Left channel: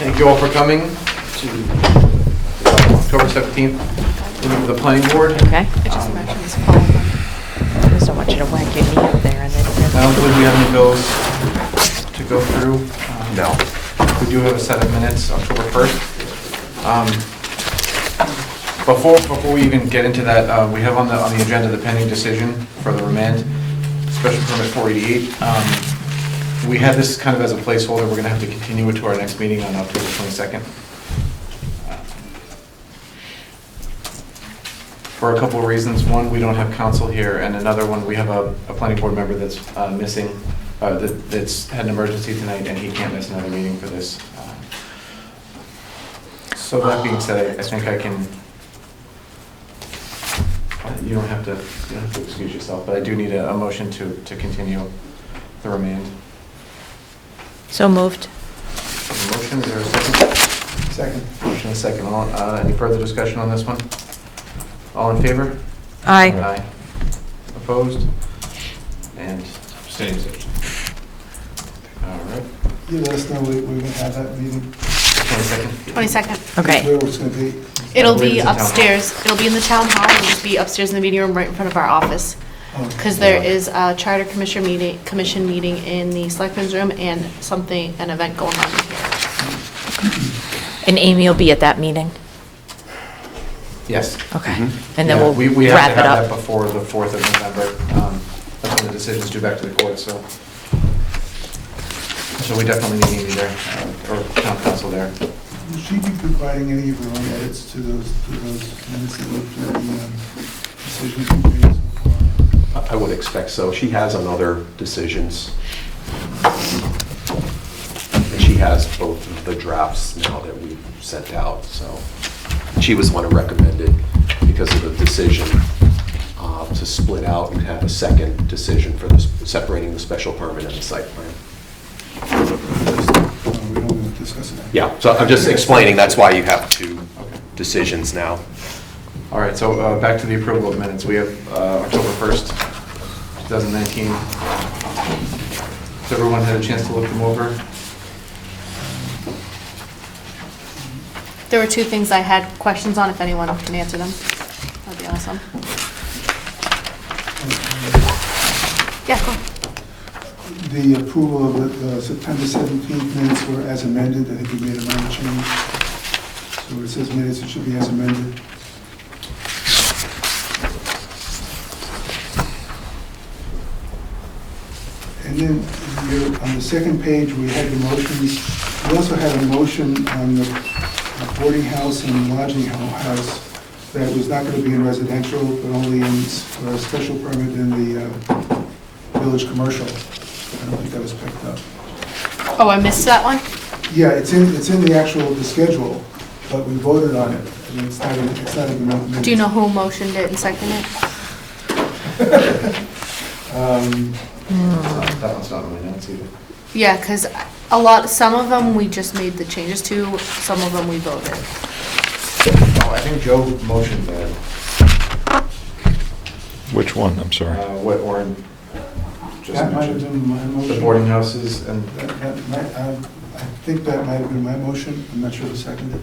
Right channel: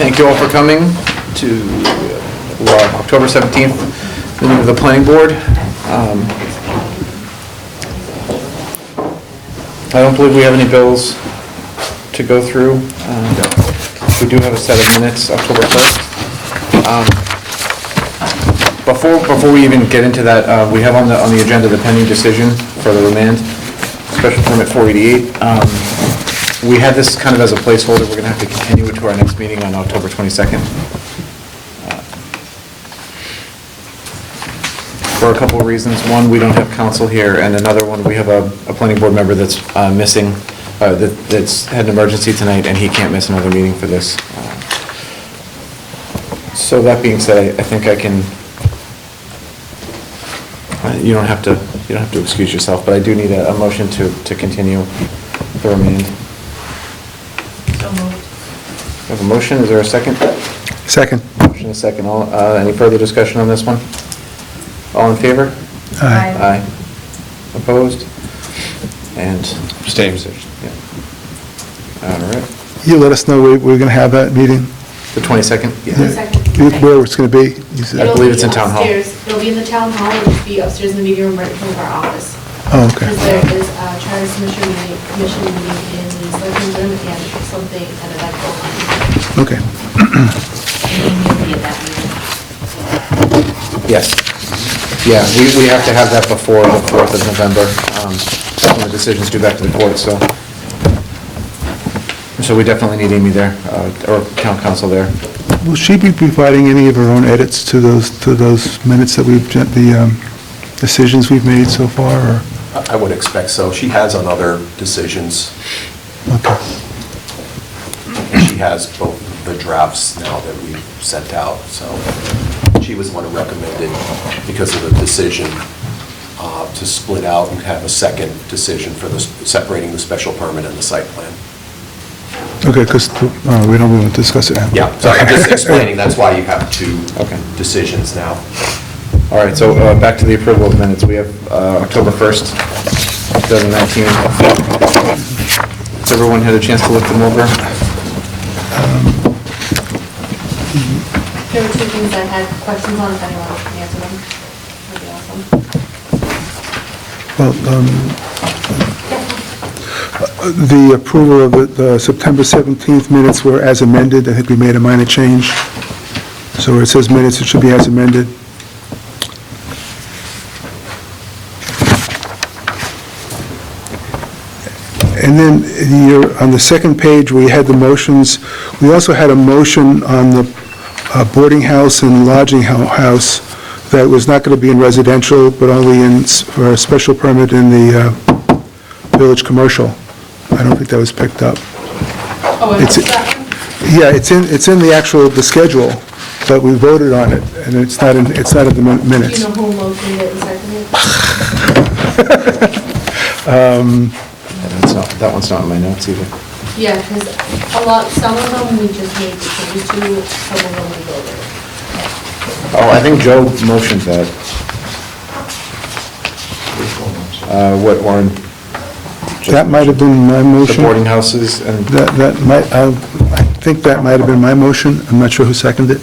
Thank you all for coming to October 17th meeting of the planning board. Okay. There's so much to whack your knee out there. I don't believe we have any bills to go through. We do have a set of minutes, October 1st. Before we even get into that, we have on the agenda the pending decision for the remand, special permit 488. We had this kind of as a placeholder. We're going to have to continue it to our next meeting on October 22nd. For a couple of reasons. One, we don't have counsel here, and another one, we have a planning board member that's missing, that's had an emergency tonight, and he can't miss another meeting for this. So that being said, I think I can, you don't have to excuse yourself, but I do need a motion to continue the remand. So moved. I have a motion, is there a second? Second. Motion and a second. Any further discussion on this one? All in favor? Aye. Aye. Opposed? And abstained. All right. You let us know we're going to have that meeting, The 22nd? 22nd. Okay. where it's going to be. You said. It'll believe be it's in town hall. upstairs. It'll be in the town hall. It'll be upstairs in the meeting room right in front of our office. Oh, okay. Because there is a charter commission meeting in the selectmen's room and an event going on. Okay. And Amy will be at that meeting? Yes. Okay. Yeah, we have to Wrap have it that up. before the 4th of November. And the decision's due back to the court, so we definitely need Amy there, or town council there. Will she be providing any of her own edits to those minutes that the decisions we've made so far, or? I would expect so. She has on other decisions. Okay. And she has both the drafts now that we've sent out, so she was the one who recommended, because of the decision, to split out and have a second decision for separating the special permit and the site plan. Okay, because we don't want to discuss it now. Yeah, so I'm just explaining, that's why you have two Okay. decisions now. All right, so back to the approval of minutes. We have October 1st, 2019. Has everyone had a chance to look them over? There were two things I had questions on, if anyone else can answer them. That'd be awesome. Well, Yeah. the approval of the September 17th minutes were as amended. I think we made a minor change. So where it says minutes, it should be as amended. And then on the second page, we had the motions. We also had a motion on the boarding house and lodging house that was not going to be in residential, but only for a special permit in the village commercial. I don't think that was picked up. Oh, I missed that one? Yeah, it's in the schedule, but we voted on it, and it's not in the minutes. Do you know who motioned it and seconded it? That one's not in my notes either. Yeah, because some of them we just made the changes to, some of them we voted. Oh, I think Joe motioned that. Which one, I'm sorry? What Warren? That might have been my The motion. boarding houses and, That might, I think that might have been my motion. I'm not sure who seconded it.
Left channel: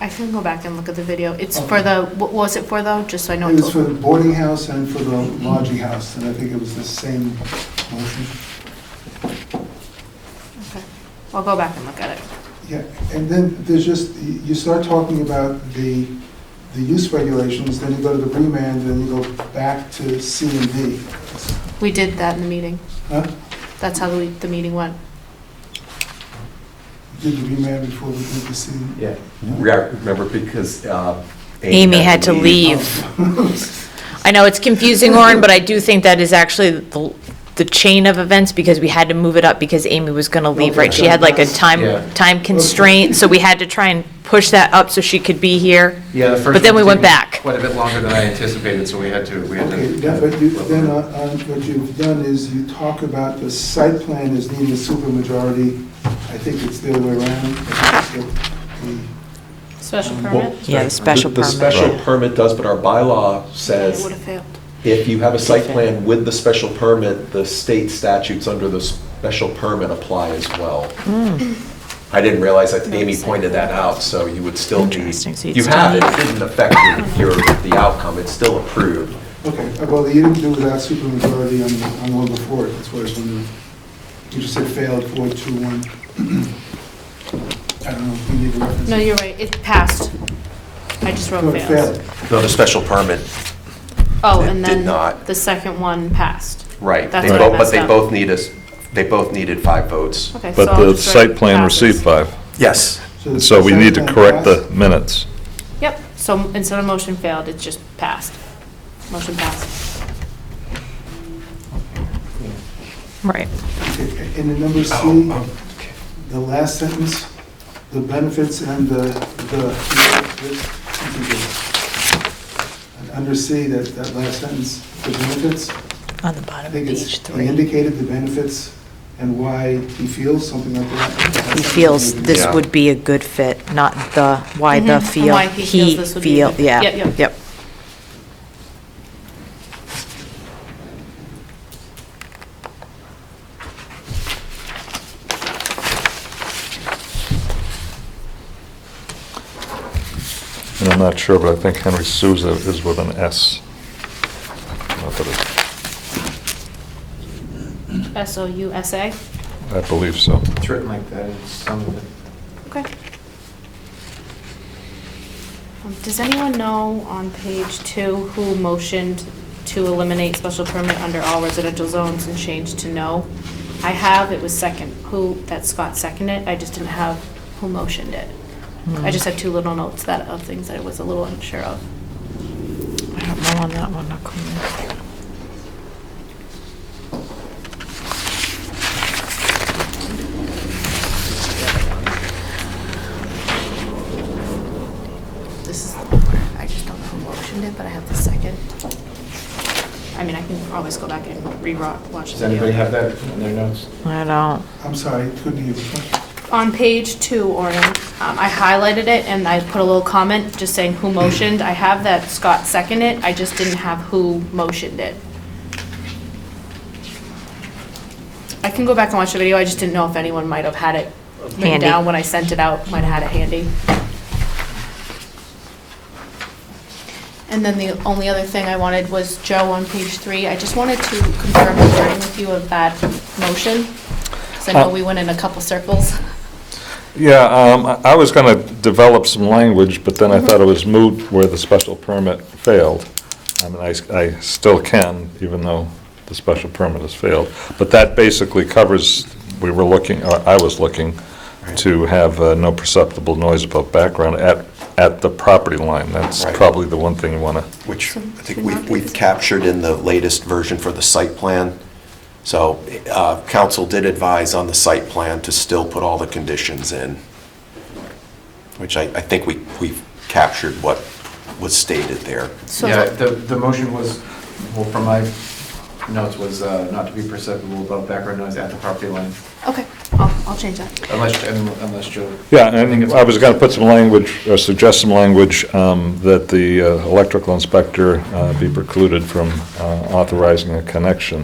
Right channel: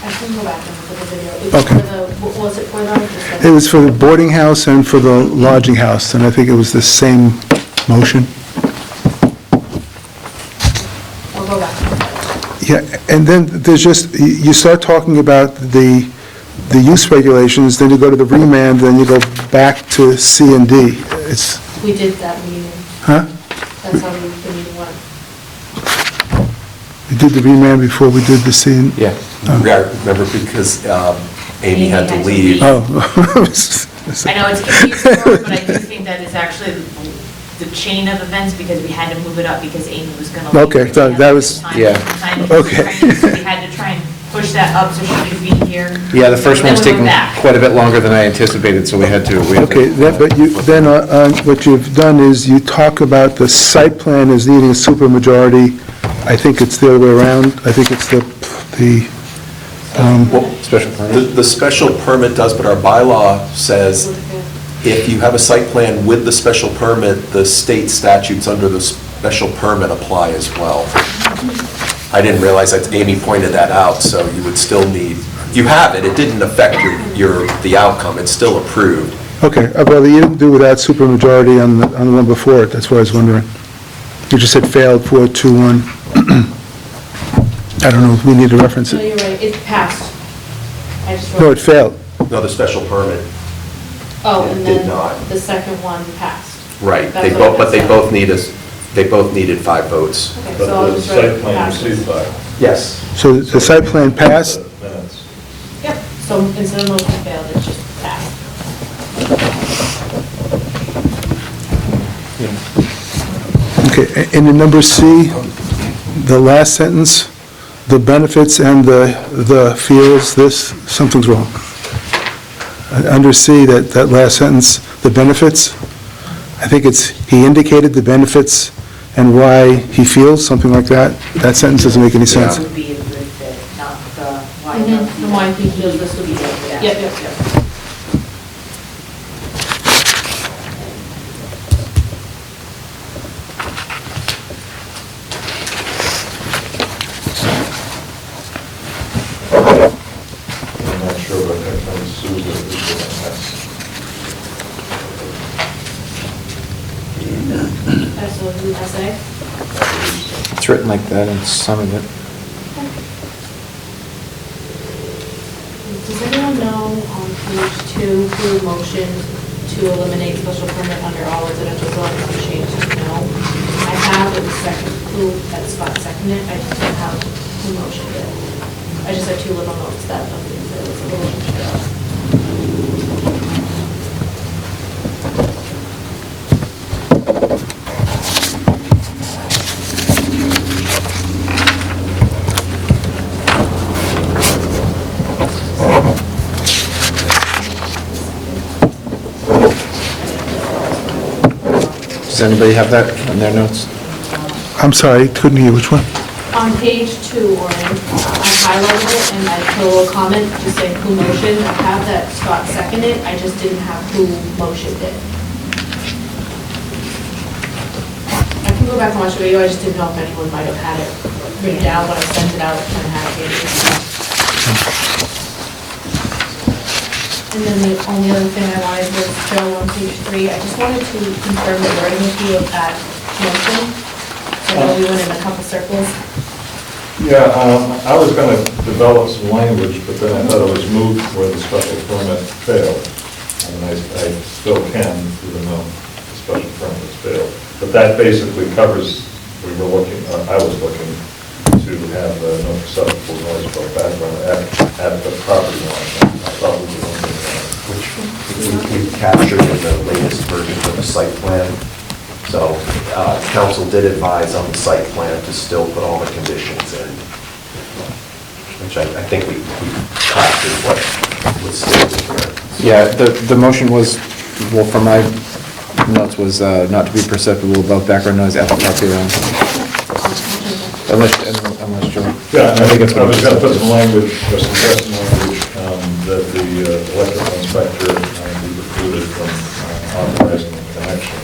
I can go back and look at the video. It's Okay. for the, what was it for though? Just so I know. It was for the boarding house and for the lodging house, and I think it was the same motion. I'll go back and look at it. Yeah, and then there's just, you start talking about the use regulations, then you go to the remand, then you go back to C and D. It's, We did that in the meeting. huh? That's how the meeting went. We did the remand before we did the C and... yeah. Remember, because Amy had to leave. Oh. I know it's confusing, Lauren, but I do think that is actually the chain of events, because we had to move it up because Amy was going to leave, Okay, right? She so had that like a was- time Yeah. constraint, so we had to try and push that up so she could be here. Yeah, the first But then one's we went taken back. quite a bit longer than I anticipated, so we had to. Okay, but then what you've done is you talk about the site plan as needing a supermajority. I think it's the other way around. I think it's the Special Well, permit? Yeah, special The special permit does, but our bylaw says if you have a site plan with the special permit, the state statutes under the special permit apply as well. I didn't realize that Amy pointed that out, so you would still need, you have it, it didn't affect the outcome, it's still approved. Okay, well, you didn't do without supermajority on the one before it, that's what I was wondering. You just said failed 4-2-1. I don't know if we need to reference No, it. you're right, it passed. I just wrote. No, it failed. No, the special permit, Oh, It and did then not. the second one passed. right, That's what I but they messed up. both need us, they both needed 5 votes. Okay, But so I'll the just write site plan passes. received 5. Yes. So the So we site need to plan correct passed. the minutes. Yep, so instead of motion failed, it's just passed. Motion passed. Right. Okay, and in number C, the last sentence, the benefits and the feels, this, something's wrong. Under C, that last sentence, the benefits, I think it's, he indicated the benefits and why he feels, something like that. That sentence doesn't make any This sense. would be a good fit, not the, why the Mhm, feel, why he feels this would be- feel, yeah, Yep, yep. yep. And I'm not sure, but I think Henry Souza is with an S. S-O-U-S-A? I believe so. It's written like that in some of it. Okay. Does anyone know on page 2 who motioned to eliminate special permit under all residential zones and change to no? I have, it was second, that Scott seconded, I just didn't have who motioned it. I just had 2 little notes that of things I was a little unsure of. Does anybody have that in their notes? I don't, I'm sorry, couldn't hear, which one? On page 2, Orin, I highlighted it and I put a little comment just saying who motioned. I have that Scott seconded, I just didn't have who motioned it. I can go back and watch the video, I just didn't know if anyone might have had it written Handy. down when I sent it out, when I had it handy. And then the only other thing I wanted was, Joe, on page 3, I just wanted to confirm the wording with you of that motion. So I know we went in a couple circles. Yeah, I was going to develop some language, but then I thought it was moot where the special permit failed. And I still can, even though the special permit has failed. But that basically covers, we were looking, or I was looking to have no perceptible noise above background at the property line. That's probably the one thing you want to... Which we've captured in the latest version for the site plan. So council did advise on the site plan to still put all the conditions in, which I think we captured what was stated here. Yeah, the motion was, well, from my notes, was not to be perceptible above background noise at the property line. I'll change that. Unless Joe. Yeah, and I was going to put some language, or suggest some language, that the electrical inspector be precluded from authorizing a connection.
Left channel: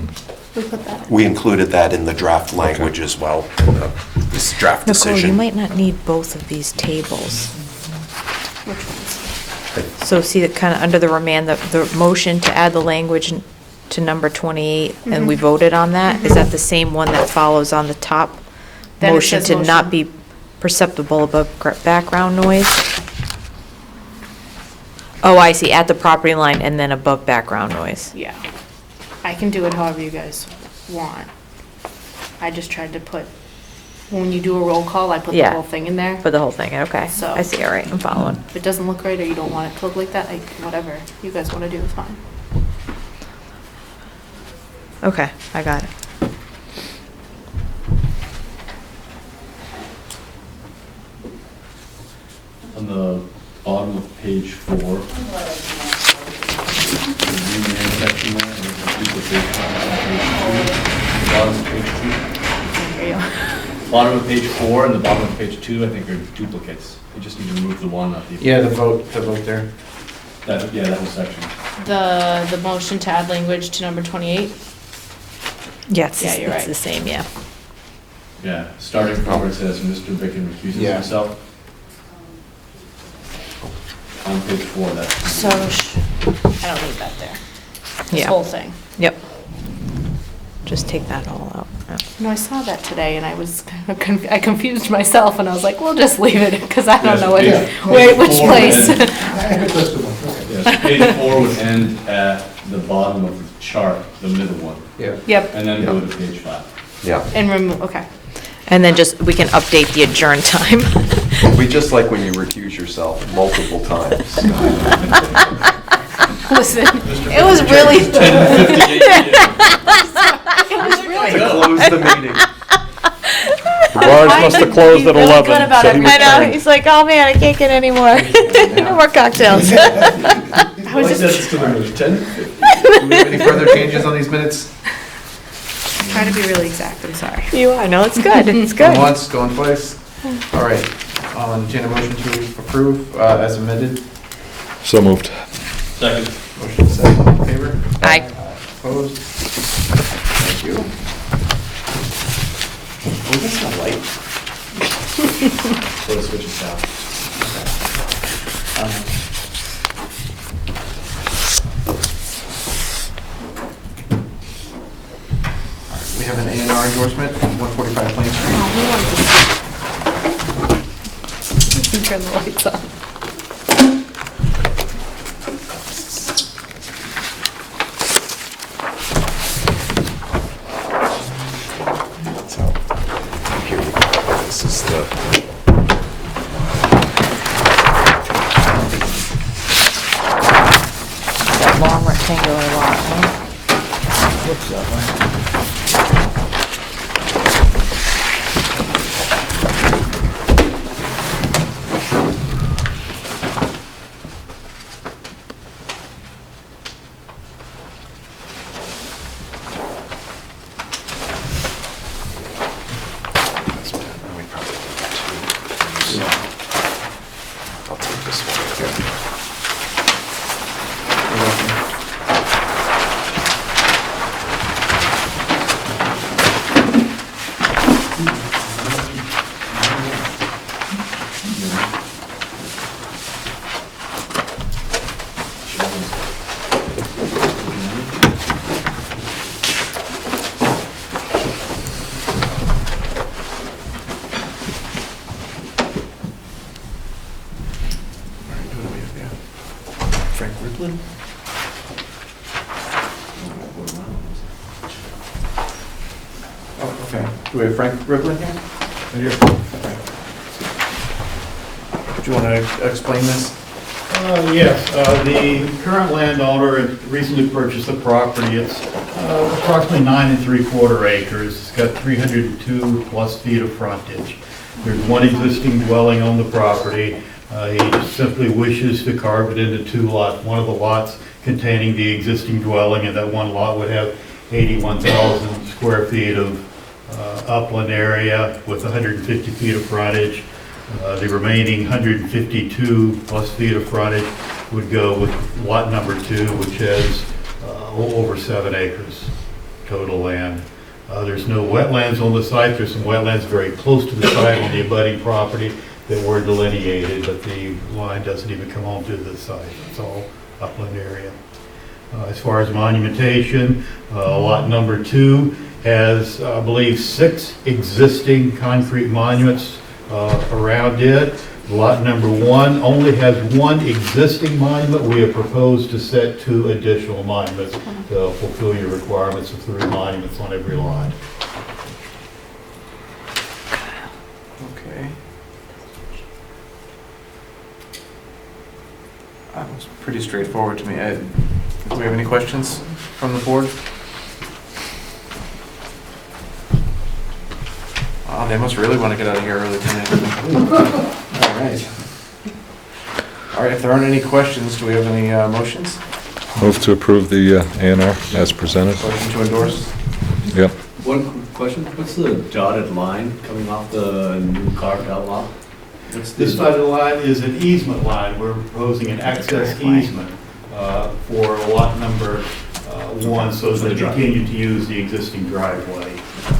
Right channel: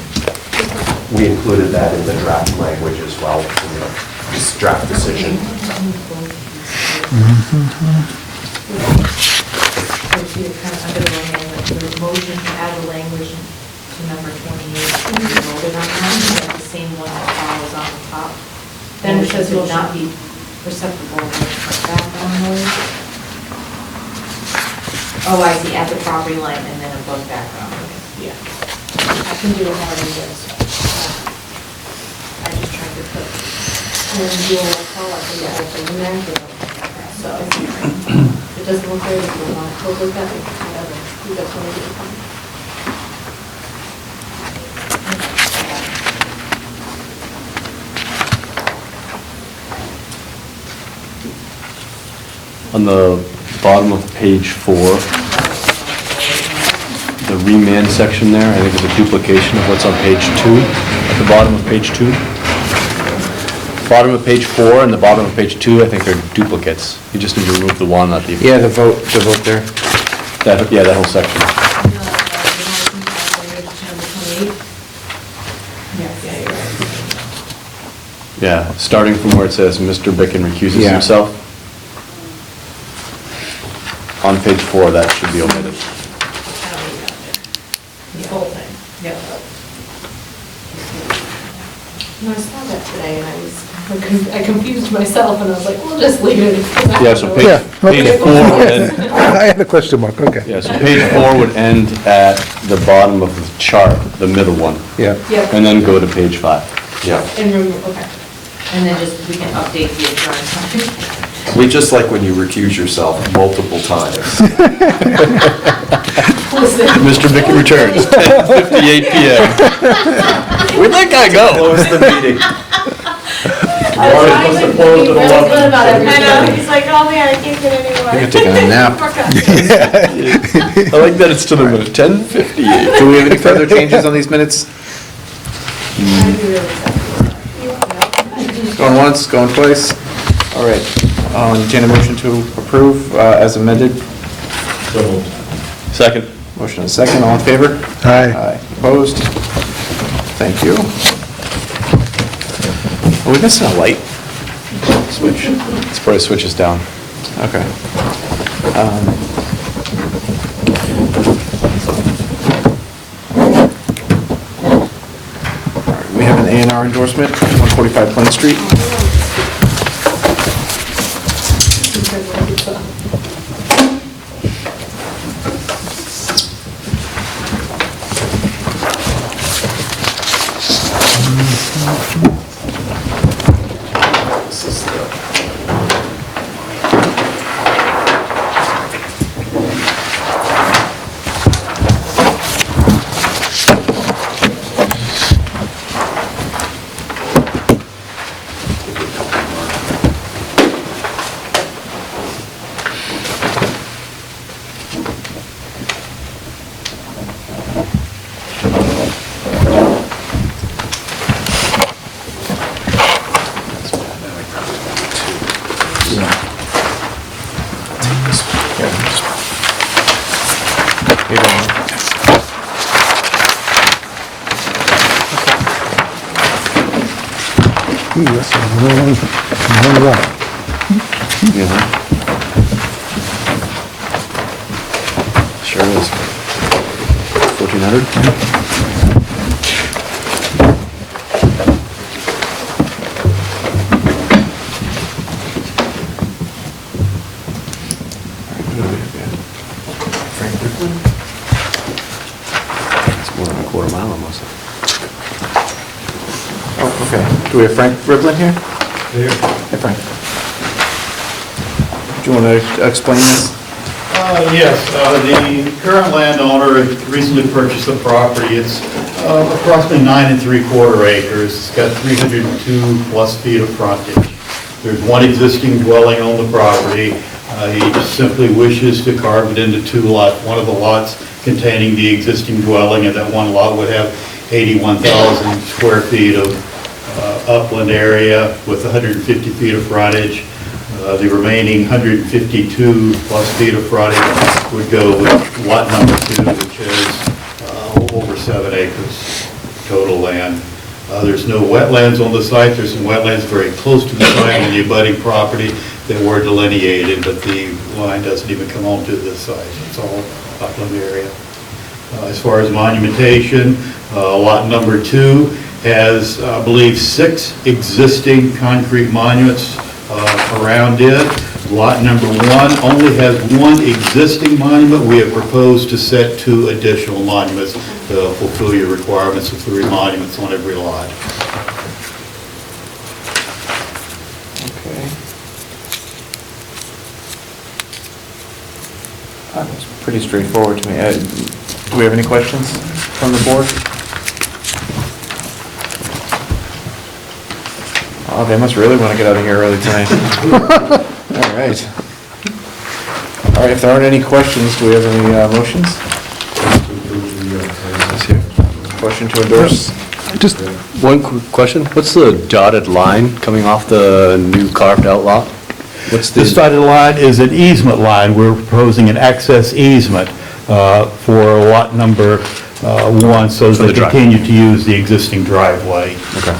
We included that in the draft language as well, this draft Nicole, you decision. might not need both of these tables. So see, it kind of under the remand, the motion to add the language to number 28, and we voted on that, is that the same one that follows on the top? Then it Motion says to not motion. be perceptible above background noise? Oh, I see, at the property line and then above background noise. Yeah, I can do it however you guys want. I just tried to put, when we do a roll call, I put the Yeah. whole thing in there. For the whole thing, okay. So- I see, all right, I'm following. If it doesn't look right or you don't want it totally that, like, whatever, you guys want to do it, fine. Okay, I got it. On the bottom of page 4, the remand section there, I think is a duplication of what's on page 2, at the bottom of page 2. Bottom of page 4 and the bottom of page 2, I think are duplicates. You just need to remove the one, not the... Yeah, the vote there. Yeah, that whole section. The motion to add language to number 28. Yes, Yeah, you're right. it's the same, yeah. Yeah, starting from where it says Mr. Bicken recuses Yeah. himself. On page 4, that should be So, I open. don't leave that there. This Yeah. whole thing. Yep. Just take that out. No, I saw that today and I confused myself and I was like, we'll just leave it because I Yeah, don't so know page- Yeah. which four place. and- I had a question mark, okay. Yeah, so page 4 would end at the bottom of the chart, the middle one, Yeah. Yep, and then go to page 5. Yeah. and remove, okay. And then just, we can update the adjourn time. We just like when you recuse yourself multiple times. Listen, Mr. it Bicken was really, returns, 10:58 PM. Where'd that guy go? Close the meeting. Bars must have closed at Really 11. good about so- it. I know, he's like, oh man, I can't get any more. Get to go nap. More cocktails. I like that it's to the minute, 10:58. Do we have any further changes on these minutes? trying to be really exactly, sorry. You are, no, it's good, it's Going good. once, going twice? All right. Entertain a motion to approve as amended. So moved. Second. Motion and second, all in favor? Aye. Opposed? Thank you. Are we missing a light? This probably switches down. Okay. We have an A&R endorsement, 145 Plain Street. This is the, That long rectangular long one. now we probably want to. I'll take this one. Ooh, that's a long lot. Sure is. 1,400? Frank Ripley? It's more than a quarter mile almost. Oh, okay. Do we have Frank Ripley here? Hey, Frank. Do you want to explain this? Yes, the current landowner had recently purchased the property. It's approximately 9 3/4 acres. It's got 302 plus feet of frontage. There's one existing dwelling on the property. He just simply wishes to carve it into 2 lots. One of the lots containing the existing dwelling, and that one lot would have 81,000 square feet of upland area with 150 feet of frontage. The remaining 152 plus feet of frontage would go with lot number 2, which is over 7 acres total land. There's no wetlands on the site. There's some wetlands very close to the site on the abutting property that were delineated, but the line doesn't even come onto this site. It's all upland area. As far as monumentation, lot number 2 has, I believe, 6 existing concrete monuments around it. Lot number 1 only has 1 existing monument. We have proposed to set 2 additional monuments to fulfill your requirements of 3 monuments on every lot. Okay. It's pretty straightforward to me. Do we have any questions from the board? Oh, they must really want to get out of here early tonight. All right. All right, if there aren't any questions, do we have any motions? Move to approve the A&Rs as presented. Motion to endorse? Just, Yeah. One quick question, what's the dotted line coming off the new carved out lot? What's This the, dotted line is an easement line. We're proposing an access easement for lot number 1, so For the they drive. continue to use the existing driveway. okay.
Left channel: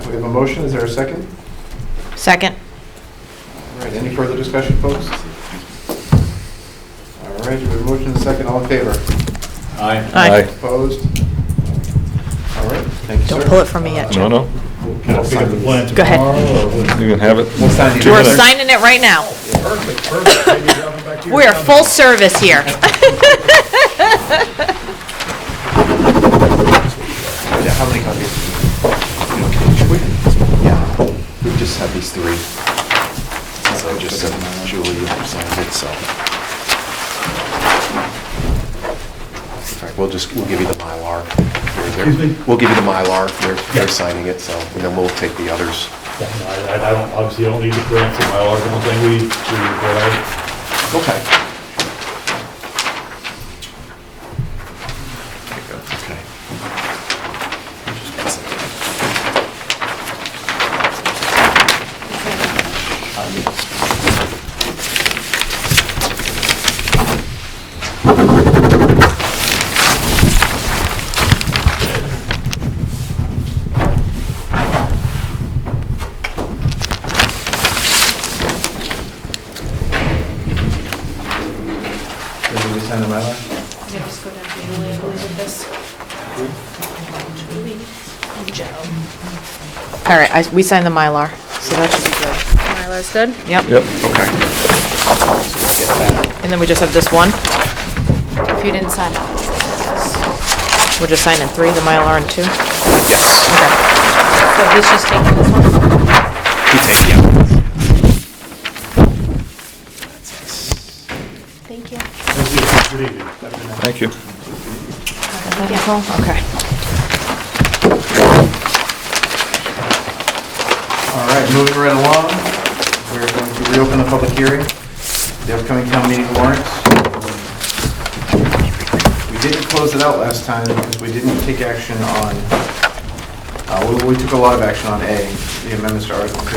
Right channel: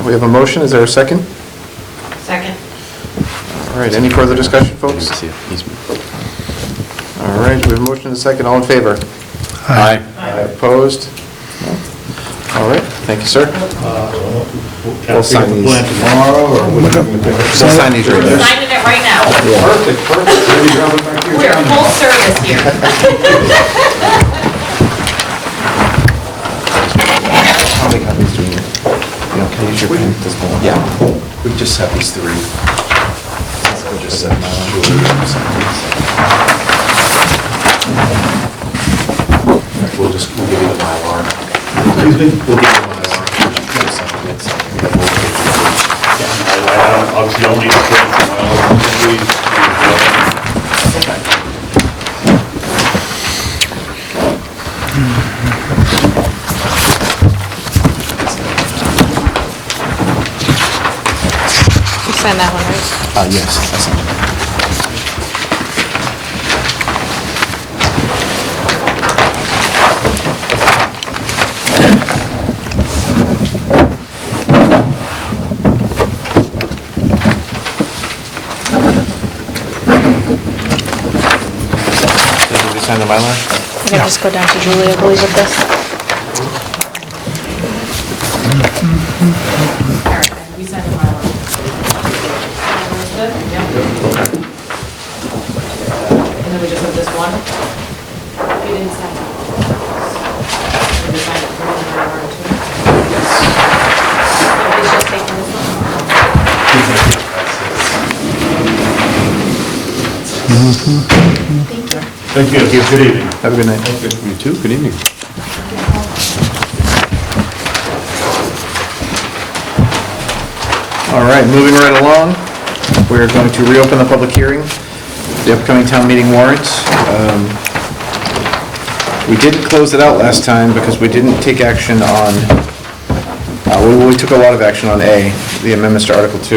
Okay, we have a motion, is there a second? Second. All right, any further discussion, folks? All right, we have a motion and a second, all in favor? Aye. Aye. Opposed? All right, thank you, sir. Pull it from me yet. No. Can I We'll sign pick the these. plans tomorrow, or what? You can have it. We'll sign these. We're signing it right now. Perfect, perfect. We are full service here. How many copies do you need? You know, can you use your pen? Yeah, we just have these three. Since I just sent Julie we'll give you the Mylar. Excuse me? We'll give you the Mylar for signing it, so we will get the others. Obviously, don't need to cancel, Okay. You sign that one, right? Yes. Did you sign the Mylar? We're gonna just go down to Julie, I believe, with this. All right, we signed the Mylar, so that's good? Yep. Okay. And then we just have this one? If you didn't sign it. We're just signing 3, the Mylar and 2? Yes. So he's just taking this one. Thank you, good evening. Have a good night. Thank you. You too, good evening. Okay. All right, moving right along, we're going to reopen the public hearing, the upcoming town meeting warrants. We didn't close it out last time because we didn't take action on, we took a lot of action on A, the amendments to Article 2,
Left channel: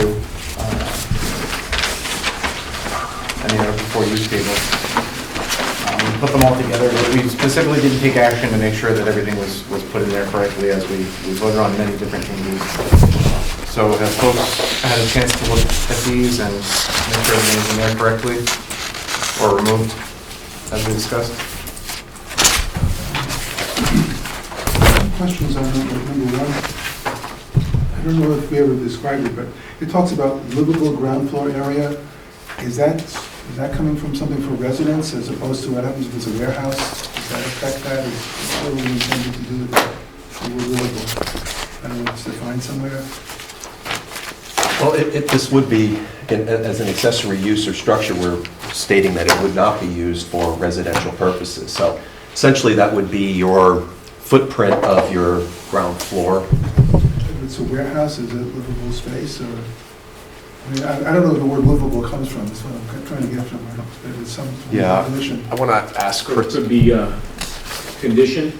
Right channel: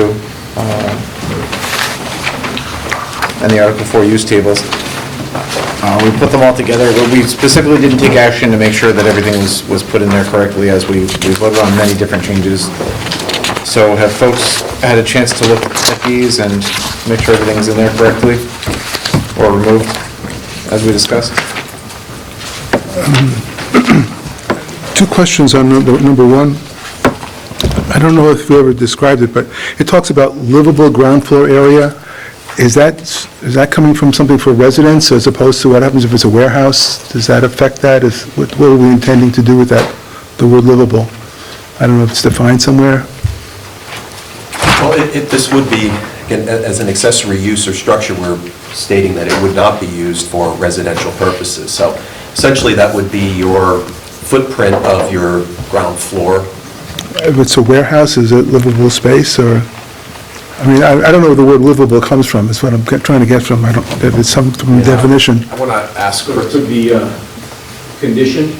and the Article 4 use tables. We put them all together, but we specifically didn't take action to make sure that everything was put in there correctly, as we voted on many different changes. So have folks had a chance to look at these and make sure everything's in there correctly, or removed, as we discussed? 2 questions on number 1. I don't know if you ever described it, but it talks about livable ground floor area. Is that coming from something for residents as opposed to what happens if it's a warehouse? Does that affect that? What are we intending to do with that, the word livable? I don't know if it's defined somewhere. Well, this would be, again, as an accessory use or structure, we're stating that it would not be used for residential purposes. So essentially, that would be your footprint of your ground floor. If it's a warehouse, is it livable space, or, I mean, I don't know where the word livable comes from, is what I'm trying to get from. I don't, if it's some definition. I want to ask So it could be conditioned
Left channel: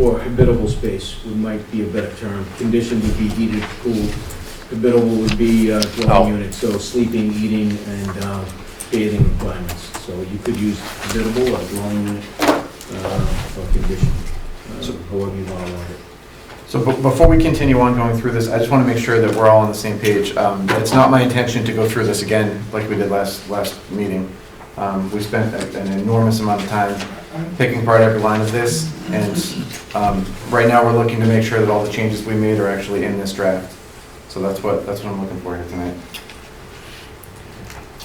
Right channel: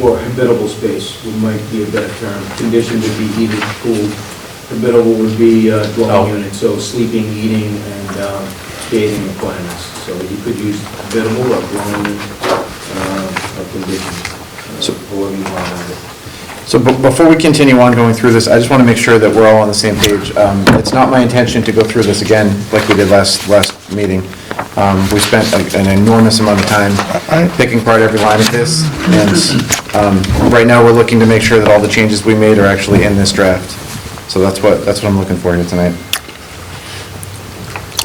or habitable space, might be a better term. Conditioned would be heated, cooled. Habitable would be dwelling unit, so sleeping, eating, and bathing requirements. So you could use habitable or dwelling unit or conditioned, however you want to have it. So before we continue on going through this, I just want to make sure that we're all on the same page. It's not my intention to go through this again like we did last meeting. We spent an enormous amount of time picking apart every line of this, and right now we're looking to make sure that all the changes we made are actually in this draft. So that's what I'm looking for here tonight.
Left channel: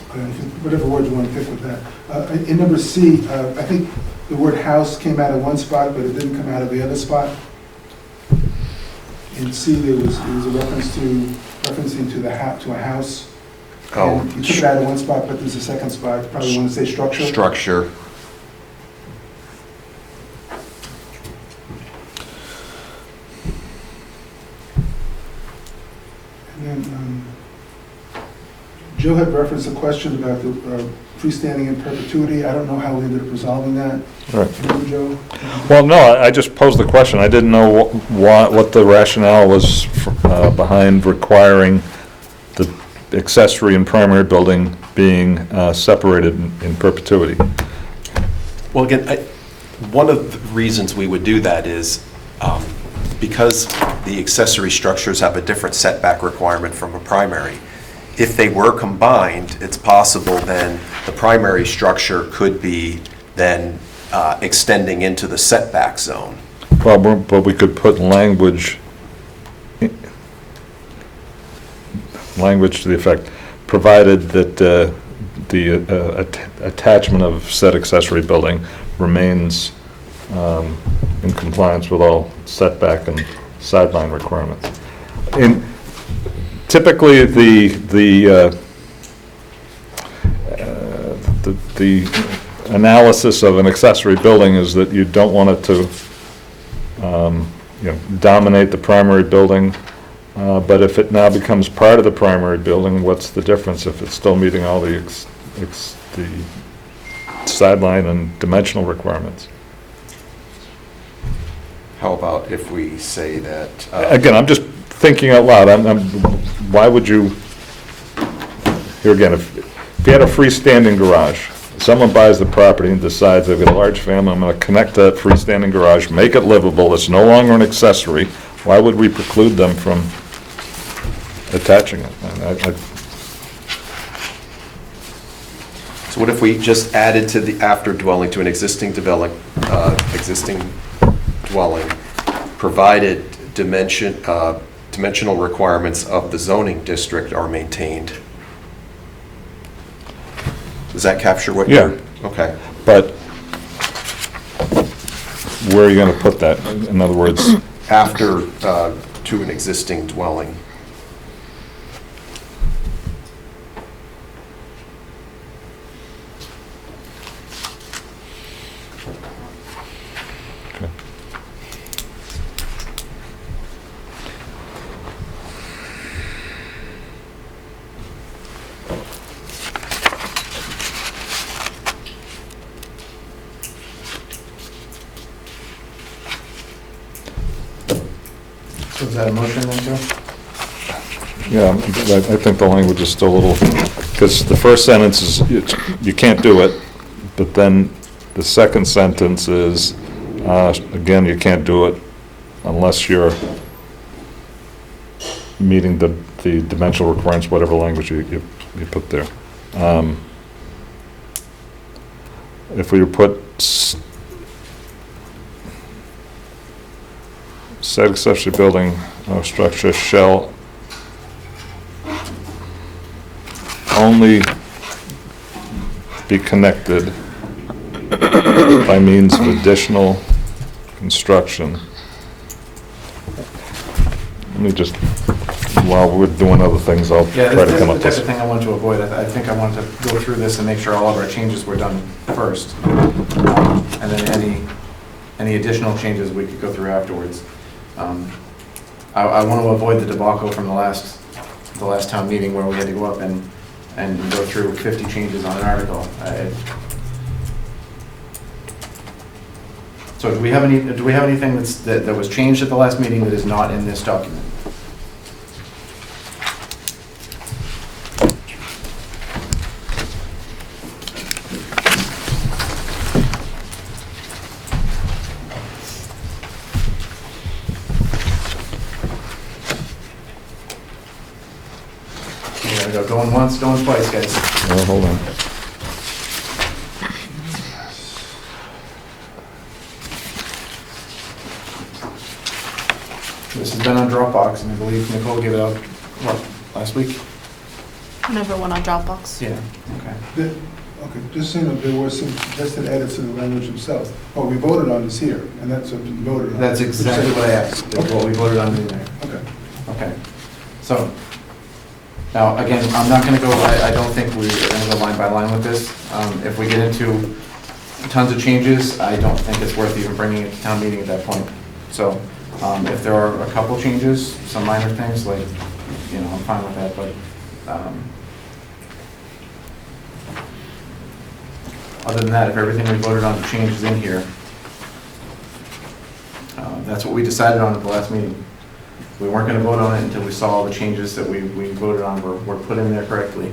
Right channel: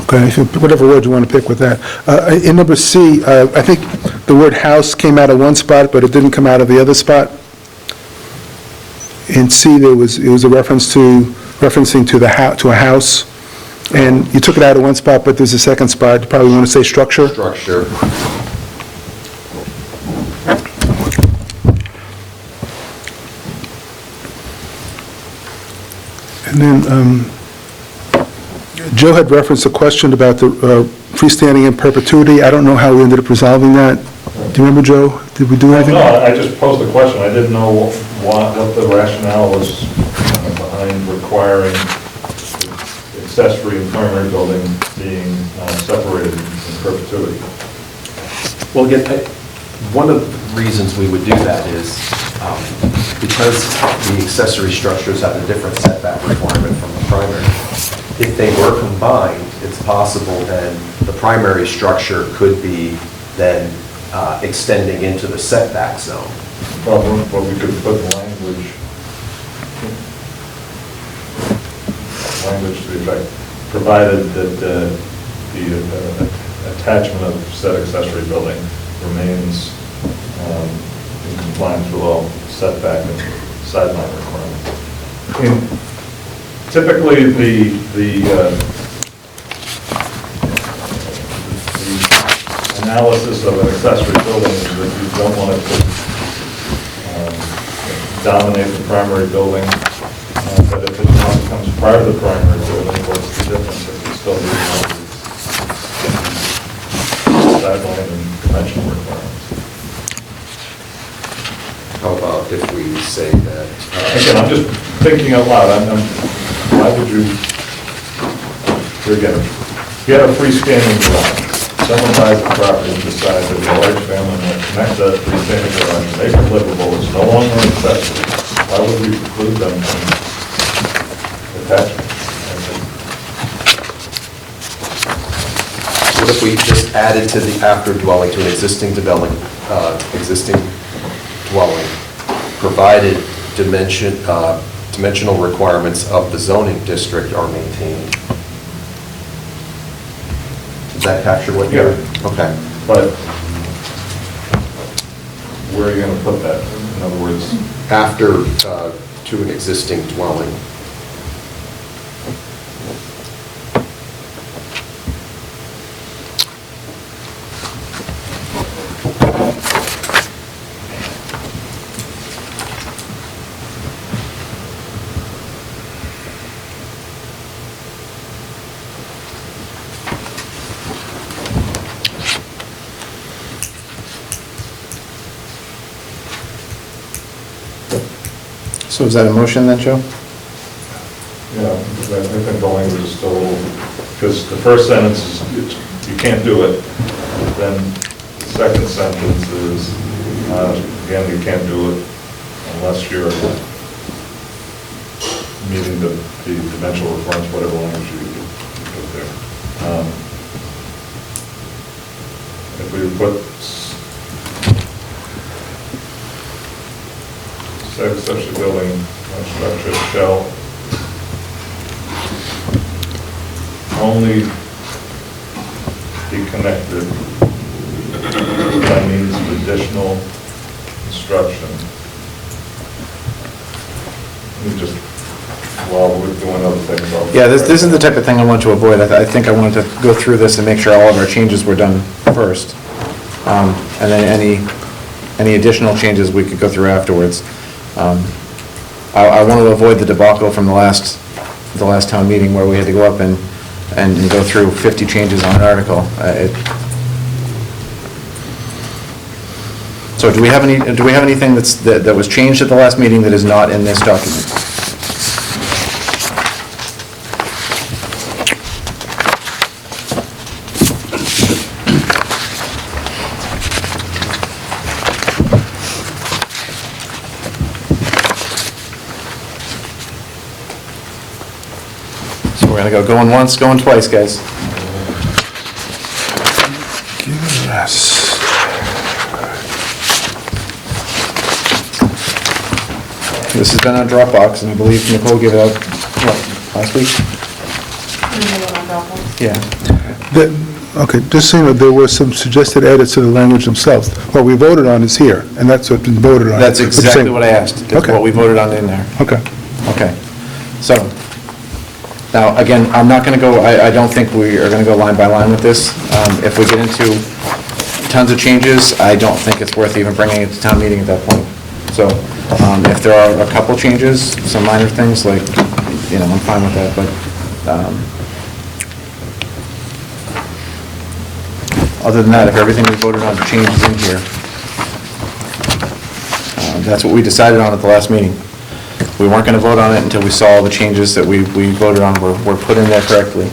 Okay, if you- whatever word you want to pick with that. In number C, I think the word house came out of one spot, but it didn't come out of the other spot. In C, it was a referencing to a house, and you took it out of one spot, but there's a second spot. You probably want to say structure. structure. And then Joe had referenced a question about the freestanding in perpetuity. I don't know how we ended up resolving that. Right. Do you remember, Joe? Did we do Well, anything? no, I just posed the question. I didn't know what the rationale was behind requiring the accessory and primary building being separated in perpetuity. Well, again, one of the reasons we would do that is because the accessory structures have a different setback requirement from a primary, if they were combined, it's possible then the primary structure could be then extending into the setback zone. Well, but we could put language to the effect, provided that the attachment of said accessory building remains in compliance with all setback and sideline requirements. Typically, the analysis of an accessory building is that you don't want it to dominate the primary building, but if it now becomes part of the primary building, what's the difference if it's still meeting all the sideline and dimensional requirements? How about if we say that? Again, I'm just thinking out loud, why would you, here again, if you had a freestanding garage, someone buys the property and decides they've got a large family, I'm gonna connect that freestanding garage, make it livable, it's no longer an accessory, why would we preclude them from attaching it? What if we just added to the after dwelling, to an existing dwelling, provided dimensional requirements of the zoning district are maintained? Does that capture what you're? Yeah. Okay. But where are you gonna put that? In other words, After, to an existing dwelling. So is that a motion then, Joe? yeah, I think the language is still a little, because the first sentence is, you can't do it, but then the second sentence is, again, you can't do it unless you're meeting the dimensional requirements, whatever language you put there. If we put said accessory building or structure shall only be connected by means of additional construction. Let me just, while we're doing other things, I'll... Yeah, this is the type of thing I want to avoid. I think I wanted to go through this and make sure all of our changes were done first. And then any additional changes we could go through afterwards. I want to avoid the debacle from the last town meeting where we had to go up and go through 50 changes on an article. So do we have anything that was changed at the last meeting that is not in this document? So we're gonna go going once, going twice, guys. Hold on. Yes. This has been on Dropbox, and I believe Nicole gave it out, last week? Another one on Dropbox. Yeah. Okay, just so you know, there were some suggested edits to the language themselves. What we voted on is here, and that's what's been voted on. That's exactly what I asked, that's Okay. what we voted on in there. Okay. Okay, so, now, again, I'm not gonna go, I don't think we are gonna go line by line with this. If we get into tons of changes, I don't think it's worth even bringing it to town meeting at that point. So, if there are a couple changes, some minor things, like, I'm fine with that, but, other than that, if everything we voted on changes in here, that's what we decided on at the last meeting. We weren't going to vote on it until we saw all the changes that we voted on were put in there correctly.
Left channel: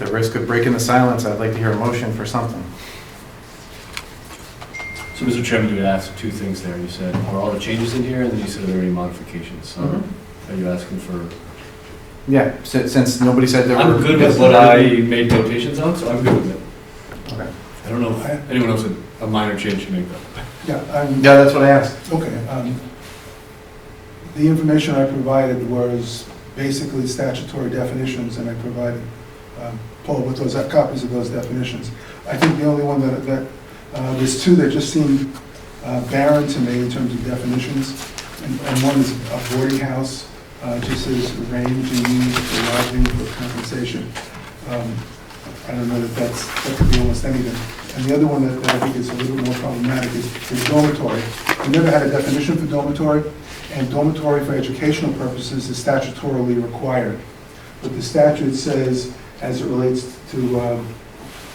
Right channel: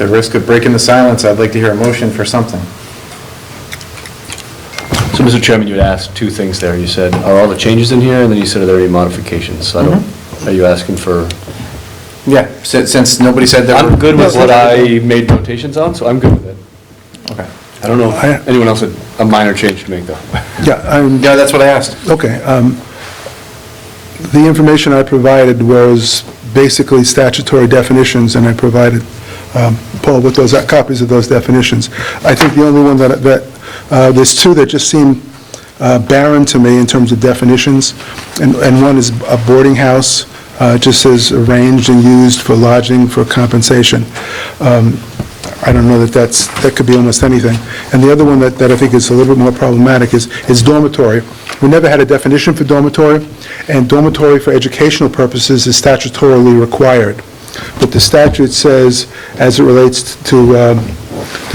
the risk of breaking the silence, I'd like to hear a motion for something. So, Mr. Chairman, you had asked two things there. You said, are all the changes in here? And then you said, are there any modifications? So I don't, are you asking for? Yeah, since nobody said that. I'm good with what I made notations on, so I'm good with it. Okay. I don't know if anyone else had a minor change to make, though. Yeah, that's what I asked. Okay. The information I provided was basically statutory definitions, and I provided Paul with those copies of those definitions. I think the only one that there's two that just seem barren to me in terms of definitions, and one is a boarding house, just says arranged and used for lodging for compensation. I don't know that could be almost anything. And the other one that I think is a little bit more problematic is dormitory. We never had a definition for dormitory, and dormitory for educational purposes is statutorily required. But the statute says, as it relates to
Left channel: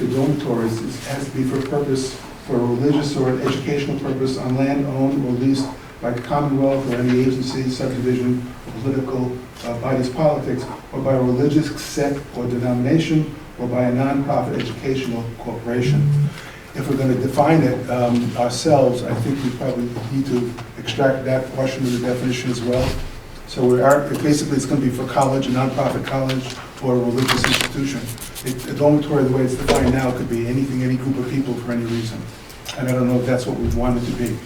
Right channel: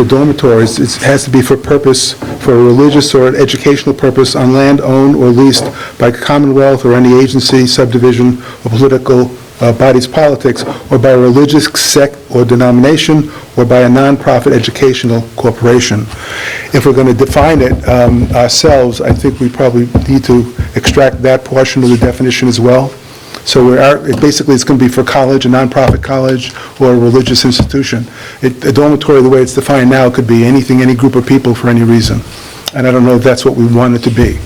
dormitories, it has to be for a religious or an educational purpose on land owned or leased by Commonwealth or any agency, subdivision, or political body's politics, or by a religious sect or denomination, or by a nonprofit educational corporation. If we're going to define it ourselves, I think we probably need to extract that portion of the definition as well. So basically, it's going to be for college, a nonprofit college, or a religious institution. A dormitory, the way it's defined now, could be anything, any group of people for any reason. And I don't know if that's what we want it to be.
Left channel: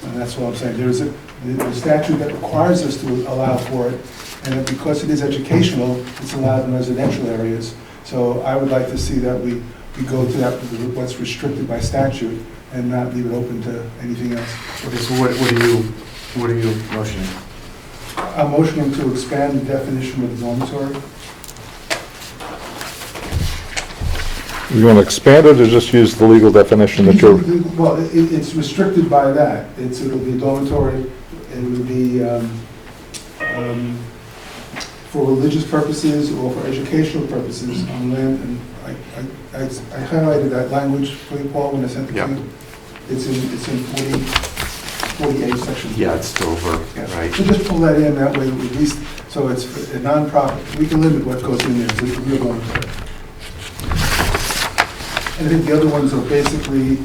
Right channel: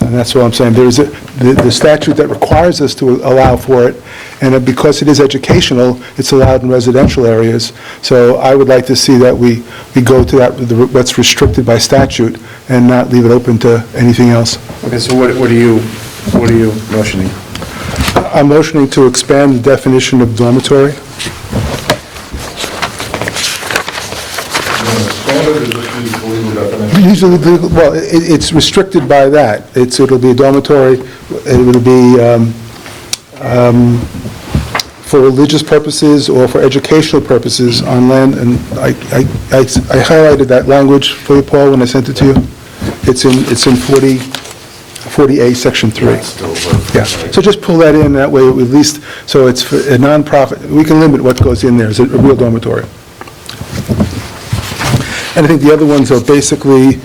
And that's what I'm saying. There is the statute that requires us to allow for it, and because it is educational, it's allowed in residential areas. So I would like to see that we go to what's restricted by statute and not leave it open to anything else. Okay, so what are you motioning? I'm motioning to expand the definition of dormitory. You want to expand it or just use the legal definition? Well, it's restricted by that. It'll be a dormitory, it will be for religious purposes or for educational purposes on land, and I highlighted that language for you, Paul, when I sent it to you. It's in 40A, Section 3. Yeah, so just pull that in, that way at least, so it's for a nonprofit. We can limit what goes in there, it's a real dormitory. And I think the other ones are basically,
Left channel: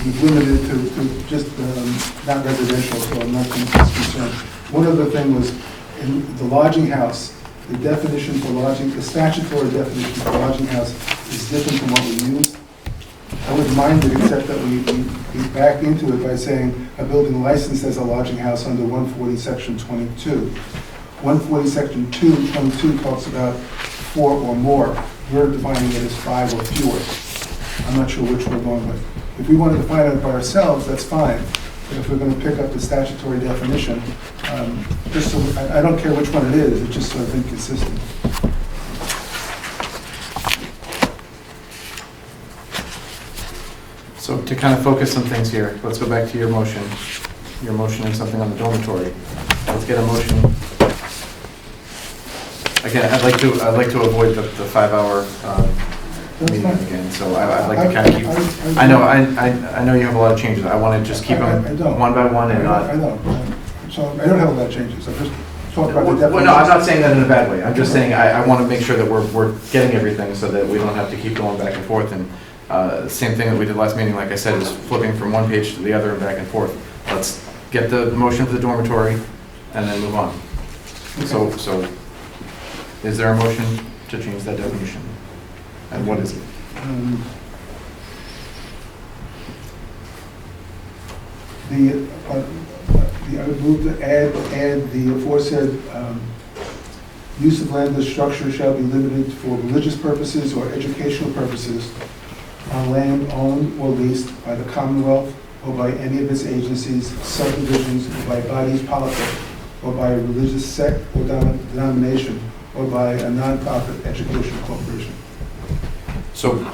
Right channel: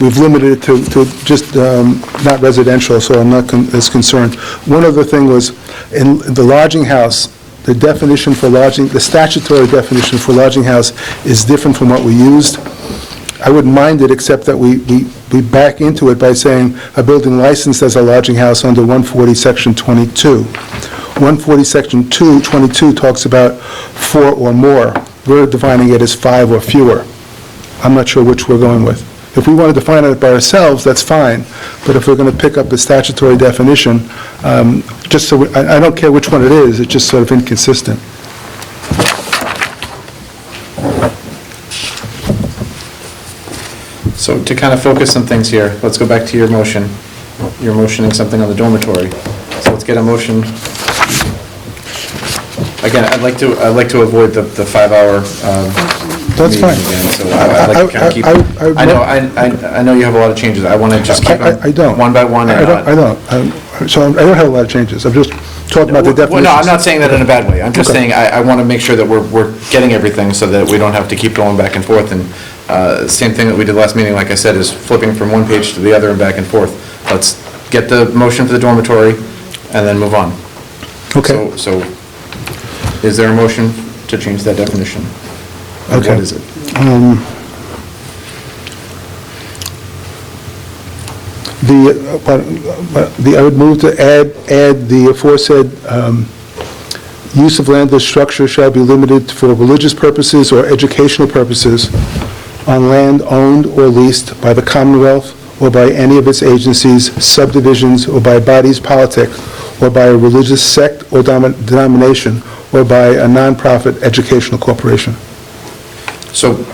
we've limited it to just not residential, so I'm not as concerned. One other thing was, in the lodging house, the definition for lodging, the statutory definition for lodging house is different from what we used. I wouldn't mind it, except that we back into it by saying a building licensed as a lodging house under 140, Section 22. 140, Section 22 talks about 4 or more. We're defining it as 5 or fewer. I'm not sure which we're going with. If we want to define it by ourselves, that's fine, but if we're going to pick up the statutory definition, just so, I don't care which one it is, it's just sort of inconsistent. So to kind of focus some things here, let's go back to your motion. You're motioning something on the dormitory. So let's get a motion. Again, I'd like to avoid the 5-hour That's meeting fine. again, so I'd like to kind of keep. I know you have a lot of changes. I want to just keep I them don't. one by one. I don't. So I don't have a lot of changes. I'm just talking about the definitions. Well, no, I'm not saying that in a bad way. I'm just saying I want to make sure that we're getting everything so that we don't have to keep going back and forth. And same thing that we did last meeting, like I said, is flipping from one page to the other and back and forth. Let's get the motion for the dormitory and then move on. Okay. So is there a motion to change that definition? Okay. What is it? I would move to add the aforesaid use of landless structure shall be limited for religious purposes or educational purposes on land owned or leased by the Commonwealth or by any of its agencies, subdivisions, or by bodies politic, or by a religious sect or denomination, or by a nonprofit educational corporation. So,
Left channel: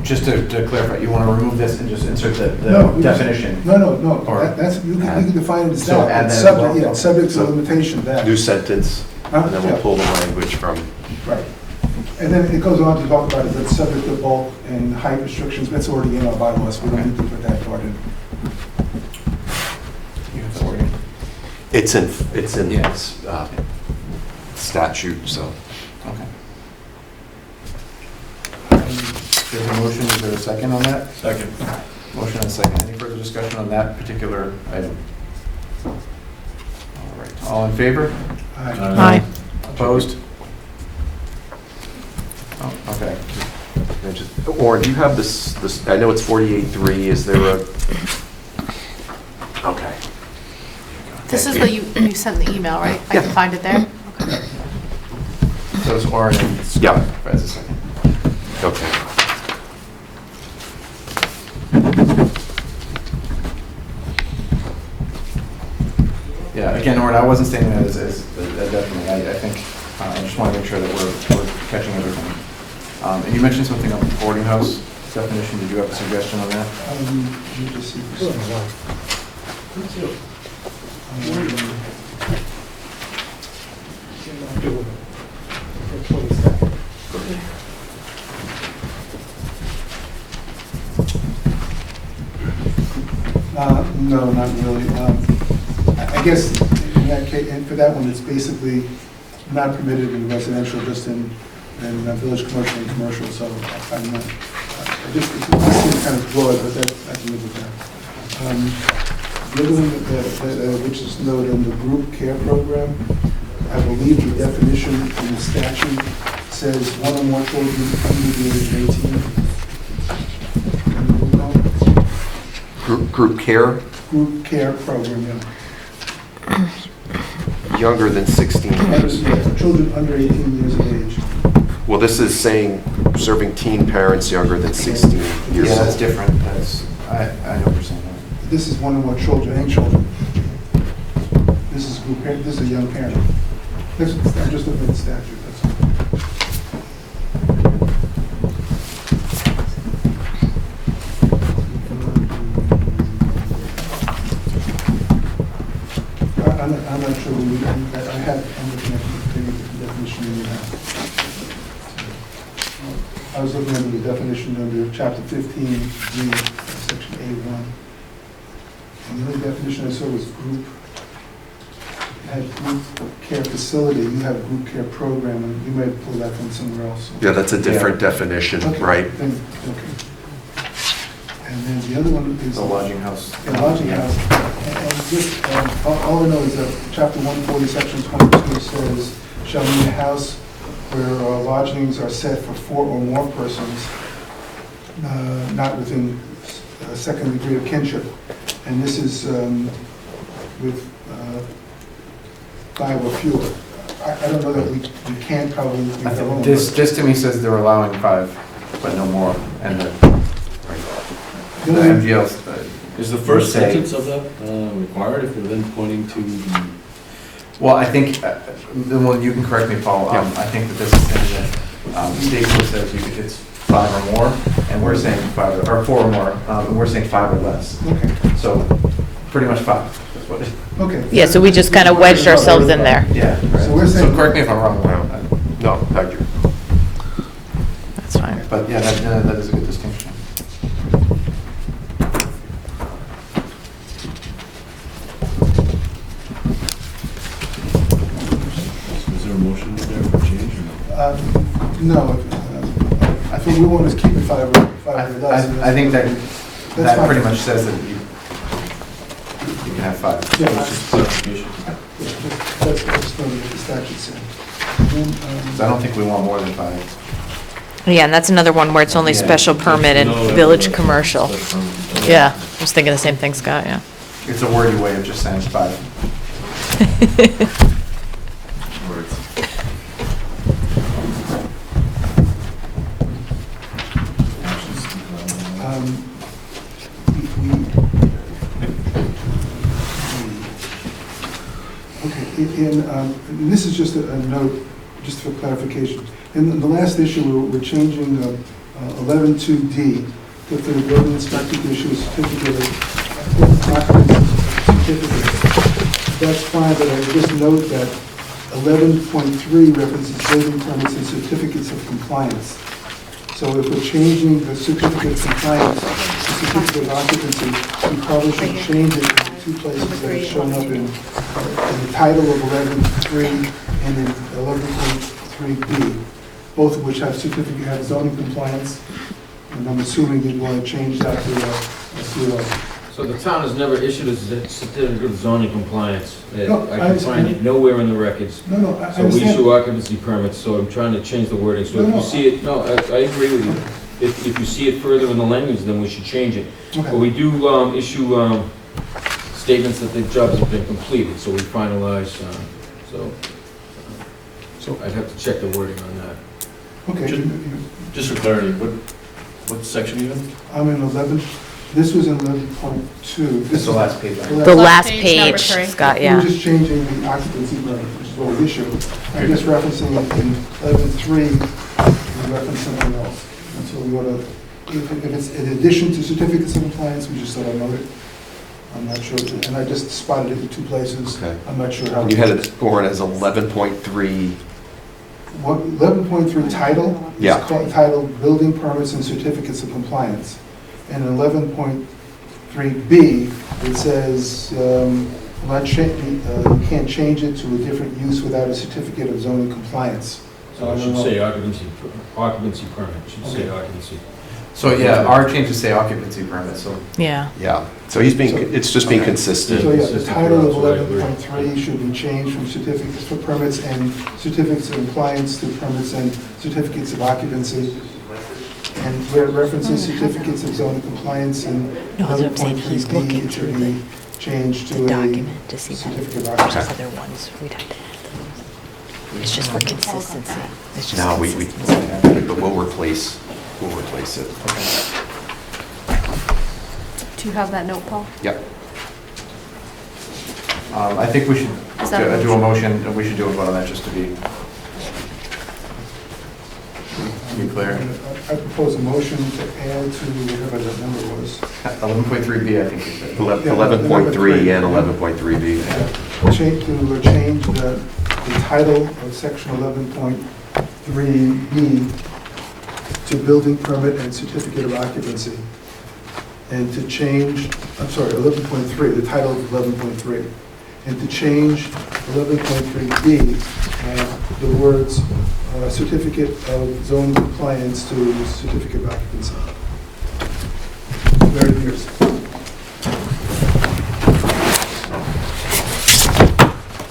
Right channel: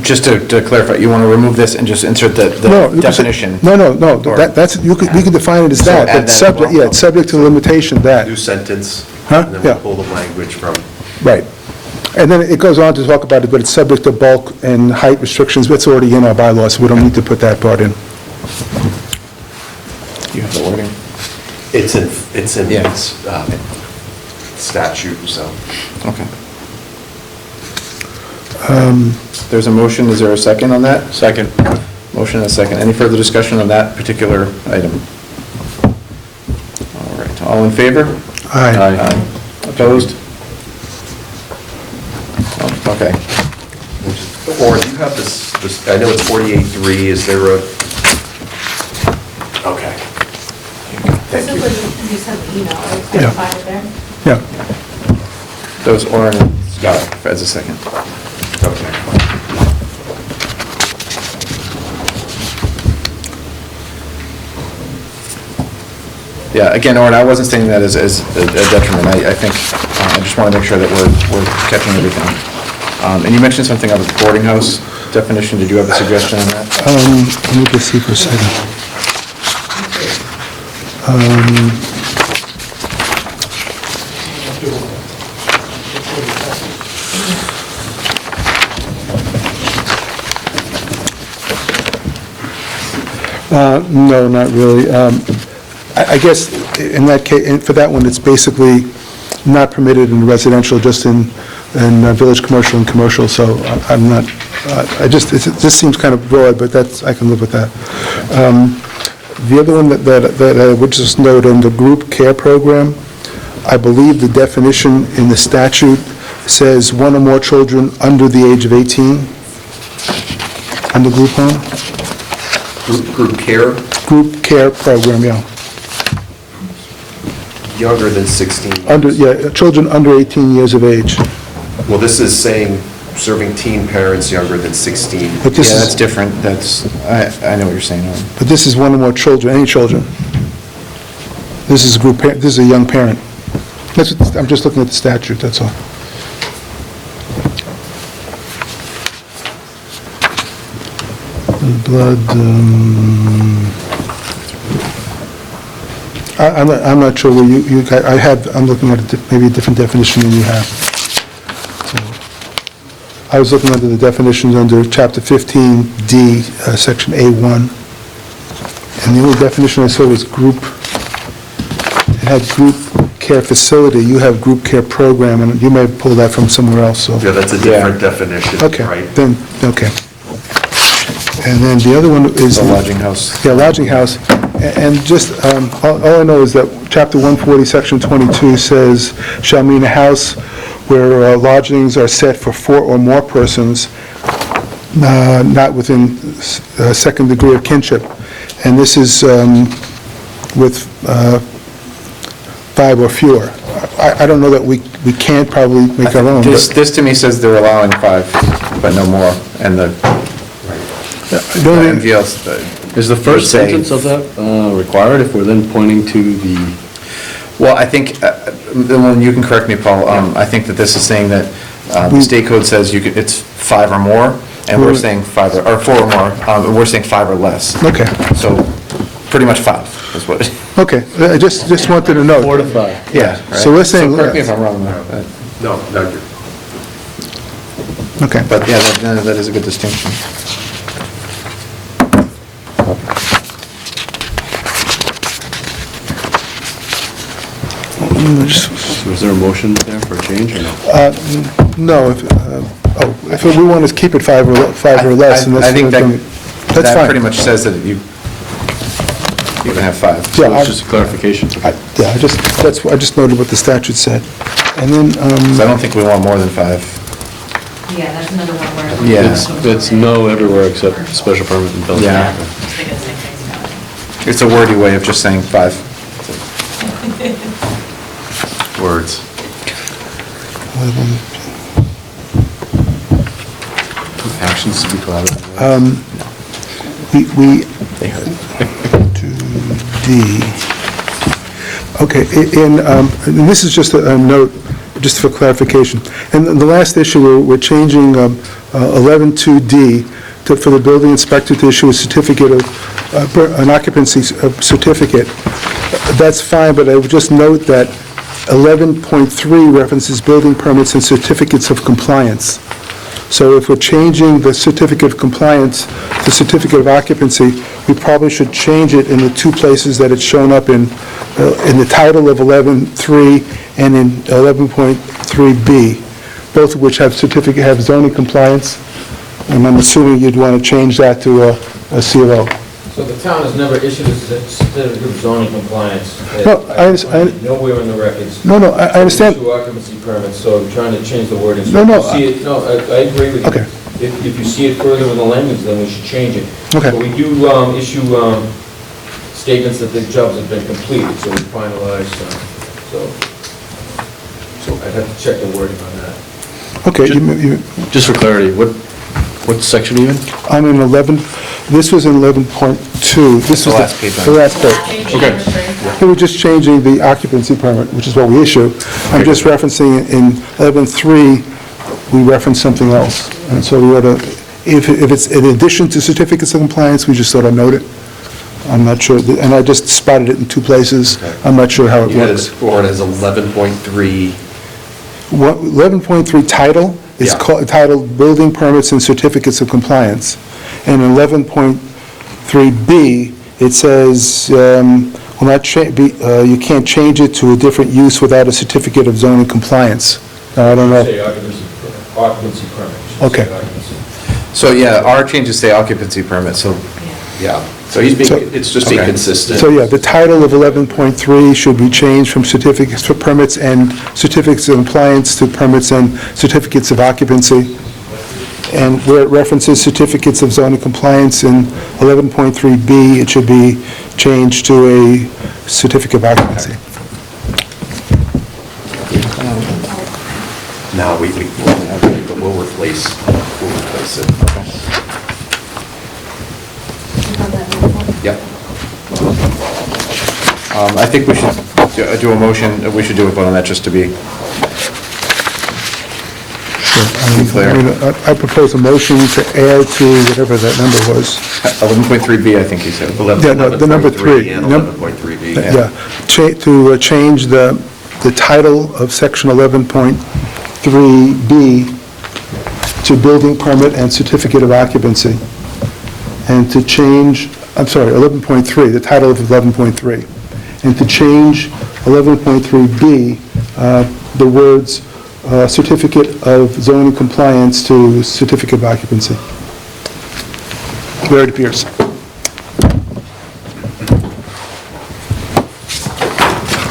just to clarify, you want to remove this and just insert the definition? No, Or- that's, we could define it as So that, add but that subject, as well? yeah, it's subject to the limitation that. New sentence, Huh? and then Yeah. we'll pull the language from. Right. And then it goes on to talk about it, but it's subject to bulk and height restrictions, but it's already in our bylaws, so we don't need to put that part in. You have the wording? It's in Yeah. statute, so. Okay. There's a motion, is there a second on that? Second. Motion and a second. Any further discussion on that particular item? All right, all in favor? Aye. Aye. Opposed? Oh, okay. Or do you have this, I know it's 48.3, is there a? Okay. This Thank is you. what you sent the email, right? I Yeah. can find it there. Yeah. Those Orin and Yeah. Fred's a second. Okay. Yeah, again, Orin, I wasn't saying that as a detriment. I think, I just want to make sure that we're catching everything. And you mentioned something about the boarding house definition. Did you have a suggestion on that? Let me just see for a second. No, not really. I guess in that case, for that one, it's basically not permitted in residential, just in village commercial and commercial, so I'm not, this seems kind of broad, but that's, I can live with that. The other one that I would just note on the group care program, I believe the definition in the statute says one or more children under the age of 18 on the group home. Group care, Group care program, yeah. younger than 16. Children under 18 years of age. Well, this is saying serving teen parents younger than 16. But Yeah, this that's is, different. I know what you're saying, Orin. but this is one or more children, any children. This is a group, this is a young parent. I'm just looking at the statute, that's all. Blood, I'm not sure where I'm looking at maybe a different definition than you have. So, I was looking under the definitions under Chapter 15D, Section A1. And the only definition I saw was group, it had group care facility, you have group care program, and you may have pulled that from somewhere else, so. Yeah, that's a different definition, Okay, right? then, okay. And then the other one is... The lodging house. Yeah, lodging house. And just, all I know is that Chapter 140, Section 22 says, shall mean a house where lodgings are set for 4 or more persons, not within second degree of kinship. And this is with 5 or fewer. I don't know that we can't probably make our own. This but- to me says they're allowing 5, but no more, and the The only thing- MGL's, Is the first Say- sentence of that required if we're then pointing to the, well, I think, well, you can correct me, Paul, I think that this is saying that the state code says it's 5 or more, and we're saying 5, or 4 or more, and we're saying 5 or less. Okay, So, pretty much 5 is what it, okay. Yeah, so I we just kind of wanted to wedged know. ourselves in there. yeah. So we're saying- correct me if I'm wrong, No, you're... Okay. but yeah, that is a good distinction. is there a motion there for a change or no? No, if we want to keep it 5 or less, and that's... I think that's that fine. pretty much says that you can have 5. Yeah, So it's just clarification. Yeah, I just noted what the statute said. And then, So I don't think we want more than 5. Yeah, and that's another one where it's only Yeah. special It's permit no in everywhere village except commercial. Special permit in village. Yeah, I was thinking the same thing, Scott, yeah. It's a wordy way of just saying 5. Words. Actions speak louder. we, D, okay, and this is just a note, just for clarification. And the last issue, we're changing 11.2D for the building inspector to issue a certificate of, an occupancy certificate. That's fine, but I would just note that 11.3 references building permits and certificates of compliance. So if we're changing the certificate of compliance to certificate of occupancy, we probably should change it in the 2 places that it's shown up in the title of 11.3 and in 11.3B. both of which have zoning compliance, and I'm assuming you'd want to change that to a CLO. So the town has never issued a certificate of zoning compliance. No, I I find it nowhere in the records. No, I understand. We issue occupancy permits, so I'm trying to change the wording. So No, if no, you see it- No, I agree with you. Okay. If you see it further in the language, then we should change it. Okay. But we do issue statements that the jobs have been completed, so we finalize, so I'd have to check the wording on that. Okay, Just for clarity, what section are you in? I'm in 11, this was in 11.2. This The was last page. The last Page. page, got We were ya. just changing the occupancy permit, which is what we issue. I'm just referencing it in 11.3, we reference something else. And so we ought to, if it's in addition to certificates of compliance, we just ought to note it. I'm not sure, and I just spotted it in two places. I'm not sure how it You had it works. scored as 11.3. 11.3 title is Yeah. titled Building Permits and Certificates of Compliance. And 11.3B, it says, will not you can't change it to a different use without a certificate of zoning compliance. Now, I don't know. Say occupancy permit. Should Okay. say occupancy. So, yeah, our changes say occupancy permit, so Yeah. Yeah, so he's So- being, it's just being Okay. consistent. So, yeah, the title of 11.3 should be changed from certificates for permits and certificates of compliance to permits and certificates of occupancy. And where it references certificates of zoning compliance in 11.3B, it should be changed to a certificate of occupancy. No, we'll replace it. You have that number? Yep. I think we should do a motion, we should do a vote on that just to be clear. I propose a motion to add to whatever that number was. 11.3B, I think he said. Yeah, no, the number 3. 11.3 and 11.3B. Yeah, to change the title of section 11.3B to building permit and certificate of occupancy. And to change, I'm sorry, 11.3, the title of 11.3. And to change 11.3B, the words certificate of zoning compliance to certificate of occupancy. Where it appears.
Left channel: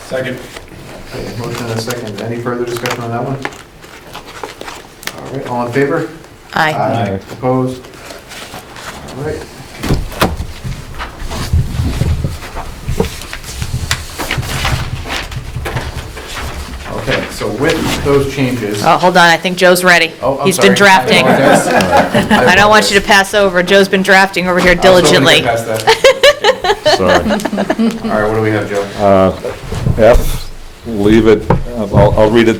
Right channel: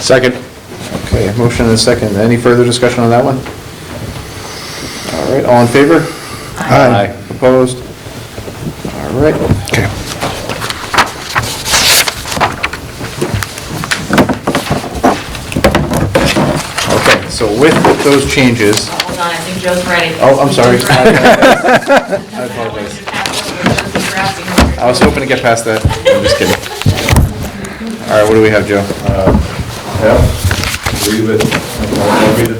Second. Okay, a motion and a second. Any further discussion on that one? All right, all in favor? Aye. Opposed? All right. Okay. Okay, so with those changes, Oh, hold on, I think Joe's ready. Oh, I'm He's sorry. been drafting. I don't want you to pass over, Joe's been drafting over here I was hoping to diligently. get past that. I'm just kidding. All right, what do we have, Joe? F, leave it, I'll read it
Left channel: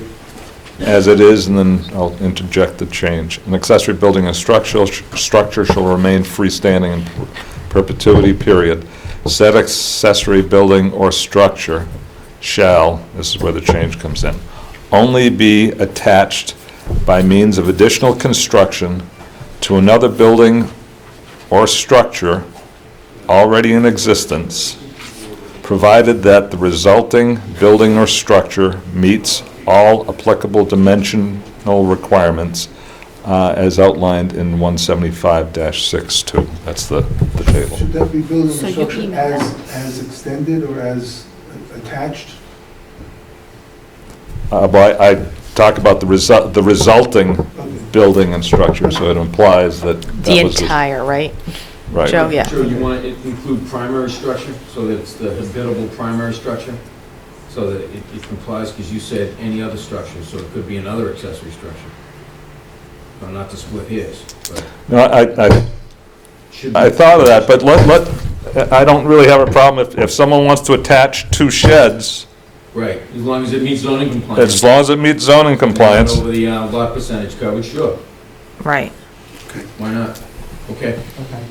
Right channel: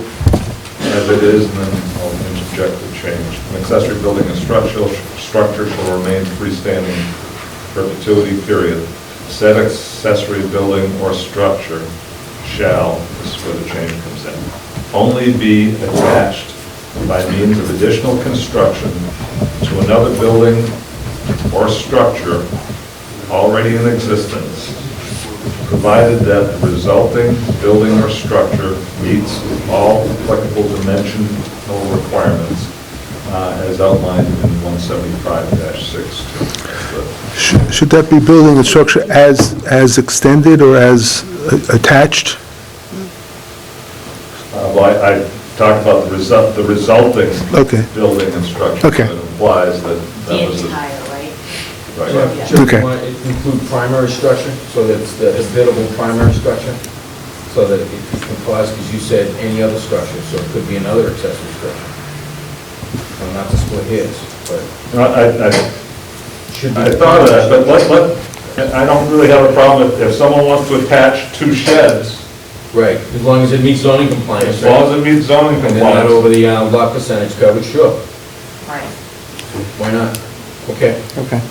as it is, and then I'll interject the change. An accessory building and structure shall remain freestanding perpetuity, period. Said accessory building or structure shall, this is where the change comes in, only be attached by means of additional construction to another building or structure already in existence, provided that the resulting building or structure meets all applicable dimensional requirements as outlined in 175-62. That's the, Should that be building and structure as extended or as attached? well, I talked about the resulting Okay. building and structure, Okay. so it implies that. The that was entire, right? Right. Joe, yeah. Should Okay. we want to include primary structure, so that it's the habitable primary structure? So that it implies, because you said any other structure, so it could be another accessory structure. Well, not to split hairs, but No, should be. I thought of that, but I don't really have a problem if someone wants to attach two sheds, Right, as long as it meets zoning compliance. as long as it meets zoning And not compliance. over the lot percentage coverage, sure, Right. why not? Okay. Okay.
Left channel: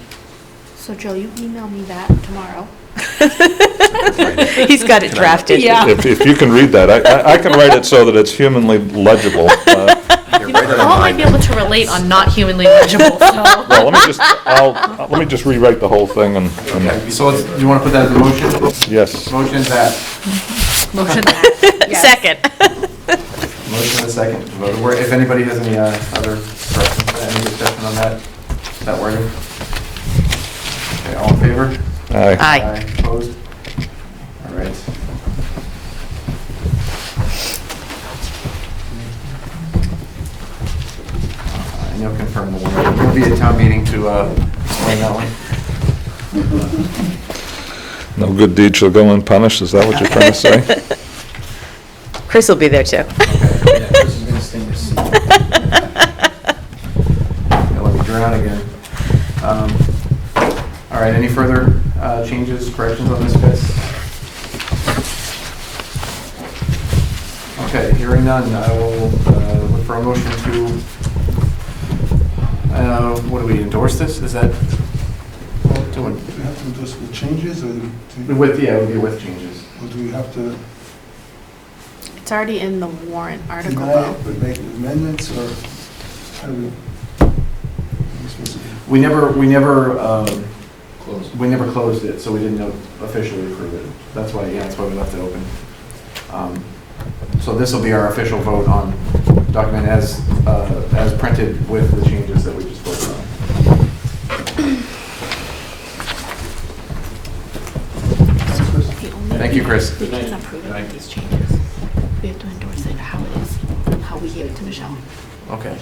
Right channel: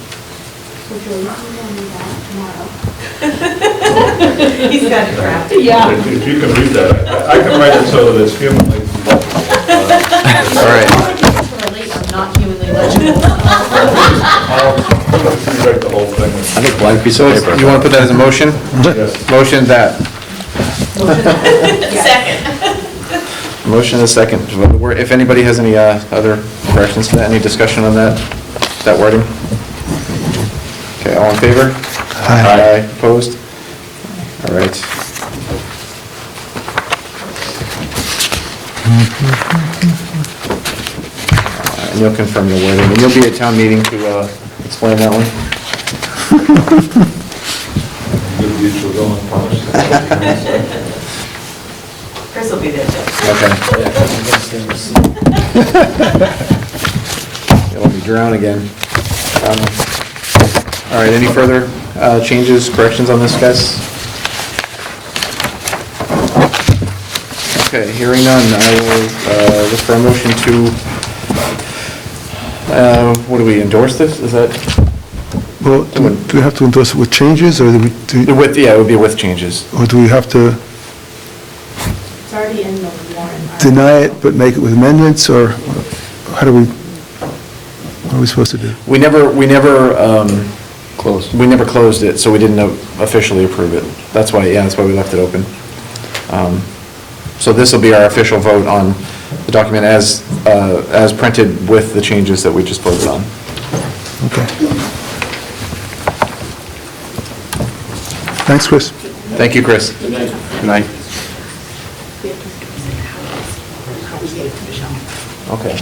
So Joe, you can email me that tomorrow. He's got it drafted. If you can read that, I can write it so that it's humanly legible. How am I able to relate on not humanly legible? Let me just rewrite the whole thing I and, think a blank piece So of it's- paper. you want to put that as a motion? yes. Motion that, Second. Motion and a second. If anybody has any other corrections to that, any discussion on that wording? Okay, all in favor? Aye. Opposed? All right. And you'll confirm the wording, and you'll be at town meeting to explain that one? Good deed shall go unpunished, is that what you're trying to say? Chris will be there too. You'll be drowned again. All right, any further changes, corrections on this, guys? Okay, hearing none, I will look for a motion to, what do we, endorse this? Is that, Well, do we have to endorse it with changes, or do we, yeah, it would be with changes. or do we have to It's already in the warrant. deny it but make it with amendments, or how do we, what are we supposed to do? We never Closed. closed it, so we didn't officially approve it. That's why we left it open. So this will be our official vote on the document as printed with the changes that we just voted on. Okay. Thanks, Chris. Thank you, Chris. Good night. We have to endorse it how we gave it to Michelle. Okay,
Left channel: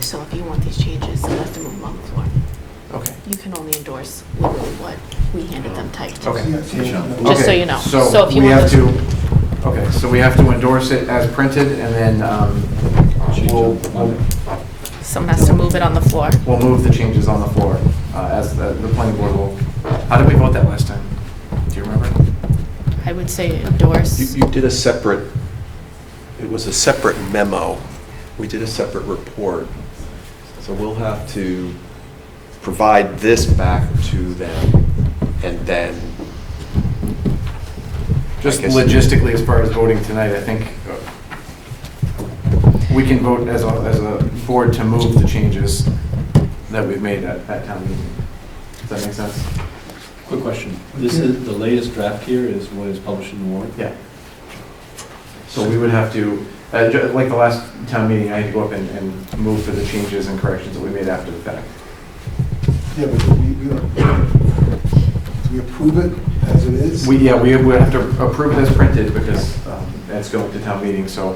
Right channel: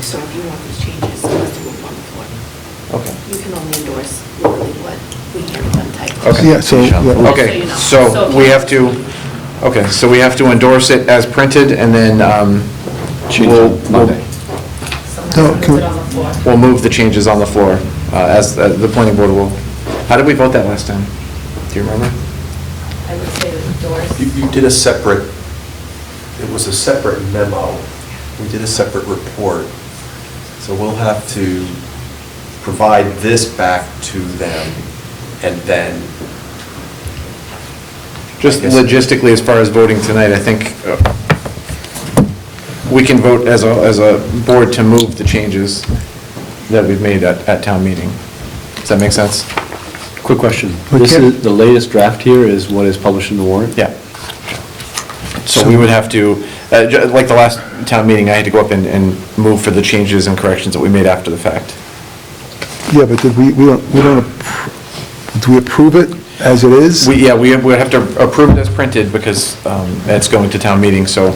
So if you want these changes, you have to move them on the floor. okay. You can only endorse what we handed them typed. Okay. Yeah, so, Just so Okay, you know. so So if we you- have to, okay, so we have to endorse it as printed, and then we'll Monday. Someone has to move it on the floor. we'll move the changes on the floor, as the planning board will. How did we vote that last time? Do you remember? I would say endorse. You did a separate, it was a separate memo. We did a separate report. So we'll have to provide this back to them, and then... Just I guess- logistically, as far as voting tonight, I think we can vote as a board to move the changes that we've made at town meeting. Does that make sense? Quick question. We This can't- is, the latest draft here is what is published in the warrant? Yeah. So we would have to, like the last town meeting, I had to go up and move for the changes and corrections that we made after the fact. yeah, but did we don't, do we approve it as it is? We have to approve it as printed because it's going to town meeting, so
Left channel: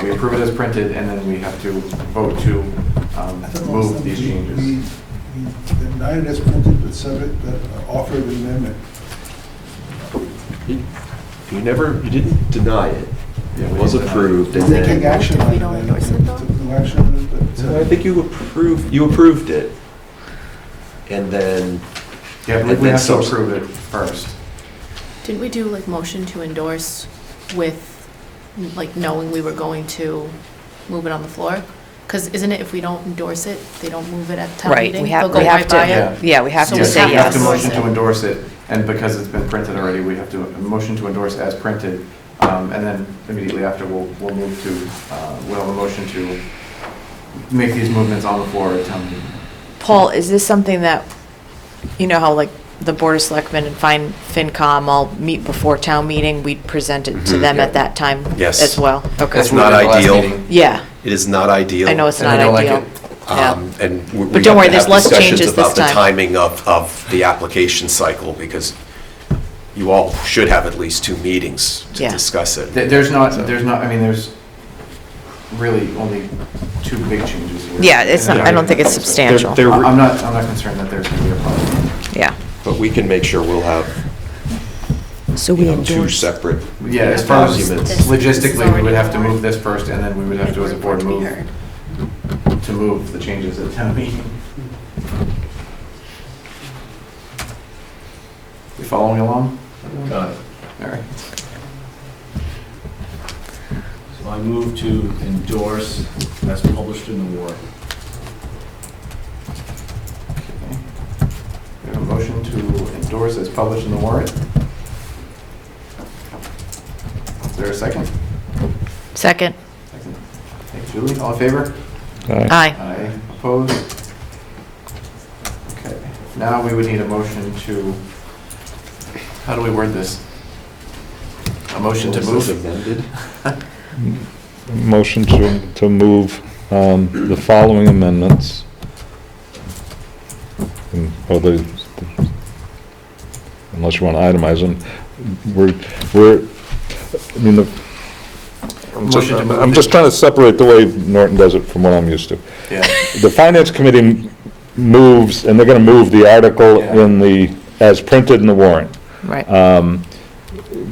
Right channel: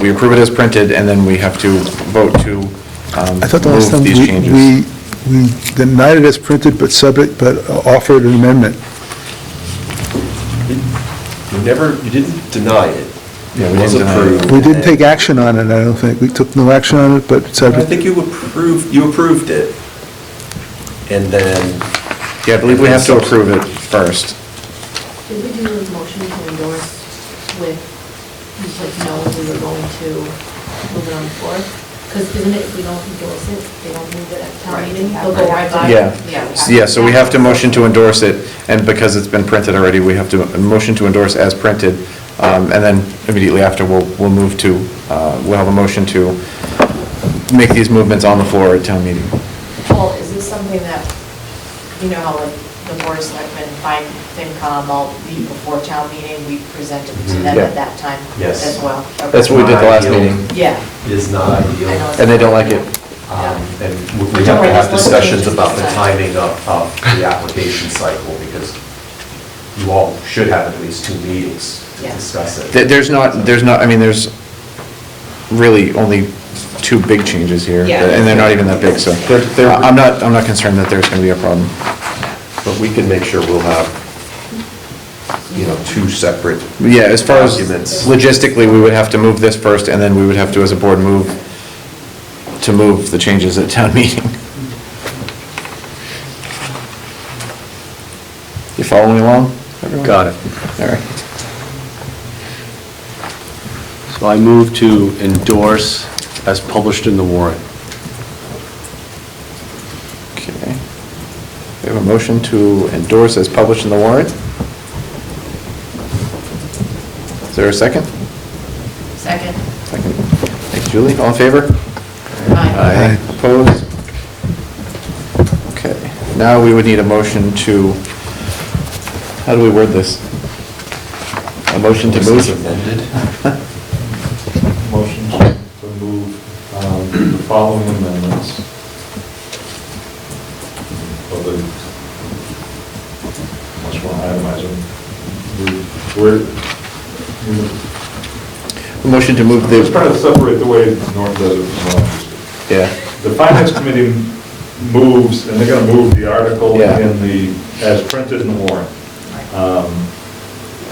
we approve it as printed, and then we have to vote to I thought the last time move these changes. we denied it as printed, but offered an amendment. You didn't deny it. Yeah, we It was didn't deny it. approved. We didn't take action on it, I don't think. We took no action on it, but said. I think you approved it. And then... Yeah, I believe we have to approve it first. Did we do a motion to endorse with, like, knowing we were going to move it on the floor? Because isn't it, if we don't endorse it, they don't move it at town Right, meeting? we have They'll go right to, by it? yeah, we have to. Yeah, so we have to Yeah. motion to endorse it, and because it's been printed already, we have to motion to endorse as printed, and then immediately after, we'll move to, we'll have a motion to make these movements on the floor at town meeting. Paul, is this something that, you know how like the Board of Selectmen and FinCom all meet before town meeting, we present it to them at that time Yes. as well? Okay. That's what we did the last Not ideal. meeting. Yeah, It is not ideal. I know it's And not they don't like ideal. it. Yeah. And But we don't worry, have to there's have less discussions changes about this the time. timing of the application cycle, because you all should have at least 2 meetings to Yeah. discuss it. There's not, I mean, there's really only 2 big changes here. Yeah, and they're not I don't even that think it's big, so- substantial. I'm not concerned that there's going to be a problem. Yeah. But we can make sure we'll have, So you know, 2 separate Yeah, as far as documents. logistically, we would have to move this first, and then we would have to, as a board, move the changes at town meeting. You following along? everyone? Got it. All right. So I move to endorse as published in the warrant. Okay. We have a motion to endorse as published in the warrant. Is there a second? Second. Second. Thank you, Julie. All in favor? Aye. Opposed? Okay. Now we would need a motion to, how do we word this? A motion to This is move? amended. motion to move the following amendments. Unless you want to itemize them. Motion to move I'm the- just trying to separate the way Norton does it from what I'm used to. Yeah. The Finance Committee moves, and they're going to move the article Yeah. in the, as printed in the warrant. Right.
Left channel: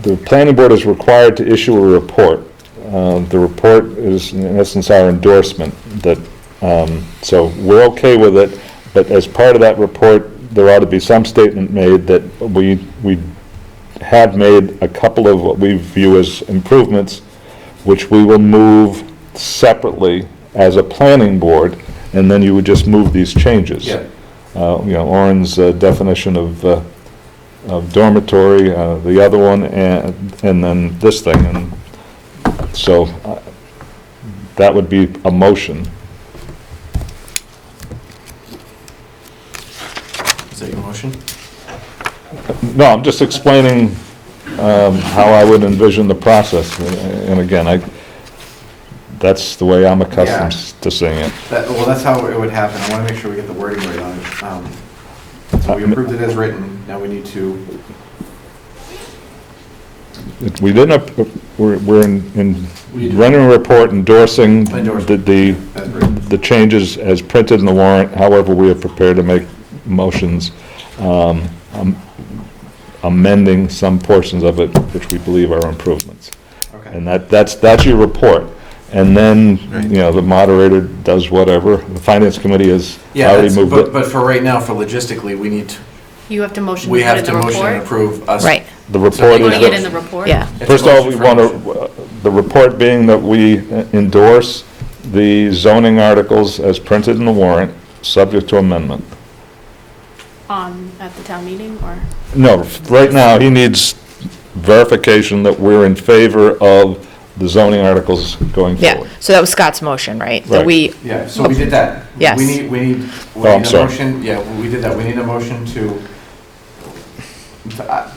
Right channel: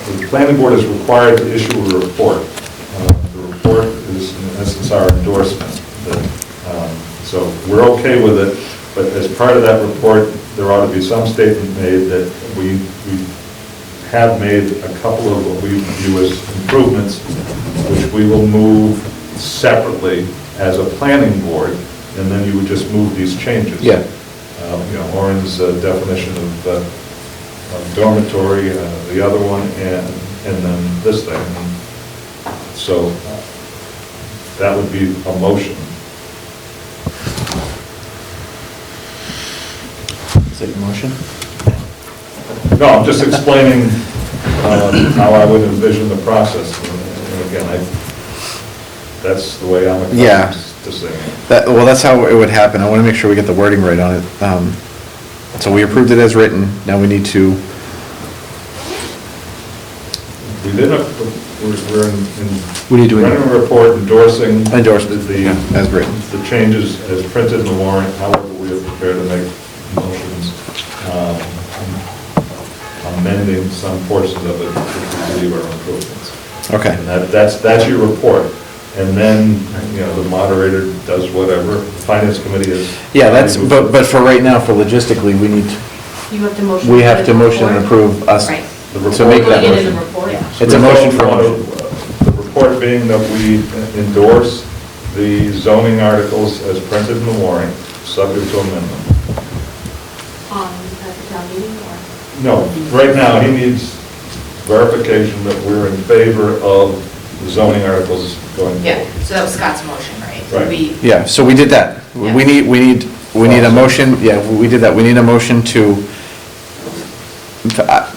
The planning board is required to issue a report. The report is in essence our endorsement that, so we're okay with it, but as part of that report, there ought to be some statement made that we have made a couple of what we view as improvements, which we will move separately as a planning board, and then you would just move these changes. Yeah. You know, Orin's definition of dormitory, the other one, and then this thing. And so that would be a motion. Is that your motion? No, I'm just explaining how I would envision the process. And again, that's the way I'm Yeah. accustomed to seeing it. Well, that's how it would happen. I want to make sure we get the wording right on it. So we approved it as written, now we need to, We didn't, we're in, We need to- running a report endorsing. Endorse the, as written. the changes as printed in the warrant, however, we are prepared to make motions amending some portions of it which we believe are improvements. Okay. And that's your report. And then, you know, the moderator does whatever, the finance committee is. Yeah, already that's, moved but it. for right now, for logistically, we need, You have to motion. we to have put to it in the motion and report? approve us. Right. The So report. make Putting that it in the motion. report? Yeah. It's a First of all, motion we for want motion. to, the report being that we endorse the zoning articles as printed in the warrant, subject to amendment. At the town meeting, or? No, right now, he needs verification that we're in favor of the zoning articles going Yeah, forward. so that was Scott's motion, right? That Right. we, Yeah, so we did that. Yes. We need Oh, a sorry. motion, yeah, we did that. We need a motion to,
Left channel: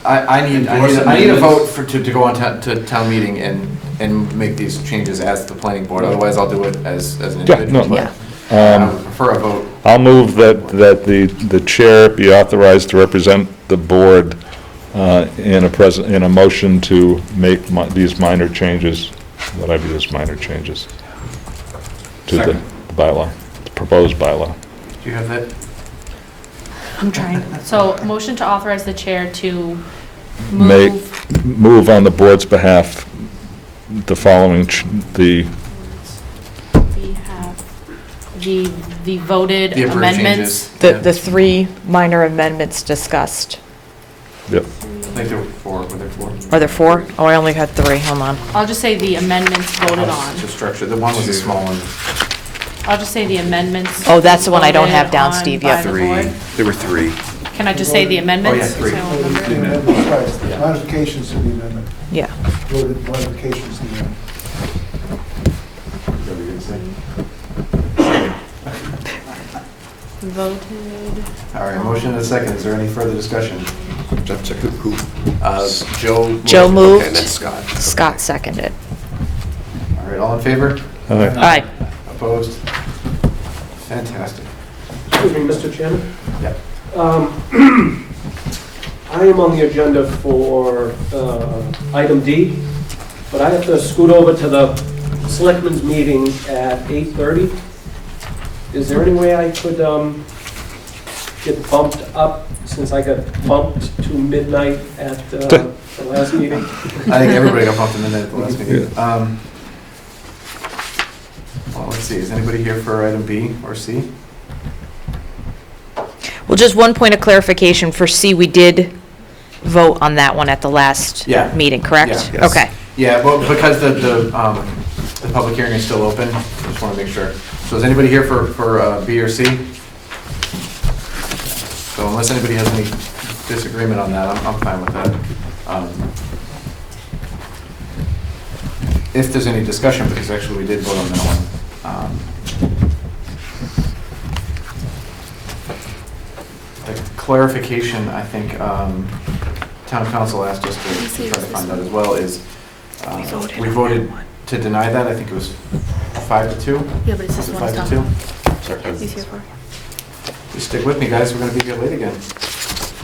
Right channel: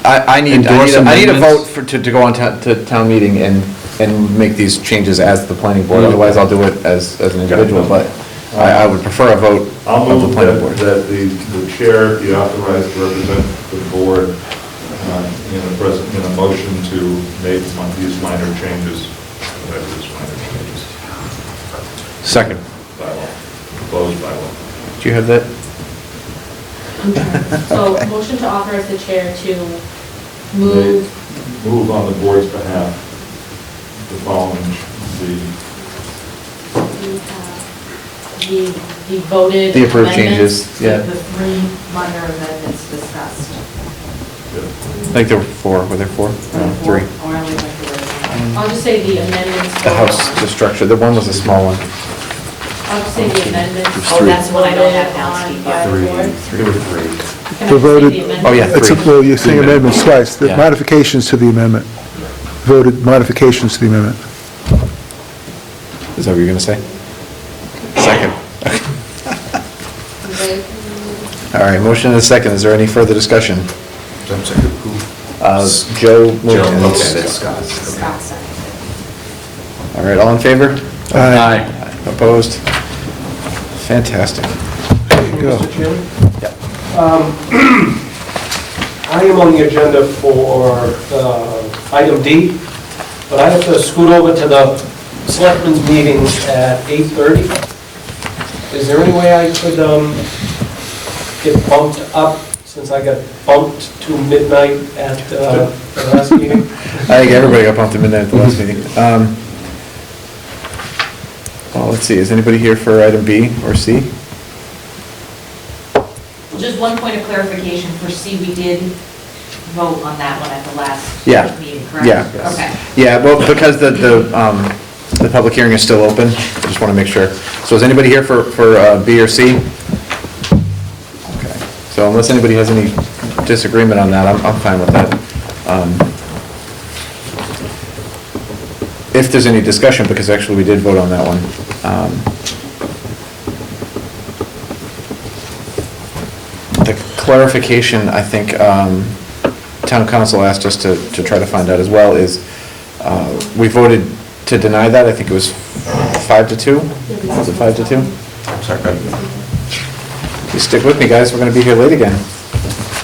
I need Endorse a amendments? vote to go on to town meeting and make these changes as the planning board. Otherwise, I'll do it as an individual, but I would prefer a vote. I'll of the move planning board. that the chair be authorized to represent the board in a motion to make these minor changes, that I do these minor changes. to Second. the bylaw, proposed bylaw. Do you have that? I'm trying. So, motion to authorize the chair to Make, move, move on the board's behalf the following, the voted The approved amendments. changes. the, Yeah. the three minor amendments discussed. yep. I think there were four, were there four? Are there four? Three. Oh, I only had three, hold on. I'll just say the amendments The voted house, the on. structure, the one was a small one. I'll just say the amendments. Oh, that's the one I don't have down, voted Steve, on yep. by the board. There were three. Can I just say the amendments? Oh, yeah. It's, well, you're saying amendments twice, the Yeah. modifications to the amendment, Yeah. voted modifications to the amendment. Is that what you're gonna say? Second. All right, motion and a second. Is there any further discussion? Joe. Joe moved. Okay, that's Scott. Scott seconded. All right, all in favor? Aye. Opposed? Fantastic. Mr. Chairman? Yeah. I am on the agenda for item D, but I have to scoot over to the selectmen's meeting at 8:30. Is there any way I could get bumped up, since I got bumped to midnight at the last meeting? I think everybody got bumped to midnight at the last meeting. Well, let's see, is anybody here for item B or C? Well, just one point of clarification, for C, we did vote on that one at the last Yeah. meeting, correct? Yeah. Okay. Yeah, well, because the public hearing is still open, I just want to make sure. So is anybody here for B or C? Okay. So unless anybody has any disagreement on that, I'm fine with that. If there's any discussion, because actually we did vote on that one. The clarification, I think, town council asked us to try to find out as well, is we voted to deny that. I think it was 5-2. Yeah, but Was it it's 5-2? not- Sorry, you stick with me, guys, we're gonna be here late again.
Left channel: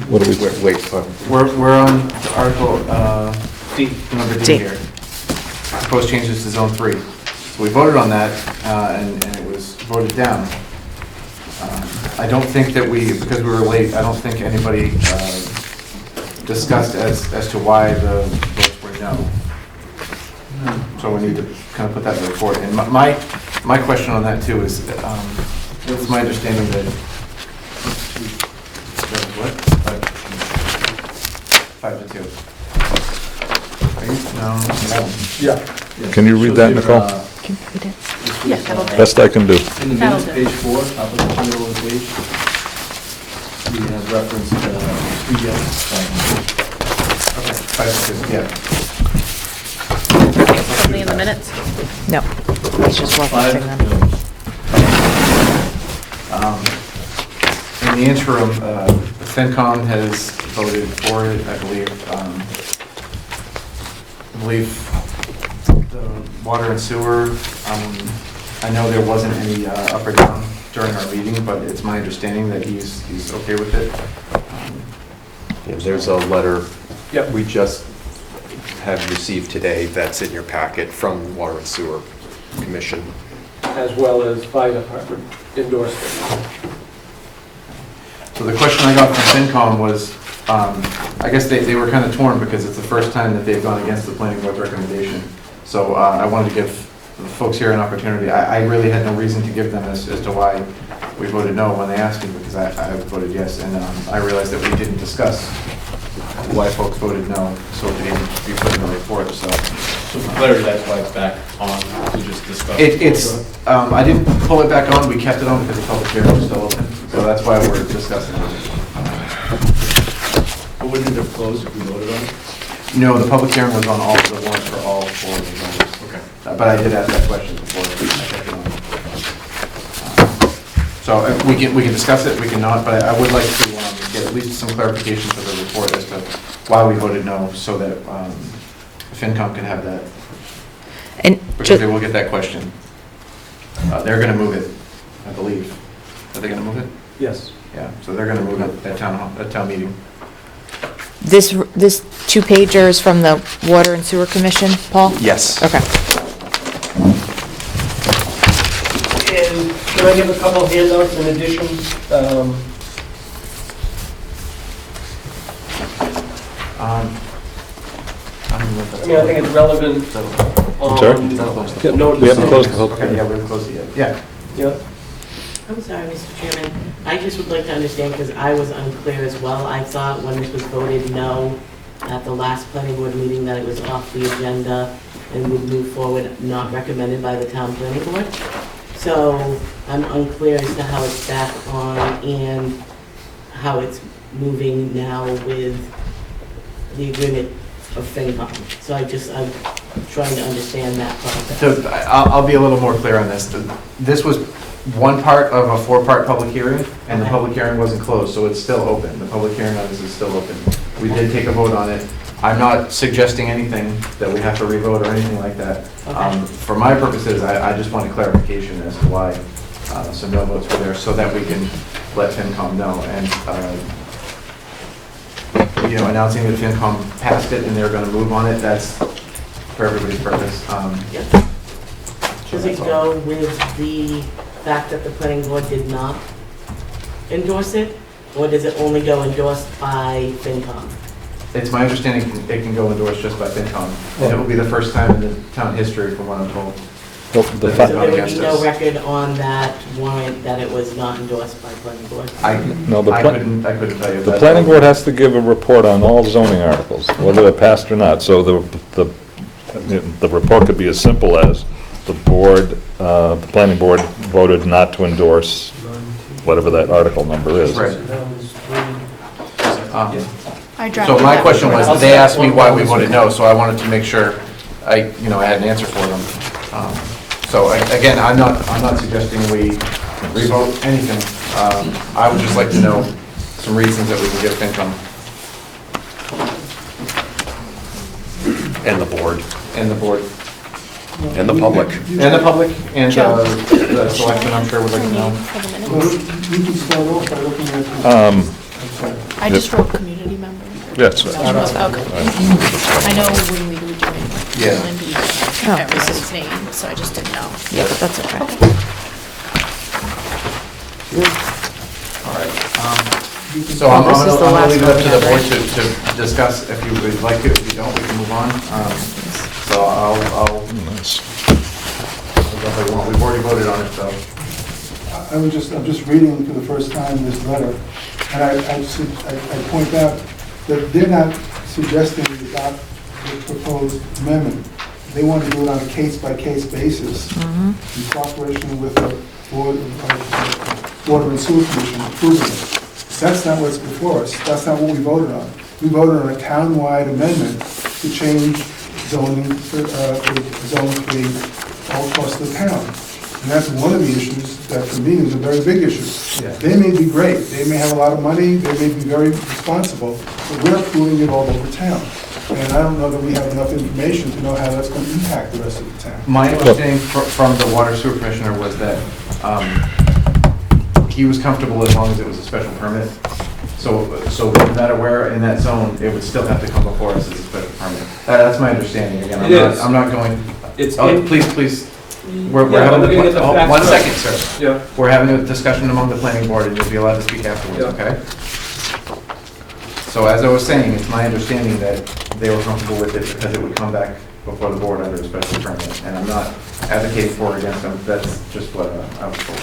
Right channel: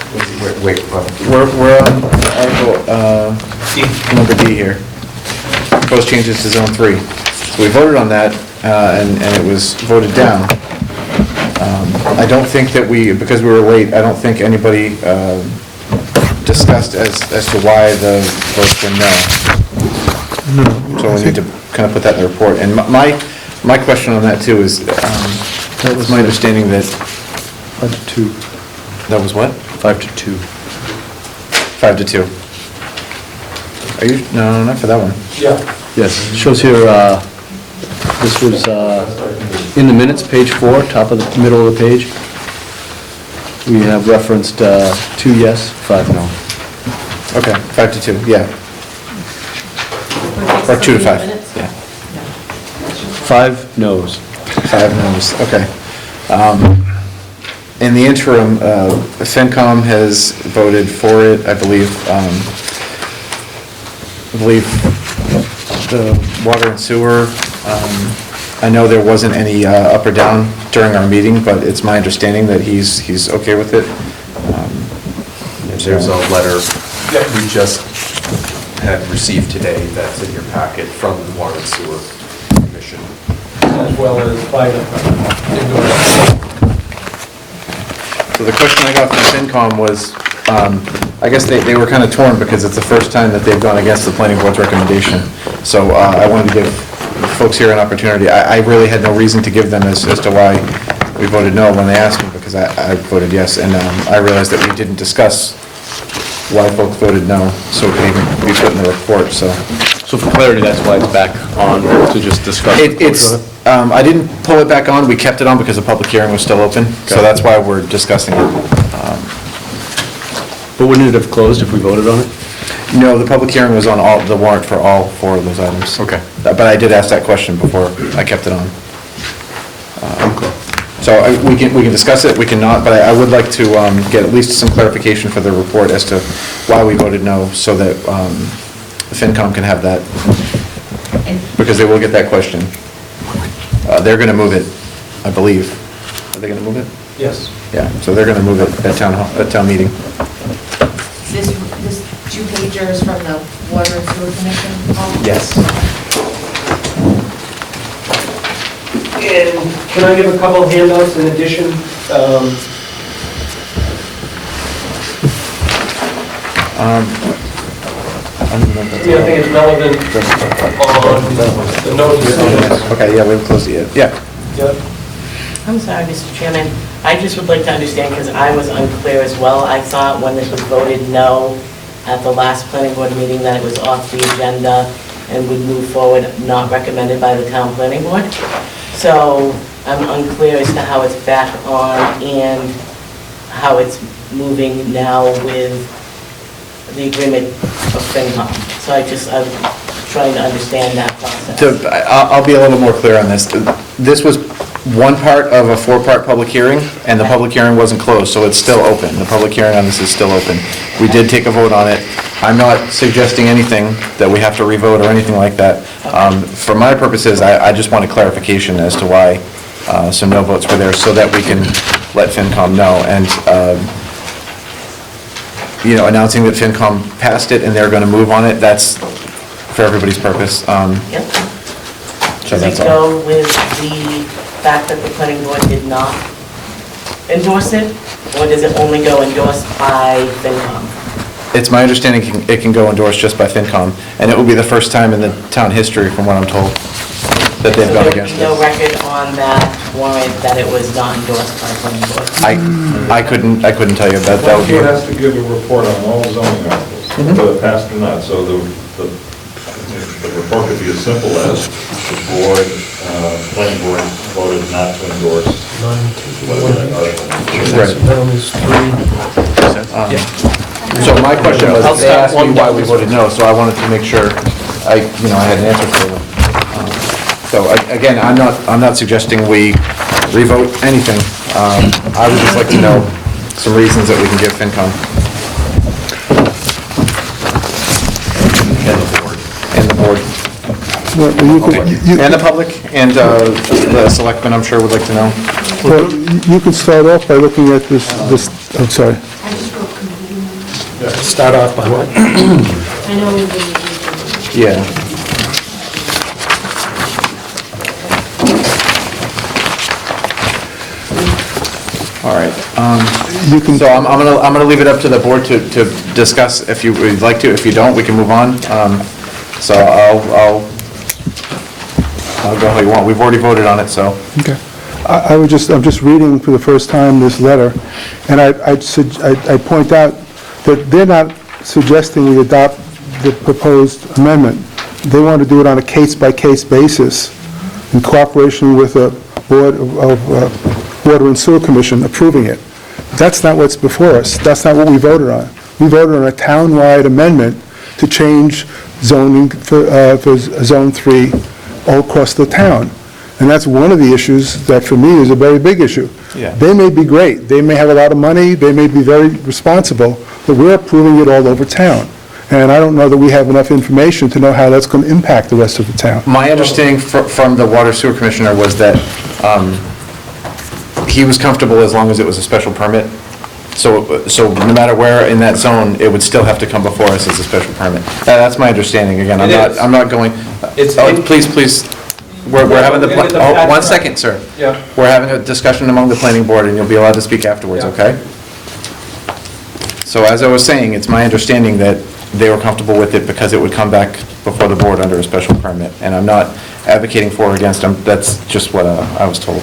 What do we, wait, We're on Article, number D here. Proposed changes to Zone 3. So we voted on that, and it was voted down. I don't think that because we were late, I don't think anybody discussed as to why the votes were no. So we need to kind of put that in the report. And my question on that too is, it was my understanding that, 5-2. that was what? 5-2. 5-2. Are you, no, not for that one. Yeah. Yes, Can you read shows that? here, this was, best I can do. in the minutes, page 4, top of the middle of the page. We have referenced 2 yes, 5 no. Okay, 5-2, yeah. Or 2-5. Minutes? Yeah. No. It's just one 5 thing that- no's. 5 noes, okay. In the interim, FinCom has voted for it, I believe. The water and sewer, I know there wasn't any up or down during our meeting, but it's my understanding that he's okay with it. There's a letter that we just had received today that's in your packet from the Water and Sewer Commission. As well as by the endorsement. So the question I got from FinCom was, I guess they were kind of torn because it's the first time that they've gone against the planning board's recommendation. So I wanted to give folks here an opportunity. I really had no reason to give them as to why we voted no when they asked me, because I voted yes. And I realized that we didn't discuss why folks voted no, so it could even be put in the report, so. So for clarity, that's why it's back on to just discuss. I didn't pull it back on, we kept it on because the public hearing was still open, so that's why we're discussing it. But wouldn't it have closed if we voted on it? No, the public hearing was on the warrant for all 4 of those items. Okay. But I did ask that question before I kept it on. So we can discuss it, we can not, but I would like to get at least some clarification for the report as to why we voted no, so that FinCom can have that, And because they will get that question. They're going to move it, I believe. Are they going to move it? Yes. Yeah, so they're going to move it at town meeting. This 2-pager is from the Water and Sewer Commission, Paul? Yes. Okay. And can I give a couple of handouts in addition? Yeah, I think it's relevant on the notice. Okay, yeah, we haven't closed it yet. Yeah. Yep. I'm sorry, Mr. Chairman. I just would like to understand, because I was unclear as well. I thought when this was voted no at the last planning board meeting that it was off the agenda and would move forward, not recommended by the town planning board. So I'm unclear as to how it's back on and how it's moving now with the agreement of FinCom. So I'm trying to understand that process. I'll be a little more clear on this. This was one part of a 4-part public hearing, and the public hearing wasn't closed, so it's still open. The public hearing on this is still open. We did take a vote on it. I'm not suggesting anything that we have to revote or anything like that. For my purposes, I just wanted clarification as to why some no votes were there, so that we can let FinCom know. And, announcing that FinCom passed it and they're going to move on it, that's for everybody's purpose. Yep. So Does that's it all. go with the fact that the planning board did not endorse it? Or does it only go endorsed by FinCom? It's my understanding it can go endorsed just by FinCom, and it will be the first time in the town history, from what I'm told, that they've So gone there would against be no it. record on that warrant that it was not endorsed by planning board? I couldn't tell you The about planning board that. has to give a report on all zoning articles, whether they're passed or not. So the report could be as simple as the board, planning board voted not to endorse whatever that article number is. Right. So my question was, they asked me why we voted no, so I wanted to make sure I had an answer for them. So again, I'm not suggesting we revote anything. I would just like to know some reasons that we can give FinCom. And the board. And the board. Well, you could- you- And the public, and the selectmen, I'm sure, would like to know. Well, you could start off by looking at this, I'm sorry. I just wrote committee members. Yes. Start off with what? I know we've been. Yeah. Oh. Yeah, but that's okay. All right. You can. So I'm gonna leave it up to the board to discuss if you would like to. If you don't, we can move on. So I'll go how you want. We've already voted on it, so. Okay. I'm just reading for the first time this letter, and I point out that they're not suggesting we adopt the proposed amendment. They want to do it on a case-by-case basis in cooperation with the Board of Water and Sewer Commission approving it. That's not what's before us. That's not what we voted on. We voted on a town-wide amendment to change zoning for Zone 3 all across the town. And that's one of the issues that, for me, is a very big issue. Yeah. They may be great, they may have a lot of money, they may be very responsible, but we're approving it all over town. And I don't know that we have enough information to know how that's going to impact the rest of the town. My understanding from the Water Sewer Commissioner was that he was comfortable as long as it was a special permit. So no matter where in that zone, it would still have to come before us as a special permit. That's my understanding. Again, It is. I'm not going, It's oh, in- please. We're Yeah, having we're gonna get the oh, facts one right. second, sir. Yeah. We're having a discussion among the planning board, and you'll be allowed to speak afterwards, Yeah. okay? So as I was saying, it's my understanding that they were comfortable with it because it would come back before the board under a special permit. And I'm not advocating for or against them, that's just what I was told.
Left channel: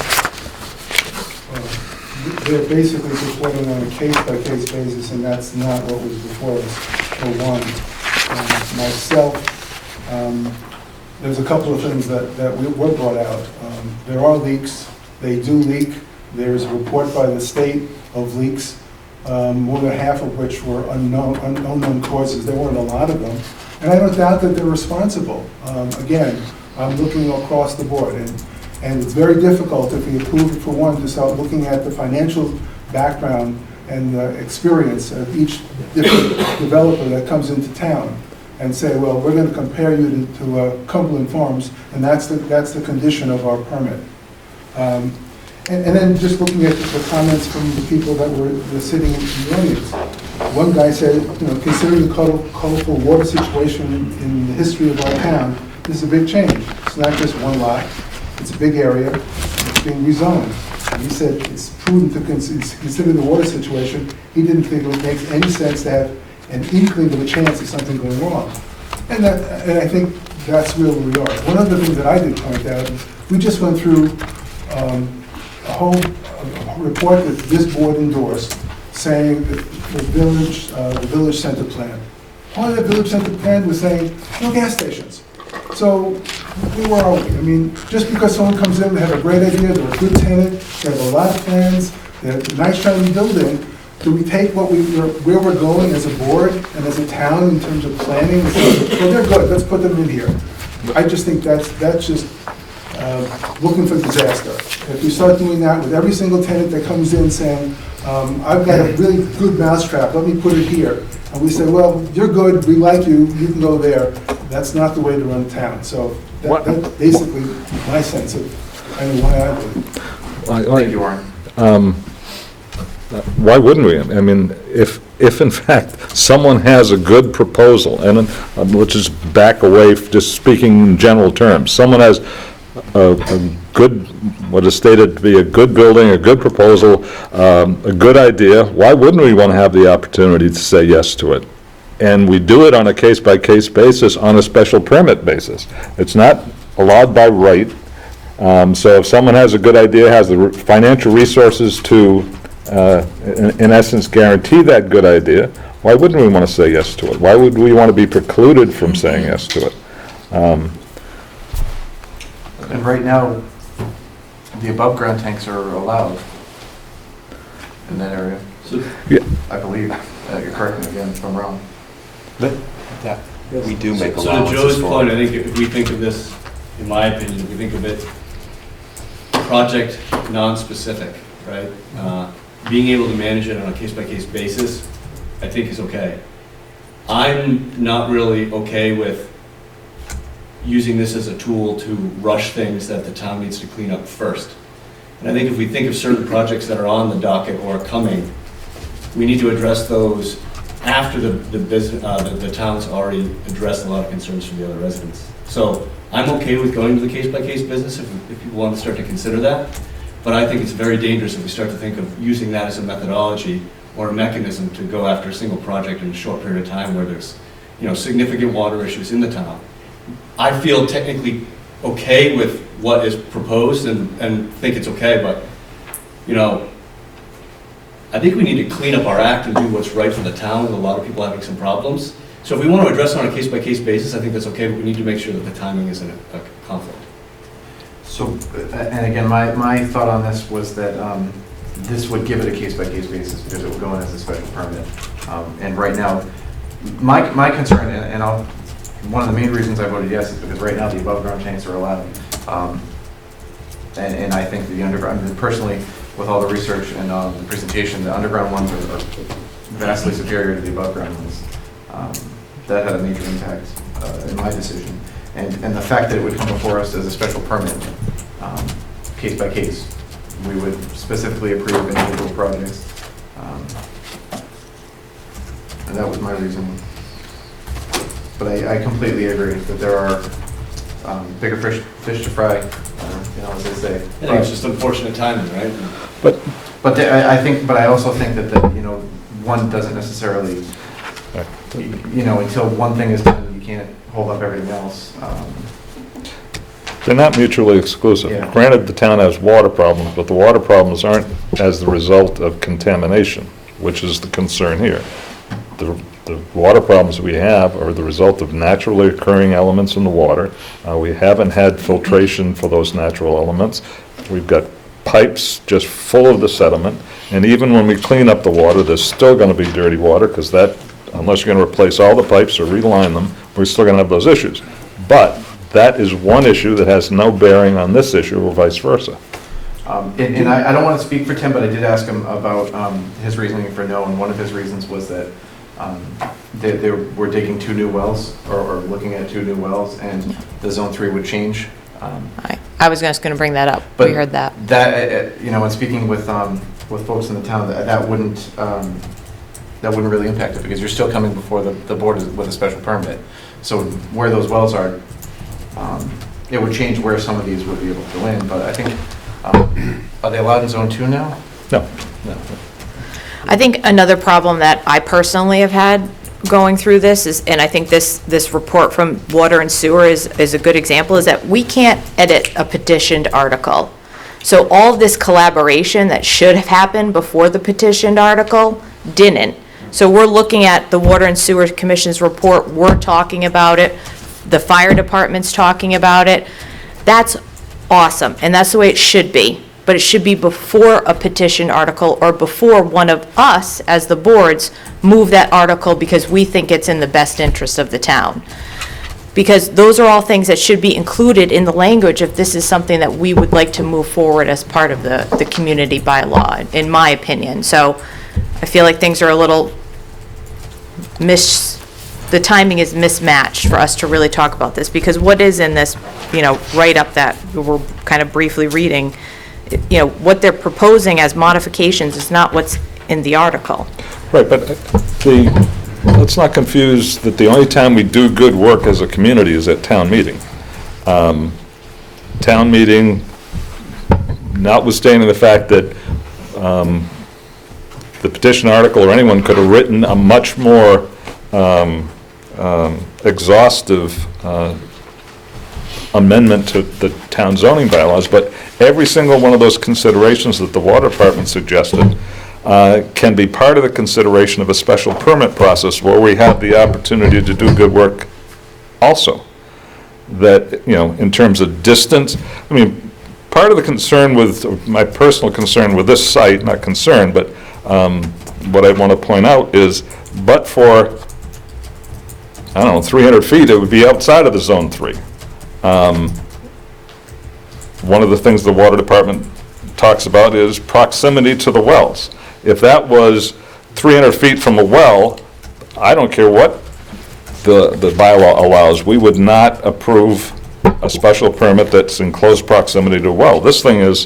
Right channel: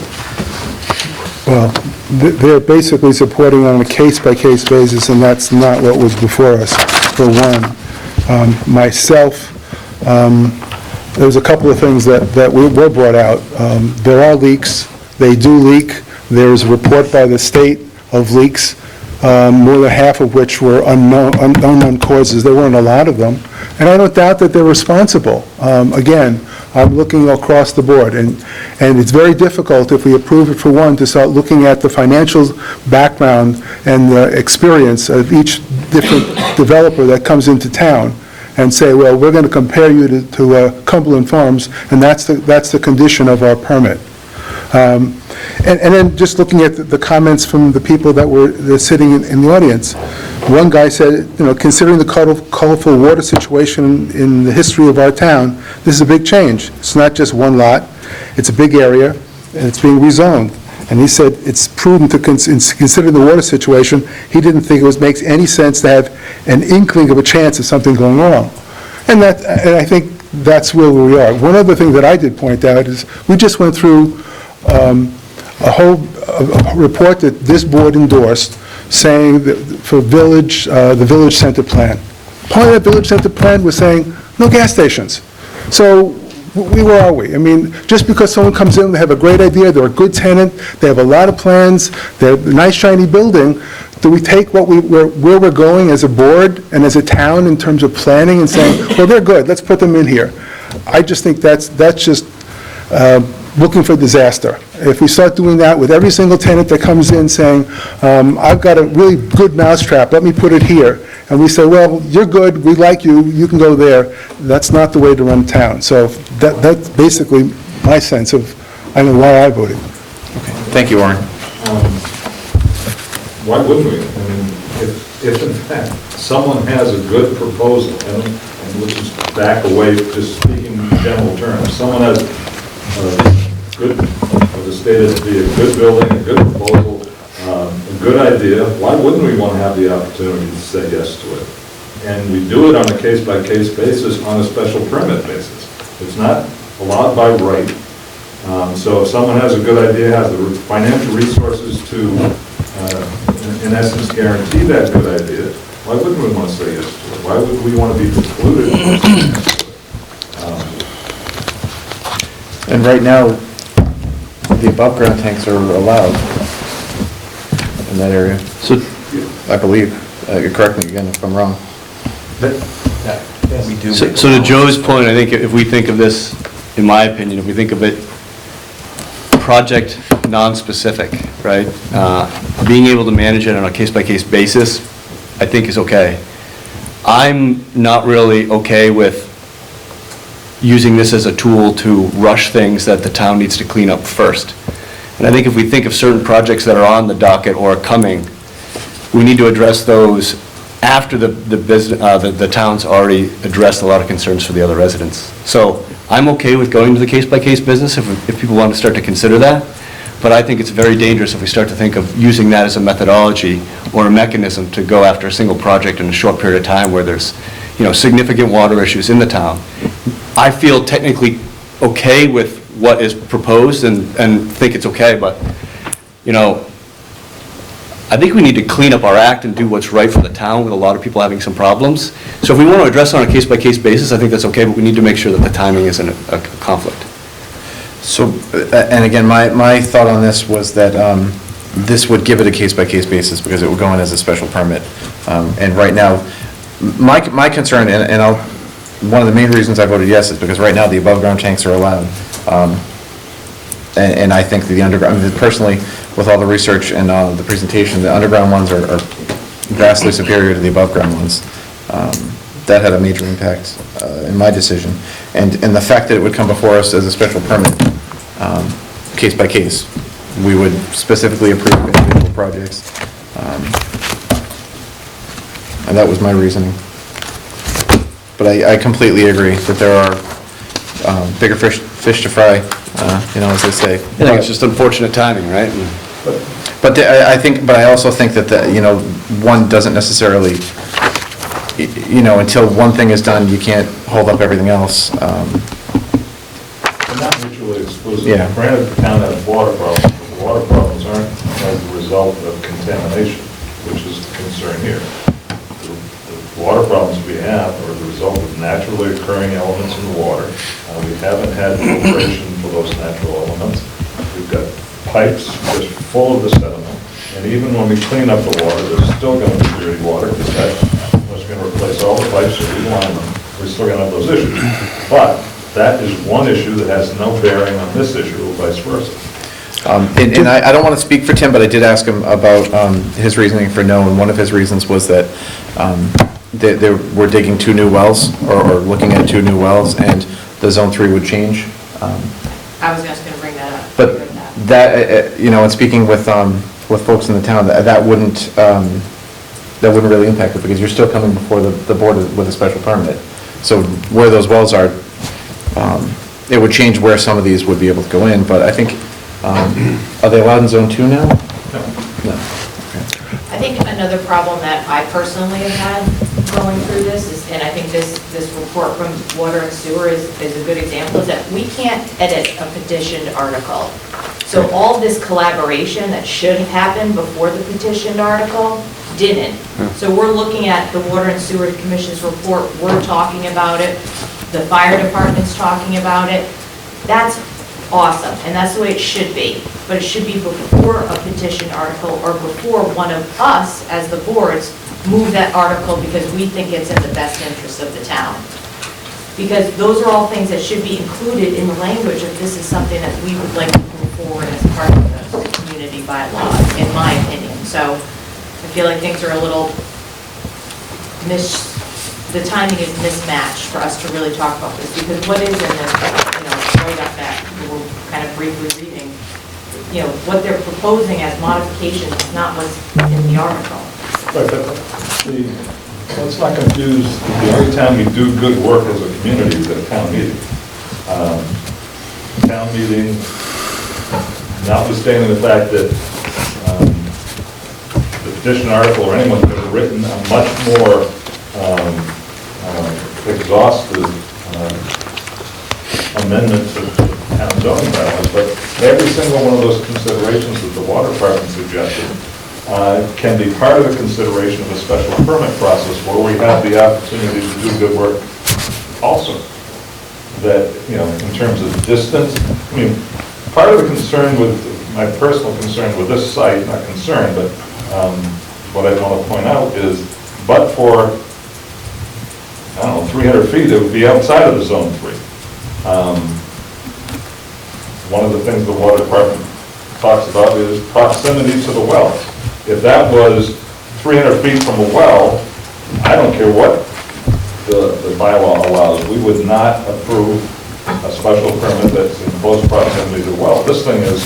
Well, they're basically supporting on a case-by-case basis, and that's not what was before us, for one. Myself, there's a couple of things that were brought out. There are leaks, they do leak. There's a report by the state of leaks, more than half of which were unknown causes. There weren't a lot of them, and I don't doubt that they're responsible. Again, I'm looking across the board, and it's very difficult if we approve it for one to start looking at the financial background and the experience of each different developer that comes into town and say, well, we're going to compare you to Cumberland Farms, and that's the condition of our permit. And then just looking at the comments from the people that were sitting in the audience, one guy said, considering the colorful water situation in the history of our town, this is a big change. It's not just one lot, it's a big area, and it's being rezoned. And he said it's prudent to consider the water situation. He didn't think it makes any sense to have an inkling of a chance of something going wrong. And I think that's where we are. One other thing that I did point out is we just went through a whole report that this board endorsed saying that for the village center plan. Part of that village center plan was saying no gas stations. So where are we? I mean, just because someone comes in, they have a great idea, they're a good tenant, they have a lot of plans, they have a nice shiny building, do we take where we're going as a board and as a town in terms of planning and saying, well, they're good, let's put them in here? I just think that's just looking for disaster. If we start doing that with every single tenant that comes in saying, I've got a really good mousetrap, let me put it here, and we say, well, you're good, we like you, you can go there, that's not the way to run town. So that's basically my sense of, I know why I voted. Thank you, Warren. Why wouldn't we? I mean, if in fact someone has a good proposal, and let's just back away, just speaking in general terms, someone has a good, what is stated to be a good building, a good proposal, a good idea, why wouldn't we want to have the opportunity to say yes to it? And we do it on a case-by-case basis, on a special permit basis. It's not allowed by right. So if someone has a good idea, has the financial resources to, in essence, guarantee that good idea, why wouldn't we want to say yes to it? Why would we want to be precluded from saying yes to it? And right now, the above-ground tanks are allowed in that area. So, I believe. Correct me again if I'm wrong. We do. So to Joe's point, I think if we think of this, in my opinion, if we think of it project non-specific, right? Being able to manage it on a case-by-case basis, I think is okay. I'm not really okay with using this as a tool to rush things that the town needs to clean up first. And I think if we think of certain projects that are on the docket or coming, we need to address those after the town's already addressed a lot of concerns for the other residents. So I'm okay with going to the case-by-case business if people want to start to consider that, but I think it's very dangerous if we start to think of using that as a methodology or a mechanism to go after a single project in a short period of time where there's, significant water issues in the town. I feel technically okay with what is proposed and think it's okay, but, I think we need to clean up our act and do what's right for the town with a lot of people having some problems. So if we want to address it on a case-by-case basis, I think that's okay, but we need to make sure that the timing isn't a conflict. So, and again, my thought on this was that this would give it a case-by-case basis because it would go in as a special permit. And right now, my concern, and one of the main reasons I voted yes is because right now the above-ground tanks are allowed. And I think the underground, personally, with all the research and the presentation, the underground ones are vastly superior to the above-ground ones. That had a major impact in my decision. And the fact that it would come before us as a special permit, case by case, we would specifically approve individual projects. And that was my reasoning. But I completely agree that there are bigger fish to fry, as they say. I think it's just unfortunate timing, right? But I also think that one doesn't necessarily, until one thing is done, you can't hold up everything else. They're not mutually exclusive. Yeah. Granted, the town has water problems, but the water problems aren't as the result of contamination, which is the concern here. The water problems we have are the result of naturally occurring elements in the water. We haven't had filtration for those natural elements. We've got pipes just full of the sediment, and even when we clean up the water, there's still going to be dirty water, because that, unless you're going to replace all the pipes or reline them, we're still going to have those issues. But that is one issue that has no bearing on this issue or vice versa. And I don't want to speak for Tim, but I did ask him about his reasoning for no, and one of his reasons was that we're digging 2 new wells, or looking at 2 new wells, and the Zone 3 would change. I was just going to bring that up. We heard that. That, and speaking with folks in the town, that wouldn't really impact it, because you're still coming before the board with a special permit. So where those wells are, it would change where some of these would be able to go in, but I think, are they allowed in Zone 2 now? No. No. I think another problem that I personally have had going through this is, and I think this report from Water and Sewer is a good example, is that we can't edit a petitioned article. So all this collaboration that should have happened before the petitioned article didn't. So we're looking at the Water and Sewer Commission's report, we're talking about it, the fire department's talking about it. That's awesome, and that's the way it should be. But it should be before a petition article, or before one of us, as the boards, move that article because we think it's in the best interest of the town. Because those are all things that should be included in the language if this is something that we would like to move forward as part of the community bylaw, in my opinion. So I feel like things are a little the timing is mismatched for us to really talk about this, because what is in this, write-up that we're kind of briefly reading, what they're proposing as modifications is not what's in the article. Right, but let's not confuse that the only time we do good work as a community is at town meeting. Town meeting, notwithstanding the fact that the petition article or anyone could have written a much more exhaustive amendment to the town zoning bylaws, but every single one of those considerations that the water department suggested can be part of the consideration of a special permit process where we have the opportunity to do good work also. That, in terms of distance, part of the concern with, my personal concern with this site, not concern, but what I want to point out is, but for, 300 feet, it would be outside of the Zone 3. One of the things the water department talks about is proximity to the wells. If that was 300 feet from a well, I don't care what the bylaw allows, we would not approve a special permit that's in close proximity to a well. This thing is,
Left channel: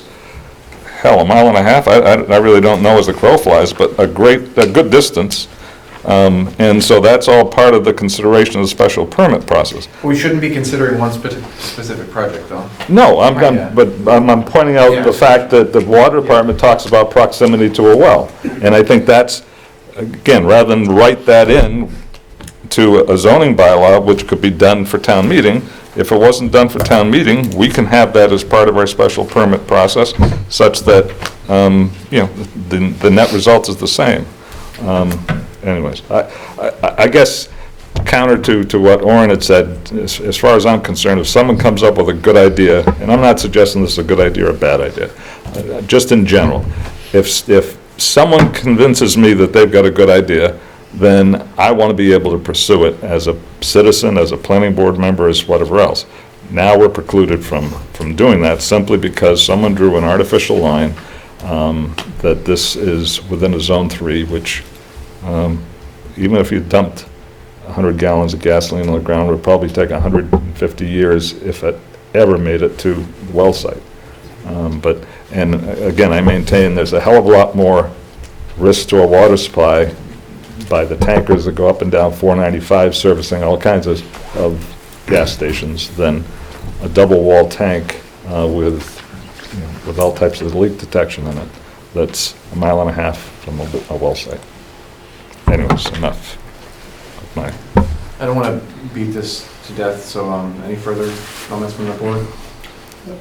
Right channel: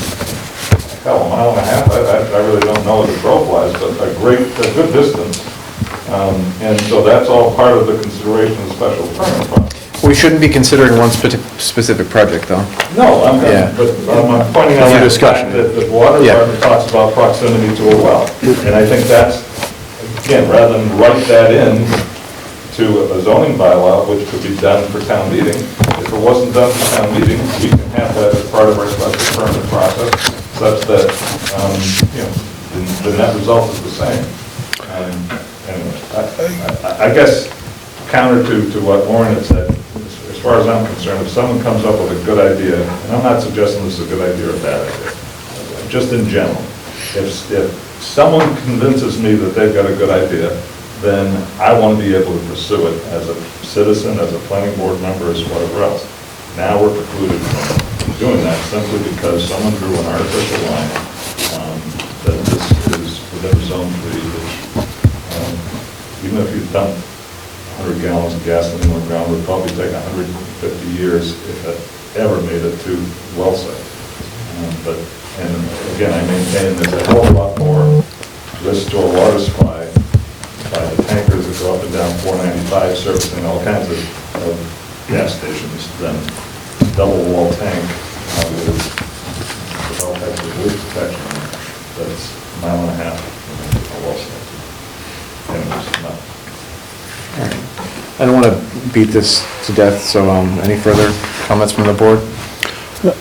hell, a mile and a half, I really don't know as the crow flies, but a good distance. And so that's all part of the consideration of the special permit process. We shouldn't be considering one specific project, though. No, I'm pointing out Yeah. the fact that the water Yeah. department talks about proximity to a well. And I think that's, again, rather than write that in to a zoning bylaw, which could be done for town meeting, if it wasn't done for town meeting, we can have that as part of our special permit process, such that, the net result is the same. Anyways, I guess counter to what Orrin had said, as far as I'm concerned, if someone comes up with a good idea, and I'm not suggesting this is a good idea or a bad idea, just in general, if someone convinces me that they've got a good idea, then I want to be able to pursue it as a citizen, as a planning board member, as whatever else. Now we're precluded from doing that simply because someone drew an artificial line that this is within a zone 3, which even if you dumped 100 gallons of gasoline on the ground, it would probably take 150 years if it ever made it to well site. And again, I maintain there's a hell of a lot more risk to a water supply by the tankers that go up and down 495 servicing all kinds of gas stations than a double wall tank with all types of leak detection in it that's a mile and a half from a well site. Anyways, enough. All right. I don't want to beat this to death, so any further comments from the board?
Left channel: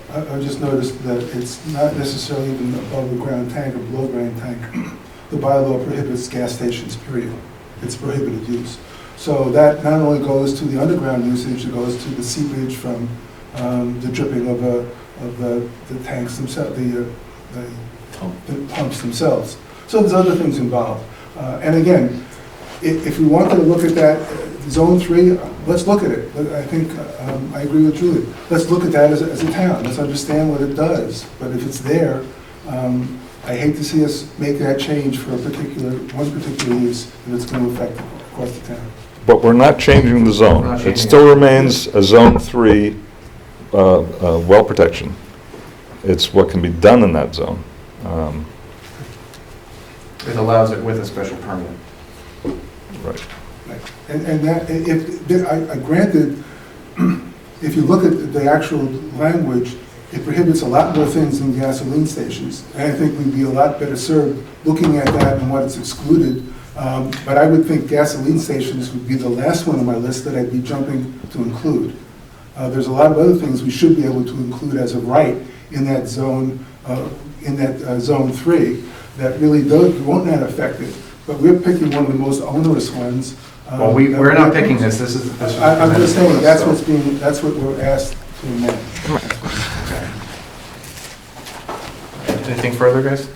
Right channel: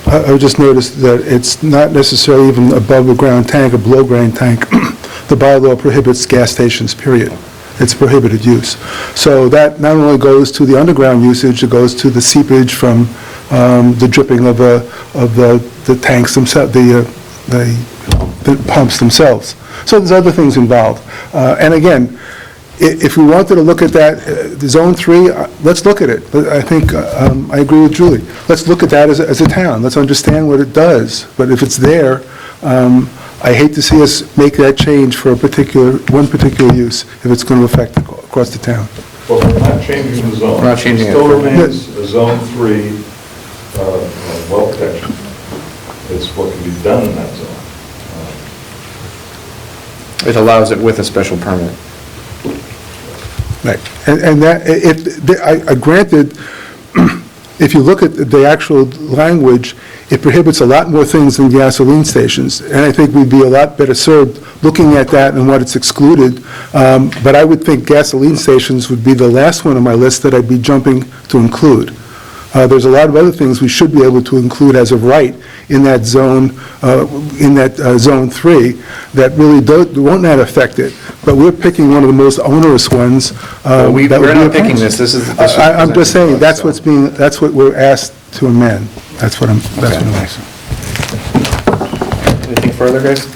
I just noticed that it's not necessarily even above-the-ground tank or below-ground tank. The bylaw prohibits gas stations, period. It's prohibited use. So that not only goes to the underground usage, it goes to the seepage from the dripping of the tanks themselves, the pumps themselves. So there's other things involved. And again, if we wanted to look at that, Zone 3, let's look at it. I think, I agree with Julie. Let's look at that as a town. Let's understand what it does. But if it's there, I hate to see us make that change for one particular use if it's going to affect across the town. But we're not changing the zone. We're not changing It still it. remains a Zone 3 well protection. It's what can be done in that zone. It allows it with a special permit. Right. And that, I granted, if you look at the actual language, it prohibits a lot more things than gasoline stations. And I think we'd be a lot better served looking at that and what it's excluded. But I would think gasoline stations would be the last one on my list that I'd be jumping to include. There's a lot of other things we should be able to include as of right in that zone, Zone 3, that really won't not affect it. But we're picking one of the most onerous ones. Well, we're that would not be picking opposed. this. I'm just saying, that's what we're asked to amend. That's what I'm asking. Anything further, guys?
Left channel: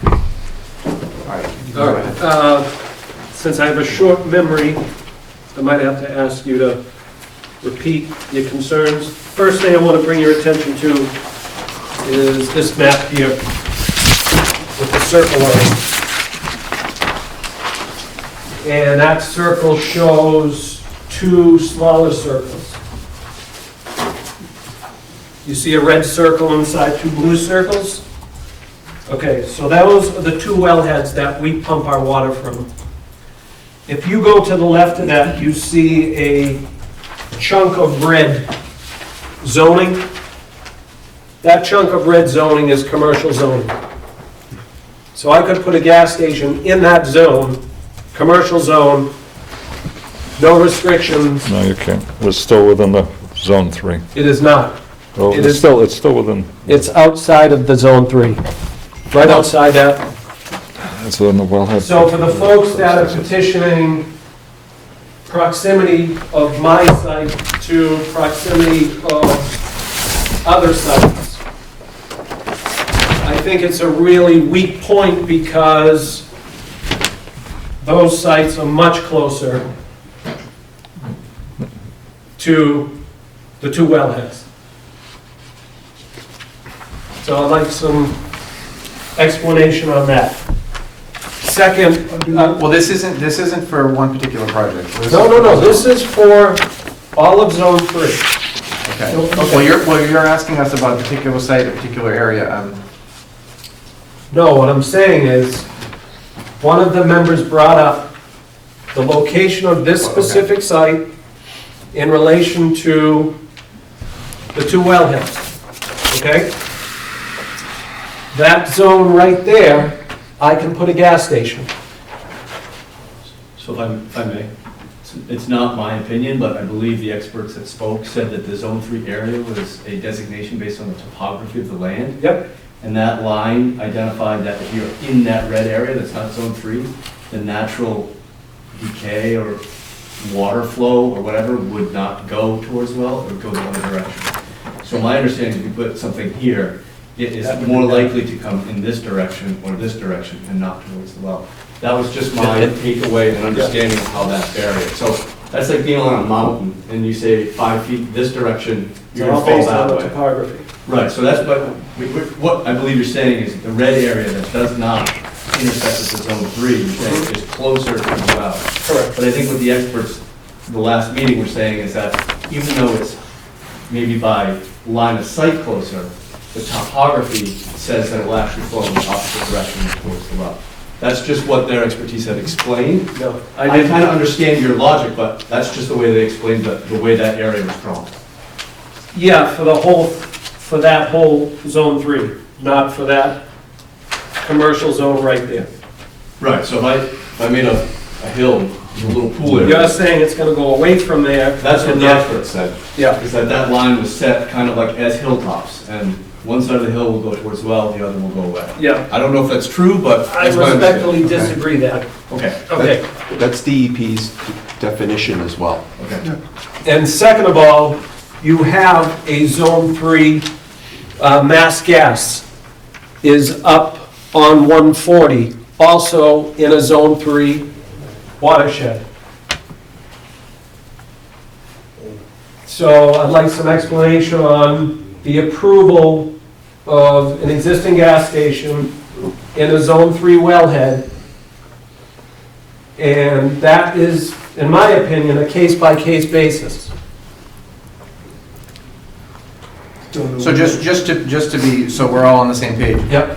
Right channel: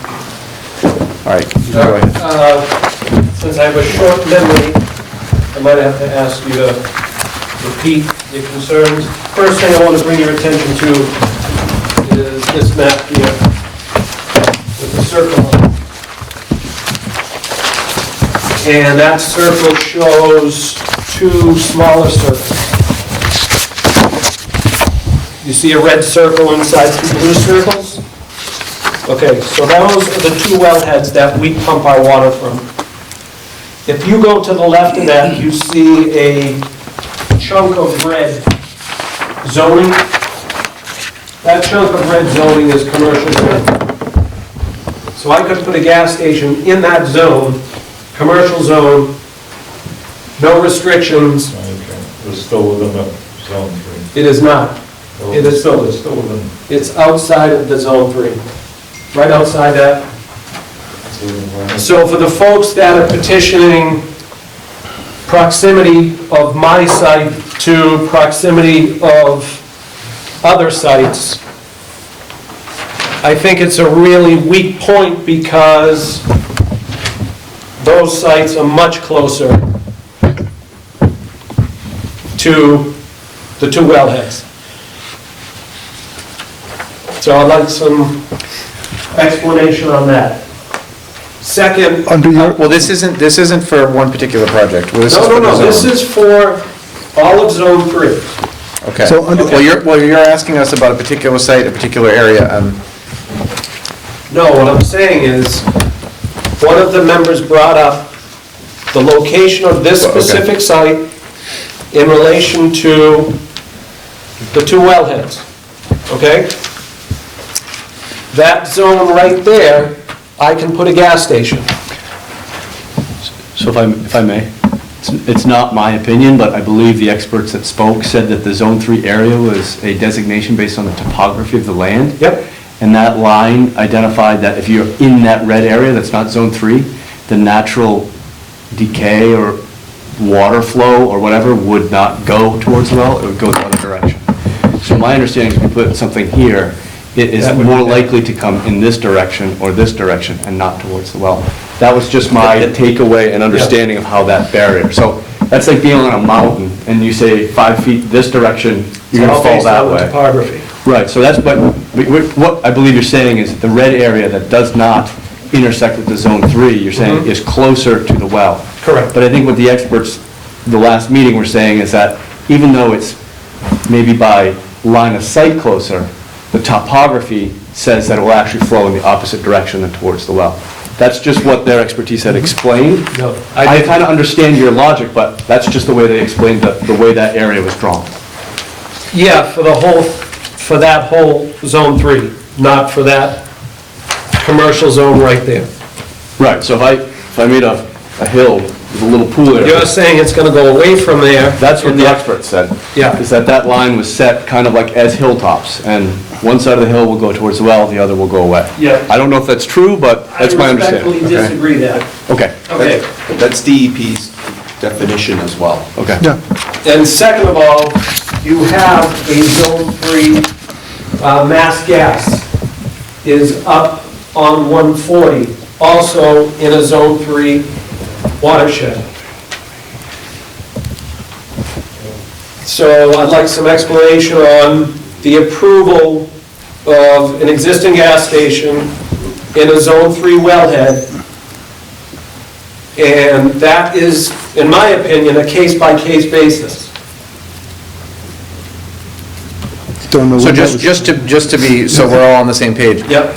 All right. go ahead. Since I have a short memory, I might have to ask you to repeat your concerns. First thing I want to bring your attention to is this map here with the circle on it. And that circle shows two smaller circles. You see a red circle inside two blue circles? Okay, so those are the two wellheads that we pump our water from. If you go to the left of that, you see a chunk of red zoning. That chunk of red zoning is commercial zoning. So I could put a gas station in that zone, commercial zone, no restrictions. No, you can't. We're still within the Zone 3. It is not. Well, It is- it's still within, It's outside of the Zone 3, right outside that. it's within the wellhead. So for the folks that are petitioning proximity of my site to proximity of other sites, I think it's a really weak point because those sites are much closer to the two wellheads. So I'd like some explanation on that. Second, Well, this isn't for one particular project. Well, no, this is for all of Zone 3. Okay. So under- Well, you're asking us about a particular site, a particular area. No, what I'm saying is, one of the members brought up the location of this Well, okay. specific site in relation to the two wellheads, okay? That zone right there, I can put a gas station. So if I may, it's not my opinion, but I believe the experts that spoke said that the Zone 3 area was a designation based on the topography of the land. Yep. And that line identified that if you're in that red area, that's not Zone 3, the natural decay or water flow or whatever would not go towards the well, it would go the other direction. So my understanding is if you put something here, it is That would be more better. likely to come in this direction or this direction and not towards the well. That was just my takeaway and understanding of how that barrier. So that's like being on a mountain and you say 5 feet this direction, you're gonna All fall based on that the way. topography. Right, so that's, but what I believe you're saying is that the red area that does not intersect with the Zone 3, you're saying is closer to the well. Correct. But I think what the experts, the last meeting were saying is that even though it's maybe by line of sight closer, the topography says that it will actually flow in the opposite direction than towards the well. That's just what their expertise had explained. No, I kind of understand your logic, but that's just the way they explained the way that area was drawn. Yeah, for that whole Zone 3, not for that commercial zone right there. Right, so if I made a hill, there's a little pool there. You're saying it's gonna go away from there. That's what the experts said. Yeah. Is that line was set kind of like as hilltops, and one side of the hill will go towards the well, the other will go away. Yeah. I don't know if that's true, but that's my I respectfully understanding. disagree that. Okay, Okay. That's DEP's definition as well. okay. Yeah, And second of all, you have a Zone 3, Mass Gas is up on 140, also in a Zone 3 watershed. So I'd like some explanation on the approval of an existing gas station in a Zone 3 wellhead. And that is, in my opinion, a case-by-case basis. don't know. So what that just to be, so we're all on the same page. Yep.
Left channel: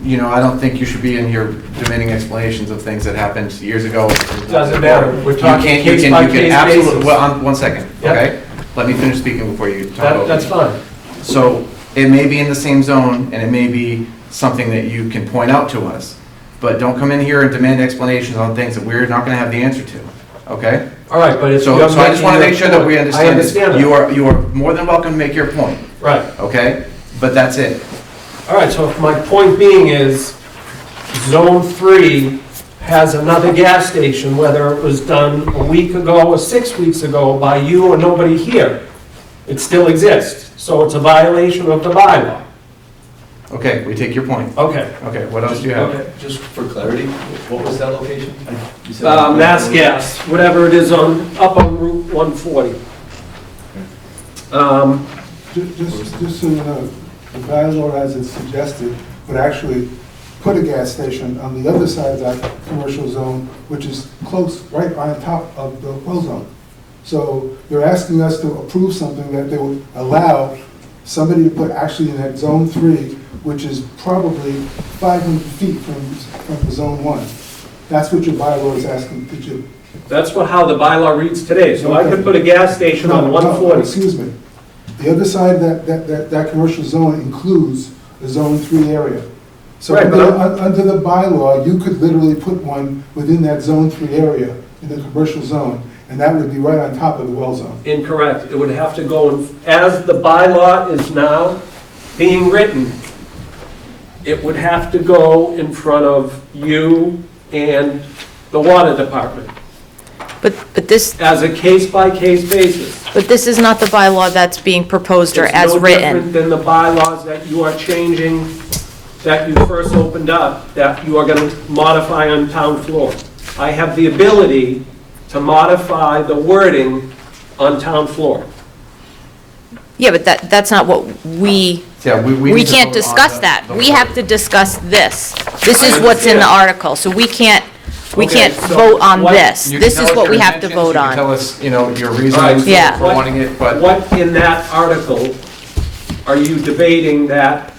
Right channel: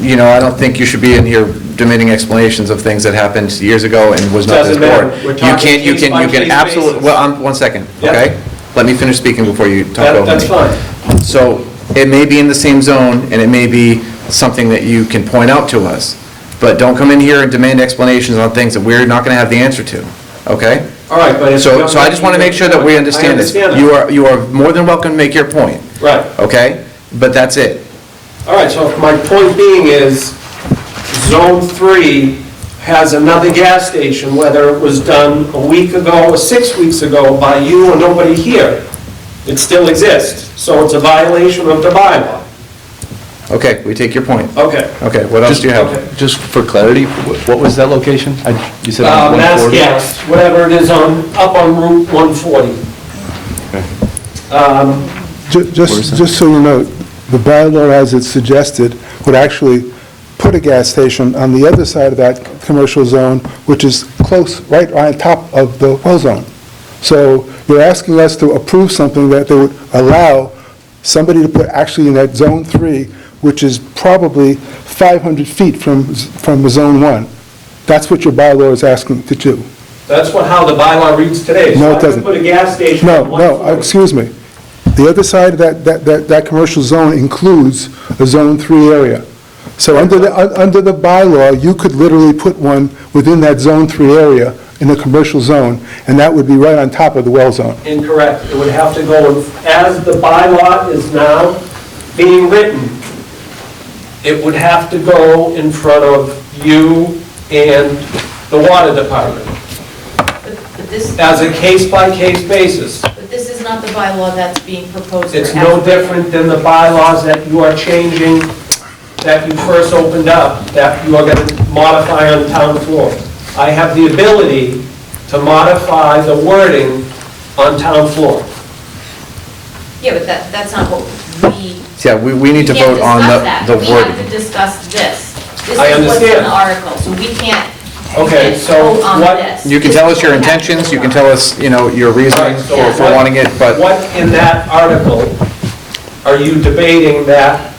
You know, I don't think you should be in here demanding explanations of things that happened years ago and was not this Doesn't matter. board. We're You talking can't, you can case-by-case absolutely, basis. well, 1 second, Yep. okay? Let me finish speaking before you talk over me. That's fine. So it may be in the same zone, and it may be something that you can point out to us, but don't come in here and demand explanations on things that we're not going to have the answer to, okay? All right, but it's... So I just want to make sure that we understand this. I understand that. You are more than welcome to make your point, Right. okay? But that's it. All right, so my point being is, Zone 3 has another gas station, whether it was done a week ago or 6 weeks ago by you or nobody here. It still exists, so it's a violation of the bylaw. Okay, we take your point. Okay. Okay, what else do you Okay. have? Just for clarity, what was that location? You said on Mass 140? Gas, whatever it is up on Route 140. Just so you know, the bylaw as it's suggested would actually put a gas station on the other side of that commercial zone, which is close, right on top of the well zone. So you're asking us to approve something that they would allow somebody to put actually in that Zone 3, which is probably 500 feet from the Zone 1. That's what your bylaw is asking to do. That's how the bylaw reads today. No, So it I could doesn't. put a gas station on No, 140. excuse me. The other side of that commercial zone includes a Zone 3 area. So Right, under the bylaw, you could literally put one within that Zone 3 area in the commercial zone, and that would be right on top of the well zone. Incorrect. It would have to go, as the bylaw is now being written, it would have to go in front of you and the water department But this, as a case-by-case basis. but this is not the bylaw that's being proposed or It's as no written. different than the bylaws that you are changing, that you first opened up, that you are going to modify on town floor. I have the ability to modify the wording on town floor. Yeah, but that's not what we, Yeah, we we need to can't vote on discuss that. the We have to wording. discuss this. This I is what's in understand. the article, so we can't We Okay, can't so vote on what- this. You can This is tell us what your we have to intentions, vote you can on. tell us, your reasoning Yeah. for wanting it, but What in that article are you debating that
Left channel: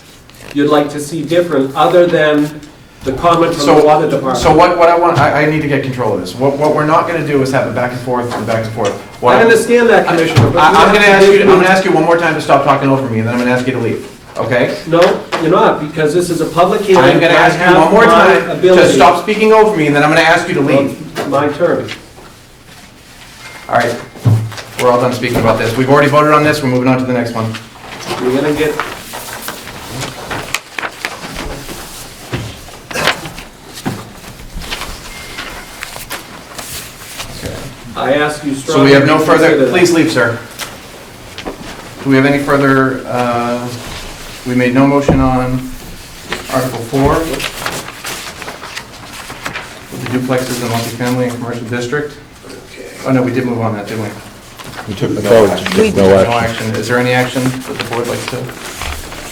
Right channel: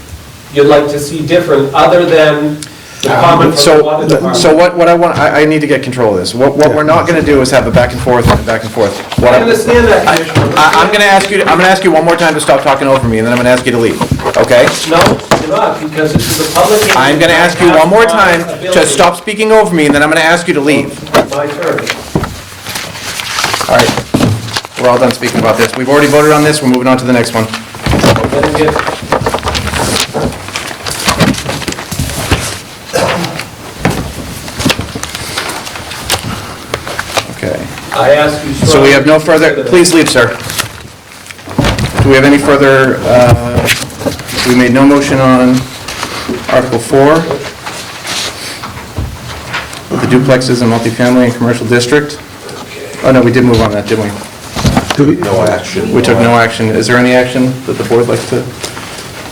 you'd like to see different, other than the comment from the water department? so what I want, I need to get control of this. What we're not gonna do is have a back and forth and back and forth. What I understand that, Commissioner. but I'm gonna ask you one more time to stop talking over me, and then I'm gonna ask you to leave, okay? No, you're not, because this is a public hearing. I'm gonna ask you I have one more my time to ability. stop speaking over me, and then I'm gonna ask you to leave. My turn. All right, we're all done speaking about this. We've already voted on this, we're moving on to the next one. We're gonna get, Okay. I ask you. So we have no further, strongly please leave, sir. Do we have any further, we made no motion on Article 4, the duplexes and multifamily and commercial district. Oh, no, we did move on that, didn't we? No action. We took no action. Is there any action that the board likes to,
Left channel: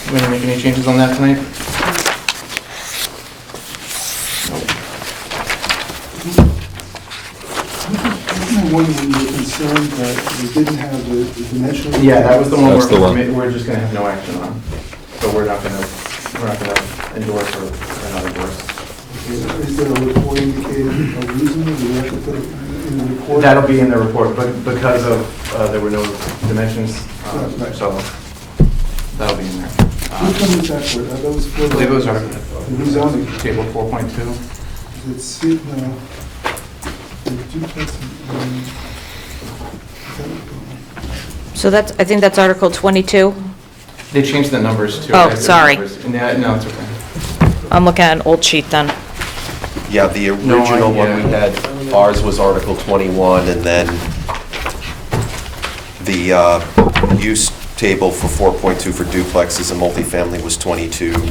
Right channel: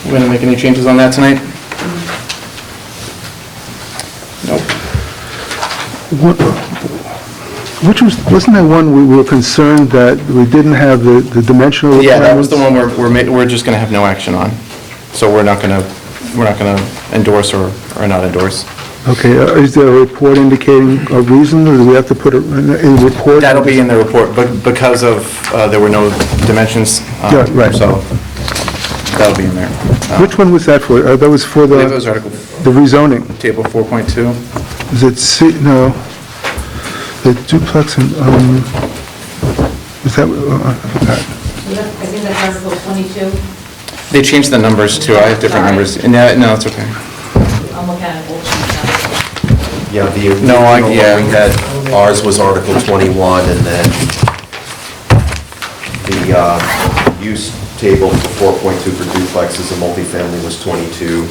we want to make any changes on that tonight? Nope. Wasn't there one we were concerned that we didn't have the dimensional Yeah, that was the one That's the one. we're just going to have no action on. So we're not going to endorse or not endorse. Okay, is there a report indicating a reason, or do we have to put a report? That'll be in the report, but because of, there were no dimensions. Yeah, right. So that'll be in there. Which one was that for? That was for I believe it was the Article, rezoning. Table 4.2. Is it C, no, the duplex and, was that, I forgot. So that's, I think that's Article 22. They changed the numbers too. Oh, I have different sorry. numbers. No, it's okay. I'm looking at an old sheet then. Yeah, the No, original yeah. one we had, ours was Article 21, and then the use table for 4.2 for duplexes and multifamily was 22.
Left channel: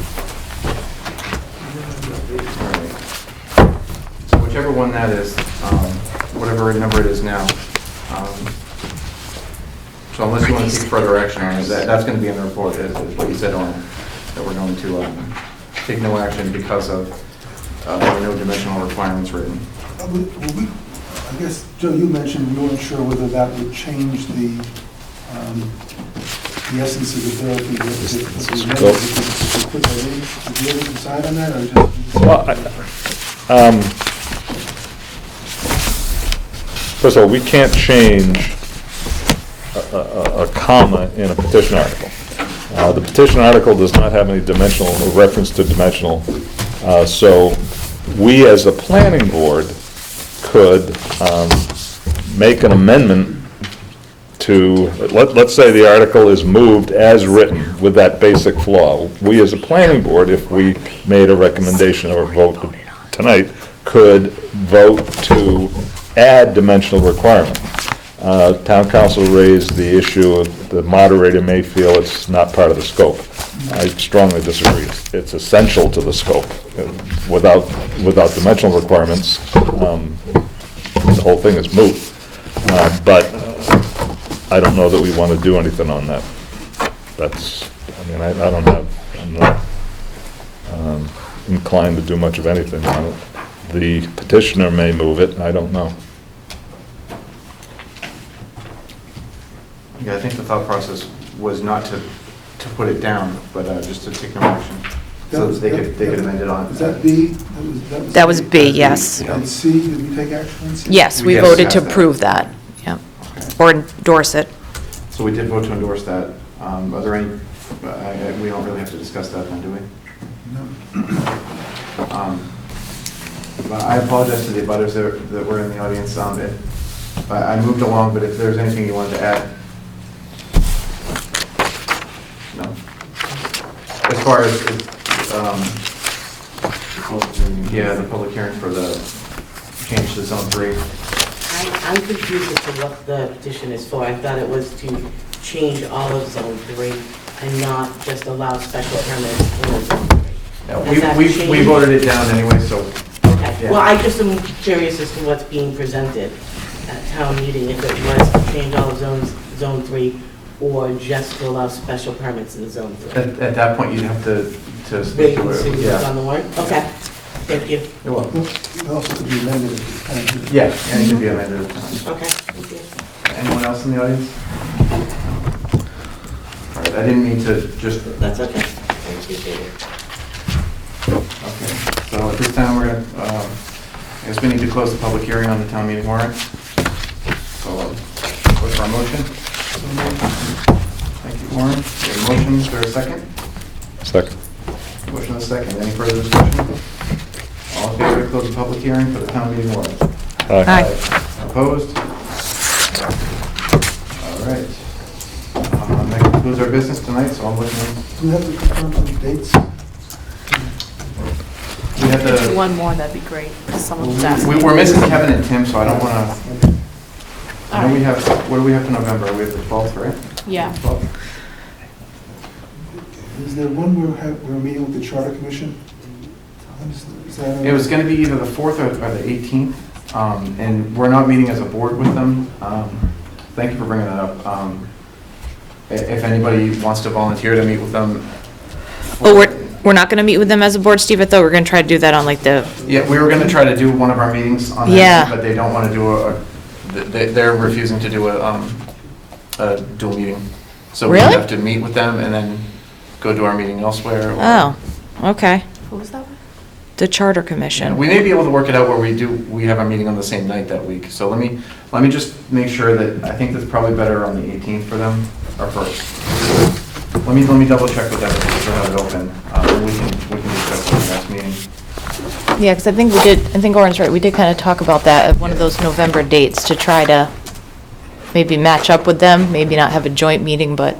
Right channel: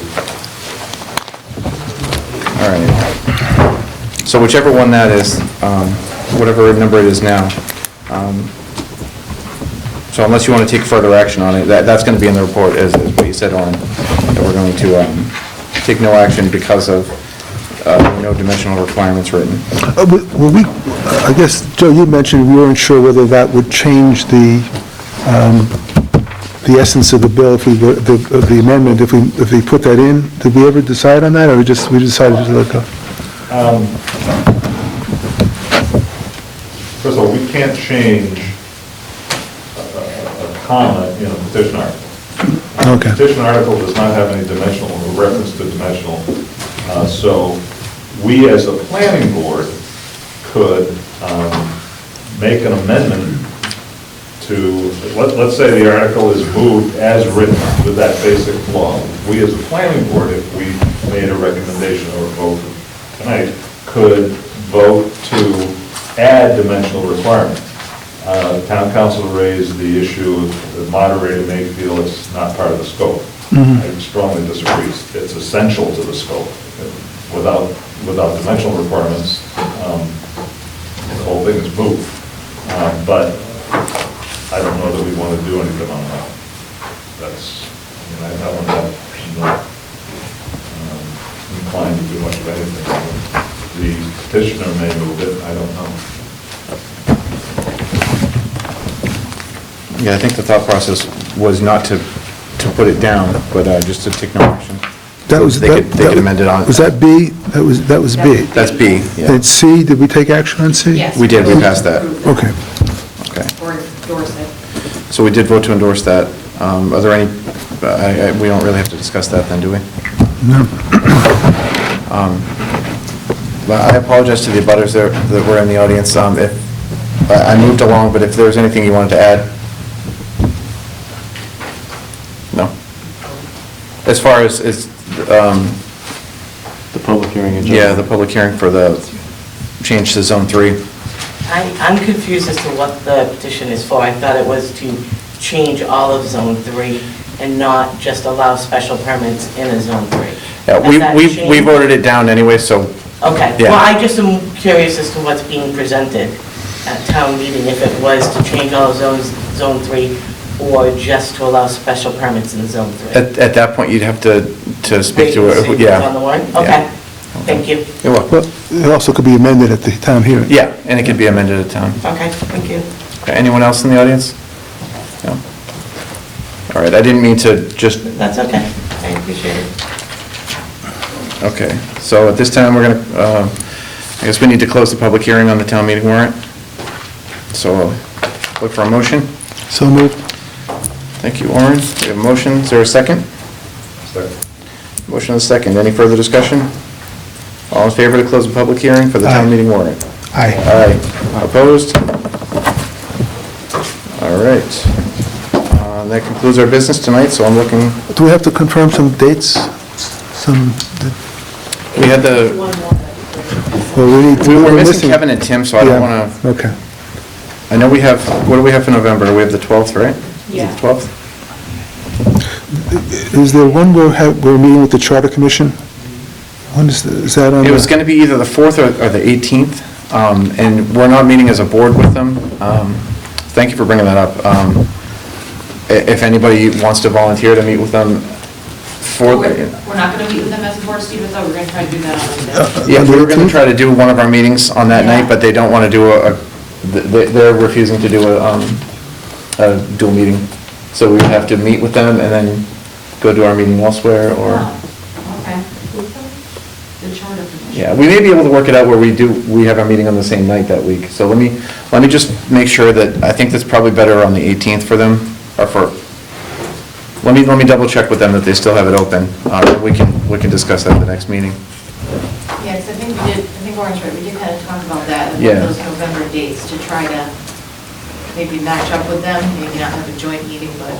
All right. So whichever one that is, whatever number it is now, so unless you want to take further action on it, that's going to be in the report, as we said on, that we're going to take no action because of no dimensional requirements written. Well, I guess, Joe, you mentioned we weren't sure whether that would change the essence of the bill, if we, of the amendment, if we put that in. Did we ever decide on that, or we decided to let go? First of all, we can't change a comma in a petition article. Okay. The petition article does not have any dimensional, reference to dimensional, so we, as the planning board, could make an amendment to, let's say the article is moved as written with that basic flaw. We, as a planning board, if we made a recommendation or vote tonight, could vote to add dimensional requirement. Town council raised the issue, the moderator may feel it's not part of the scope. I strongly disagree. It's essential to the scope. Without dimensional requirements, the whole thing is moot. But I don't know that we want to do anything on that. That's, I mean, I don't know, I'm not inclined to do much of anything on it. The petitioner may move it, I don't know. Yeah, I think the thought process was not to put it down, but just to take no action. That was, They could amend it on. Was that B? That was B. That was B, That's B, yes. yeah. And C, did we take action on C? Yes, We we did, we voted passed to that. approve that. Okay. Yeah. Okay. Or endorse it. So we did vote to endorse that. Are there any, we don't really have to discuss that then, do we? No. But I apologize to the abutters that were in the audience. If I moved along, but if there's anything you wanted to add? No? As far as, The public hearing agenda. yeah, the public hearing for the change to Zone 3. I'm confused as to what the petition is for. I thought it was to change all of Zone 3 and not just allow special permits in a Zone 3. Yeah, Has that we changed? voted it down anyway, so, Okay, Yeah. well, I just am curious as to what's being presented at town meeting, if it was to change all zones, Zone 3, or just to allow special permits in Zone 3. at that point, you'd have to speak to Wait and see it, what's on the yeah. warrant? Yeah. Okay. Thank you. You're welcome. Well, it also could be amended at the town hearing. Yeah, and it can be amended at town. Okay, thank you. Okay, anyone else in the audience? No. All right, I didn't mean to just, That's okay. I appreciate it. okay, so at this time, we're gonna, I guess we need to close the public hearing on the town meeting warrant. So, look for a motion. So moved. Thank you, Warren. We have a motion. Is there a second? Second. Motion and a second. Any further discussion? All in favor to close the public hearing for the town Aye. meeting warrant? Aye. Aye. Opposed? All right. That concludes our business tonight, so I'm looking, Do we have to confirm some dates? we had the, One more, that'd be great. Well, we were missing Kevin and Tim, so I don't Yeah, want to, okay. I know we have, what do we have for November? We have the 12th, right? Yeah. The 12th? Is there one we're meeting with the Charter Commission? When is that on? It was going to be either the 4th or the 18th, and we're not meeting as a board with them. Thank you for bringing that up. If anybody wants to volunteer to meet with them. Well, we're not going to meet with them as a board, Steve, I thought we were going to try to do that on like the, Yeah, we were going to try to do one of our meetings on that Yeah. night, but they don't want to do they're refusing to do a dual meeting. So we Really? have to meet with them and then go to our meeting elsewhere, or... oh, okay. The Charter Commission. Yeah, we may be able to work it out where we have our meeting on the same night that week. So let me just make sure that, I think that's probably better on the 18th for them, or let me double check with them that they still have it open. We can discuss that at the next meeting. Yeah, because I think Orin's right, we did kind of talk about that, of Yeah. those November dates, to try to maybe match up with them, maybe not have a joint meeting, but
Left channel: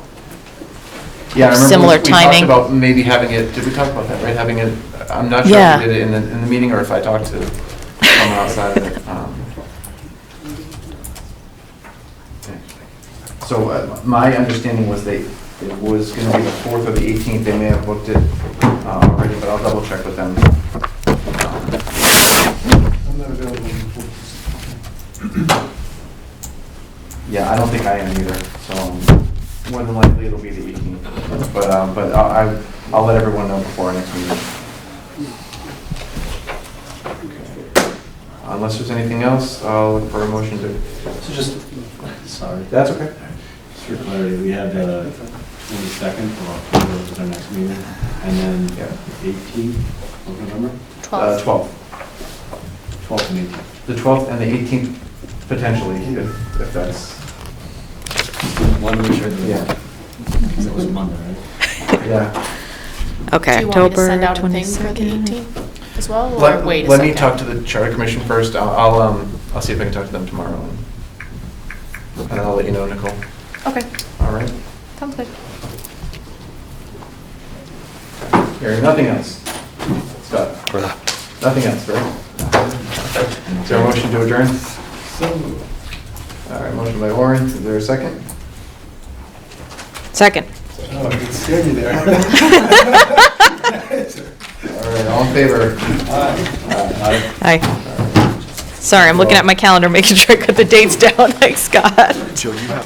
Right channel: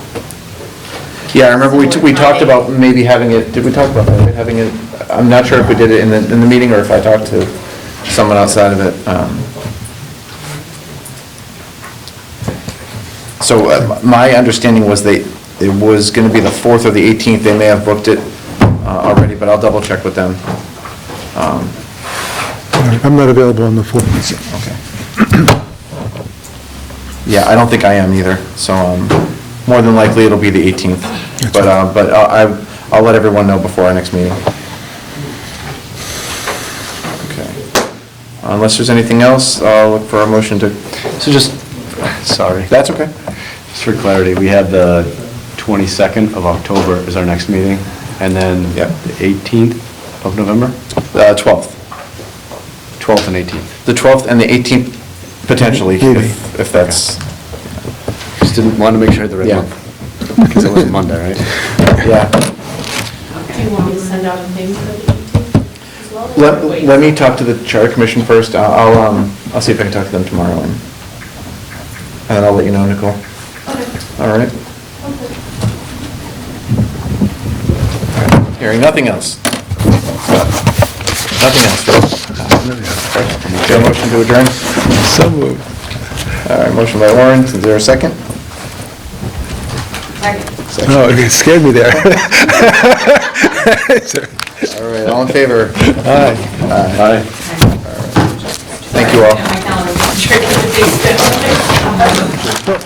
Yeah, I remember Similar we talked timing. about maybe having it, did we talk about that, right? Having it, I'm not sure if Yeah. we did it in the meeting or if I talked to someone outside of it. So my understanding was it was going to be the 4th or the 18th. They may have booked it already, but I'll double check with them. I'm not available on the 4th. Okay. Yeah, I don't think I am either, so more than likely it'll be the 18th. But I'll let everyone know before our next meeting. Okay. Unless there's anything else, I'll look for a motion to, So just, sorry. that's okay. Just for clarity, we have the 22nd of October is our next meeting, and then Yep. the 18th of November? 12th. 12th and 18th. The 12th and the 18th potentially, Maybe. if that's, Just didn't want to make sure the right Yeah. month. Because it was Monday, right? yeah. okay, Do you want me to October send out a thing 26th. for the 18th as well? or wait? Let me talk to the Charter Commission first. I'll see if I can talk to them tomorrow, and I'll let you know, Nicole. Okay, All right? sounds good. Hearing nothing else. Nothing else, right? Is there a motion to adjourn? So moved. All right, motion by Warren. Is there a second? Second. Oh, it scared me there. All right, all in favor? Aye. Aye. Aye. Sorry, Thank I'm you looking all. at my calendar, making sure I put the dates down, thanks, Scott.